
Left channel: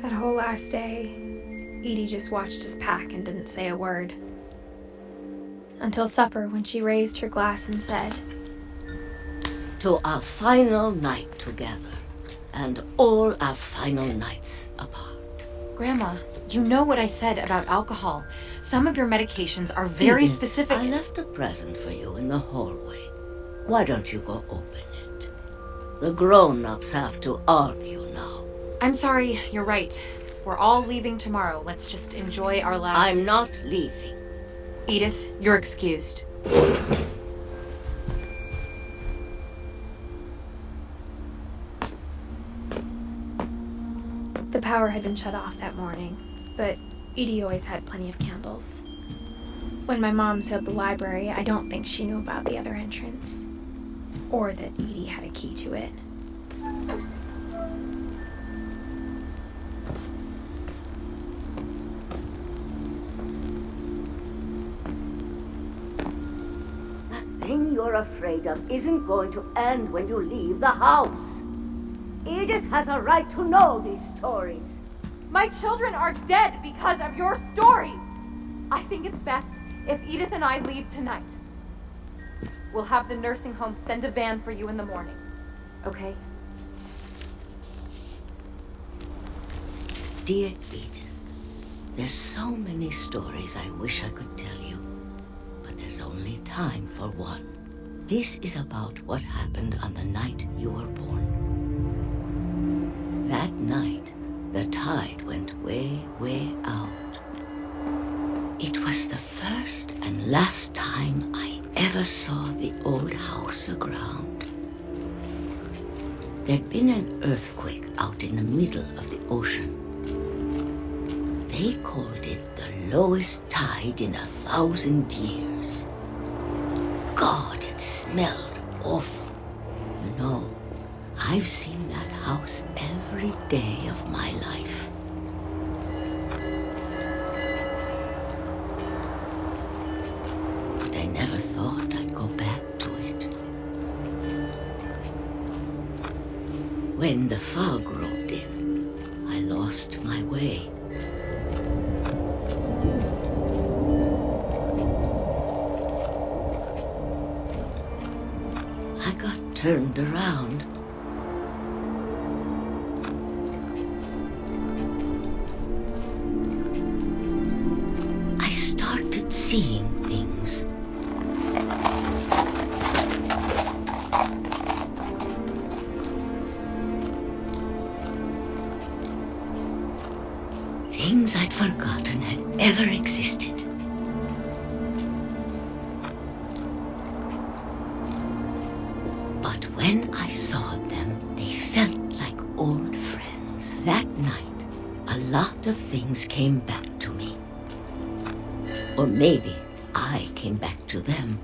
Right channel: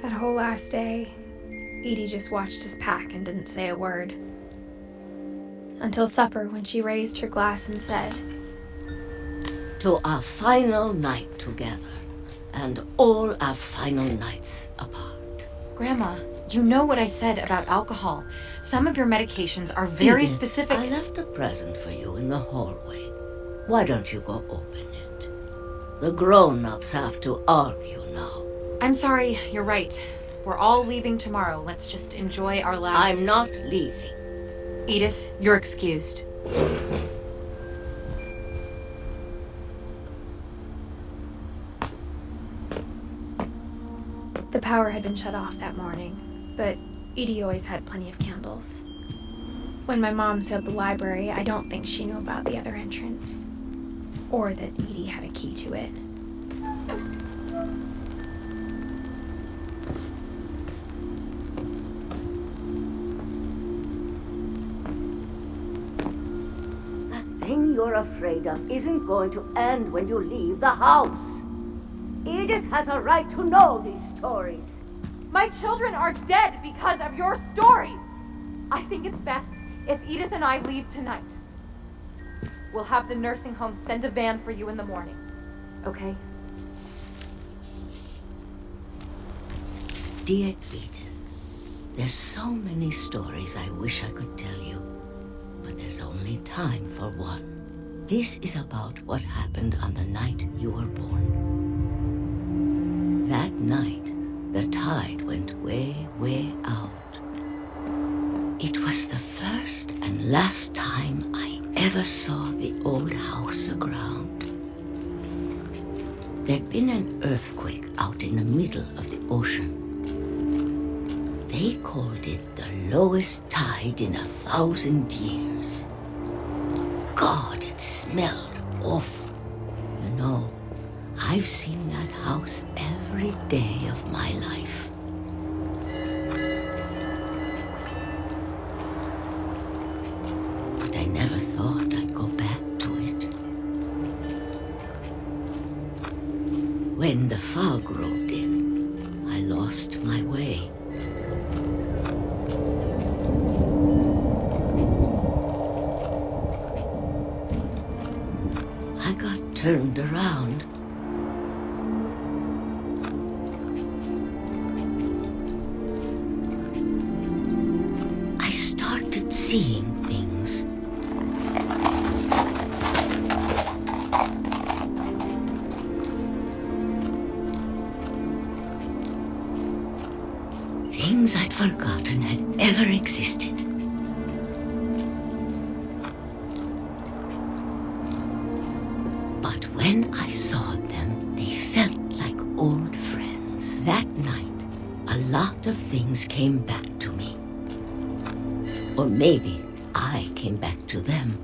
That whole last day, Edie just watched us pack and didn't say a word. until supper when she raised her glass and said, "To our final night together, and all our final nights apart." Grandma, you know what I said about alcohol. Some of your medications are very Edith, specific. I left a present for you in the hallway. Why don't you go open it? The grown-ups have to argue now. I'm sorry, you're right. We're all leaving tomorrow. Let's just enjoy our last... I'm not leaving. Edith, you're excused. The power had been shut off that morning, but Edie always had plenty of candles. When my mom sealed the library, I don't think she knew about the other entrance, or that Edie had a key to it. The thing you're afraid of isn't going to end when you leave the house. Edith has a right to know these stories. My children are dead because of your stories. I think it's best if Edith and I leave tonight. We'll have the nursing home send a van for you in the morning, okay? Dear Edith, there's so many stories I wish I could tell you, but there's only time for one. This is about what happened on the night you were born. That night, the tide went way, way out. It was the first and last time I ever saw the old house aground. There'd been an earthquake out in the middle of the ocean. They called it the lowest tide in 1,000 years. God, it smelled awful. You know, I've seen that house every day of my life. But I never thought I'd go back to it. When the fog rolled in, I lost my way. I got turned around. I started seeing things. Things I'd forgotten had ever existed. But when I saw them, they felt like old friends. That night, a lot of things came back to me. Or maybe I came back to them.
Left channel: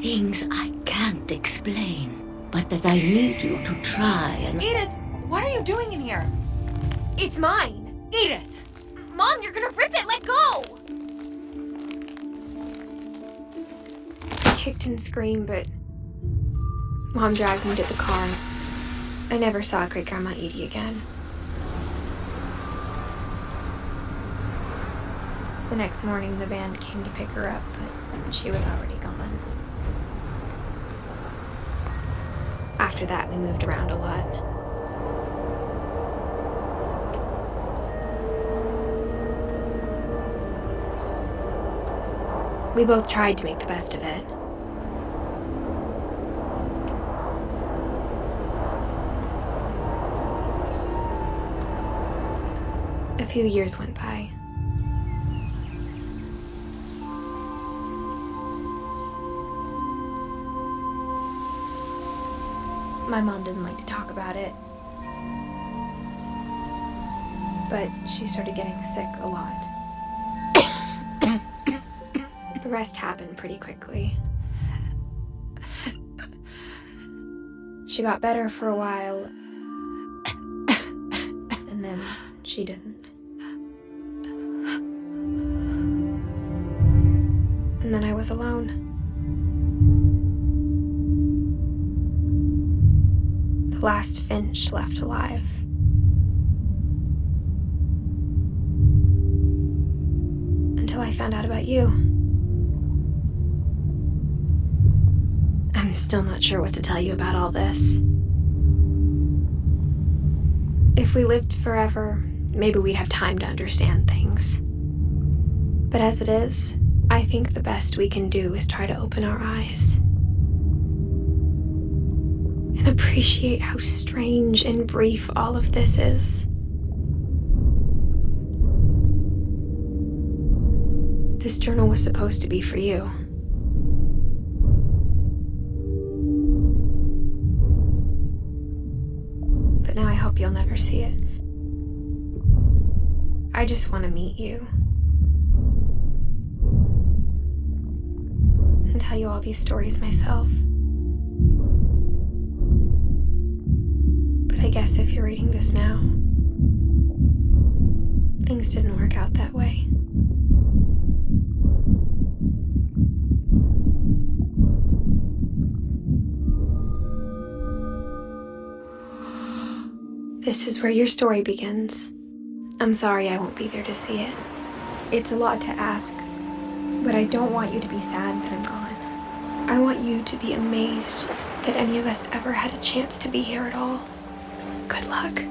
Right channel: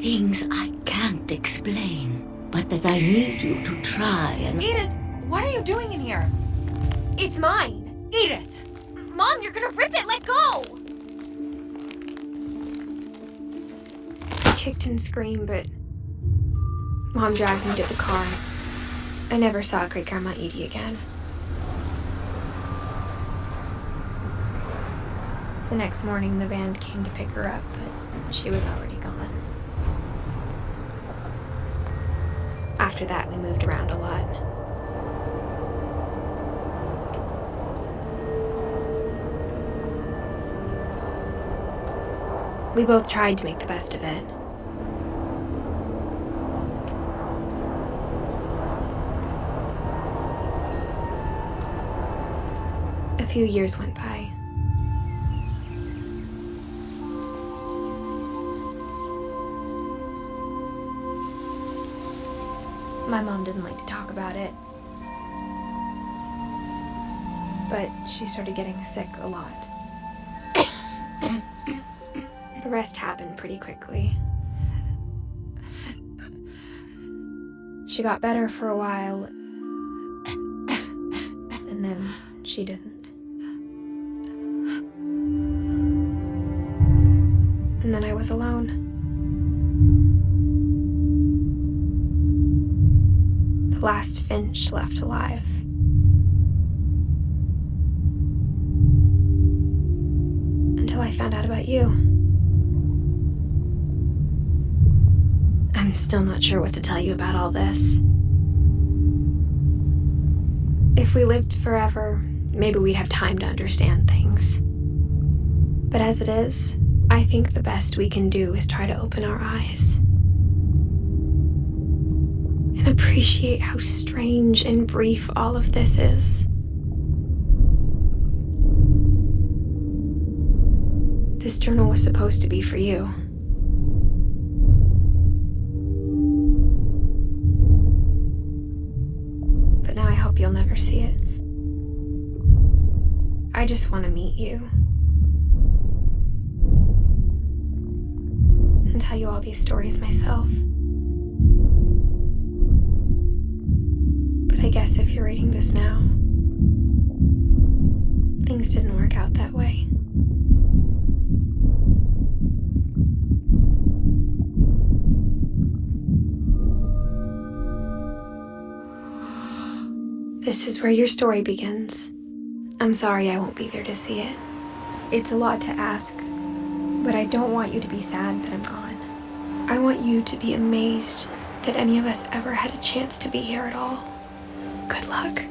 Things I can't explain, but that I need you to try and... Edith, what are you doing in here? It's mine! Edith! Mom, you're gonna rip it! Let go! I kicked and screamed, but Mom dragged me to the car. I never saw Great-Grandma Edie again. The next morning, the band came to pick her up, but she was already gone. After that, we moved around a lot. We both tried to make the best of it. A few years went by. My mom didn't like to talk about it, but she started getting sick a lot. The rest happened pretty quickly. She got better for a while, and then she didn't. And then I was alone. The last Finch left alive. Until I found out about you. I'm still not sure what to tell you about all this. If we lived forever, maybe we'd have time to understand things. But as it is, I think the best we can do is try to open our eyes and appreciate how strange and brief all of this is. This journal was supposed to be for you. But now I hope you'll never see it. I just want to meet you. And tell you all these stories myself. But I guess if you're reading this now, things didn't work out that way. This is where your story begins. I'm sorry I won't be there to see it. It's a lot to ask, but I don't want you to be sad that I'm gone. I want you to be amazed that any of us ever had a chance to be here at all. Good luck.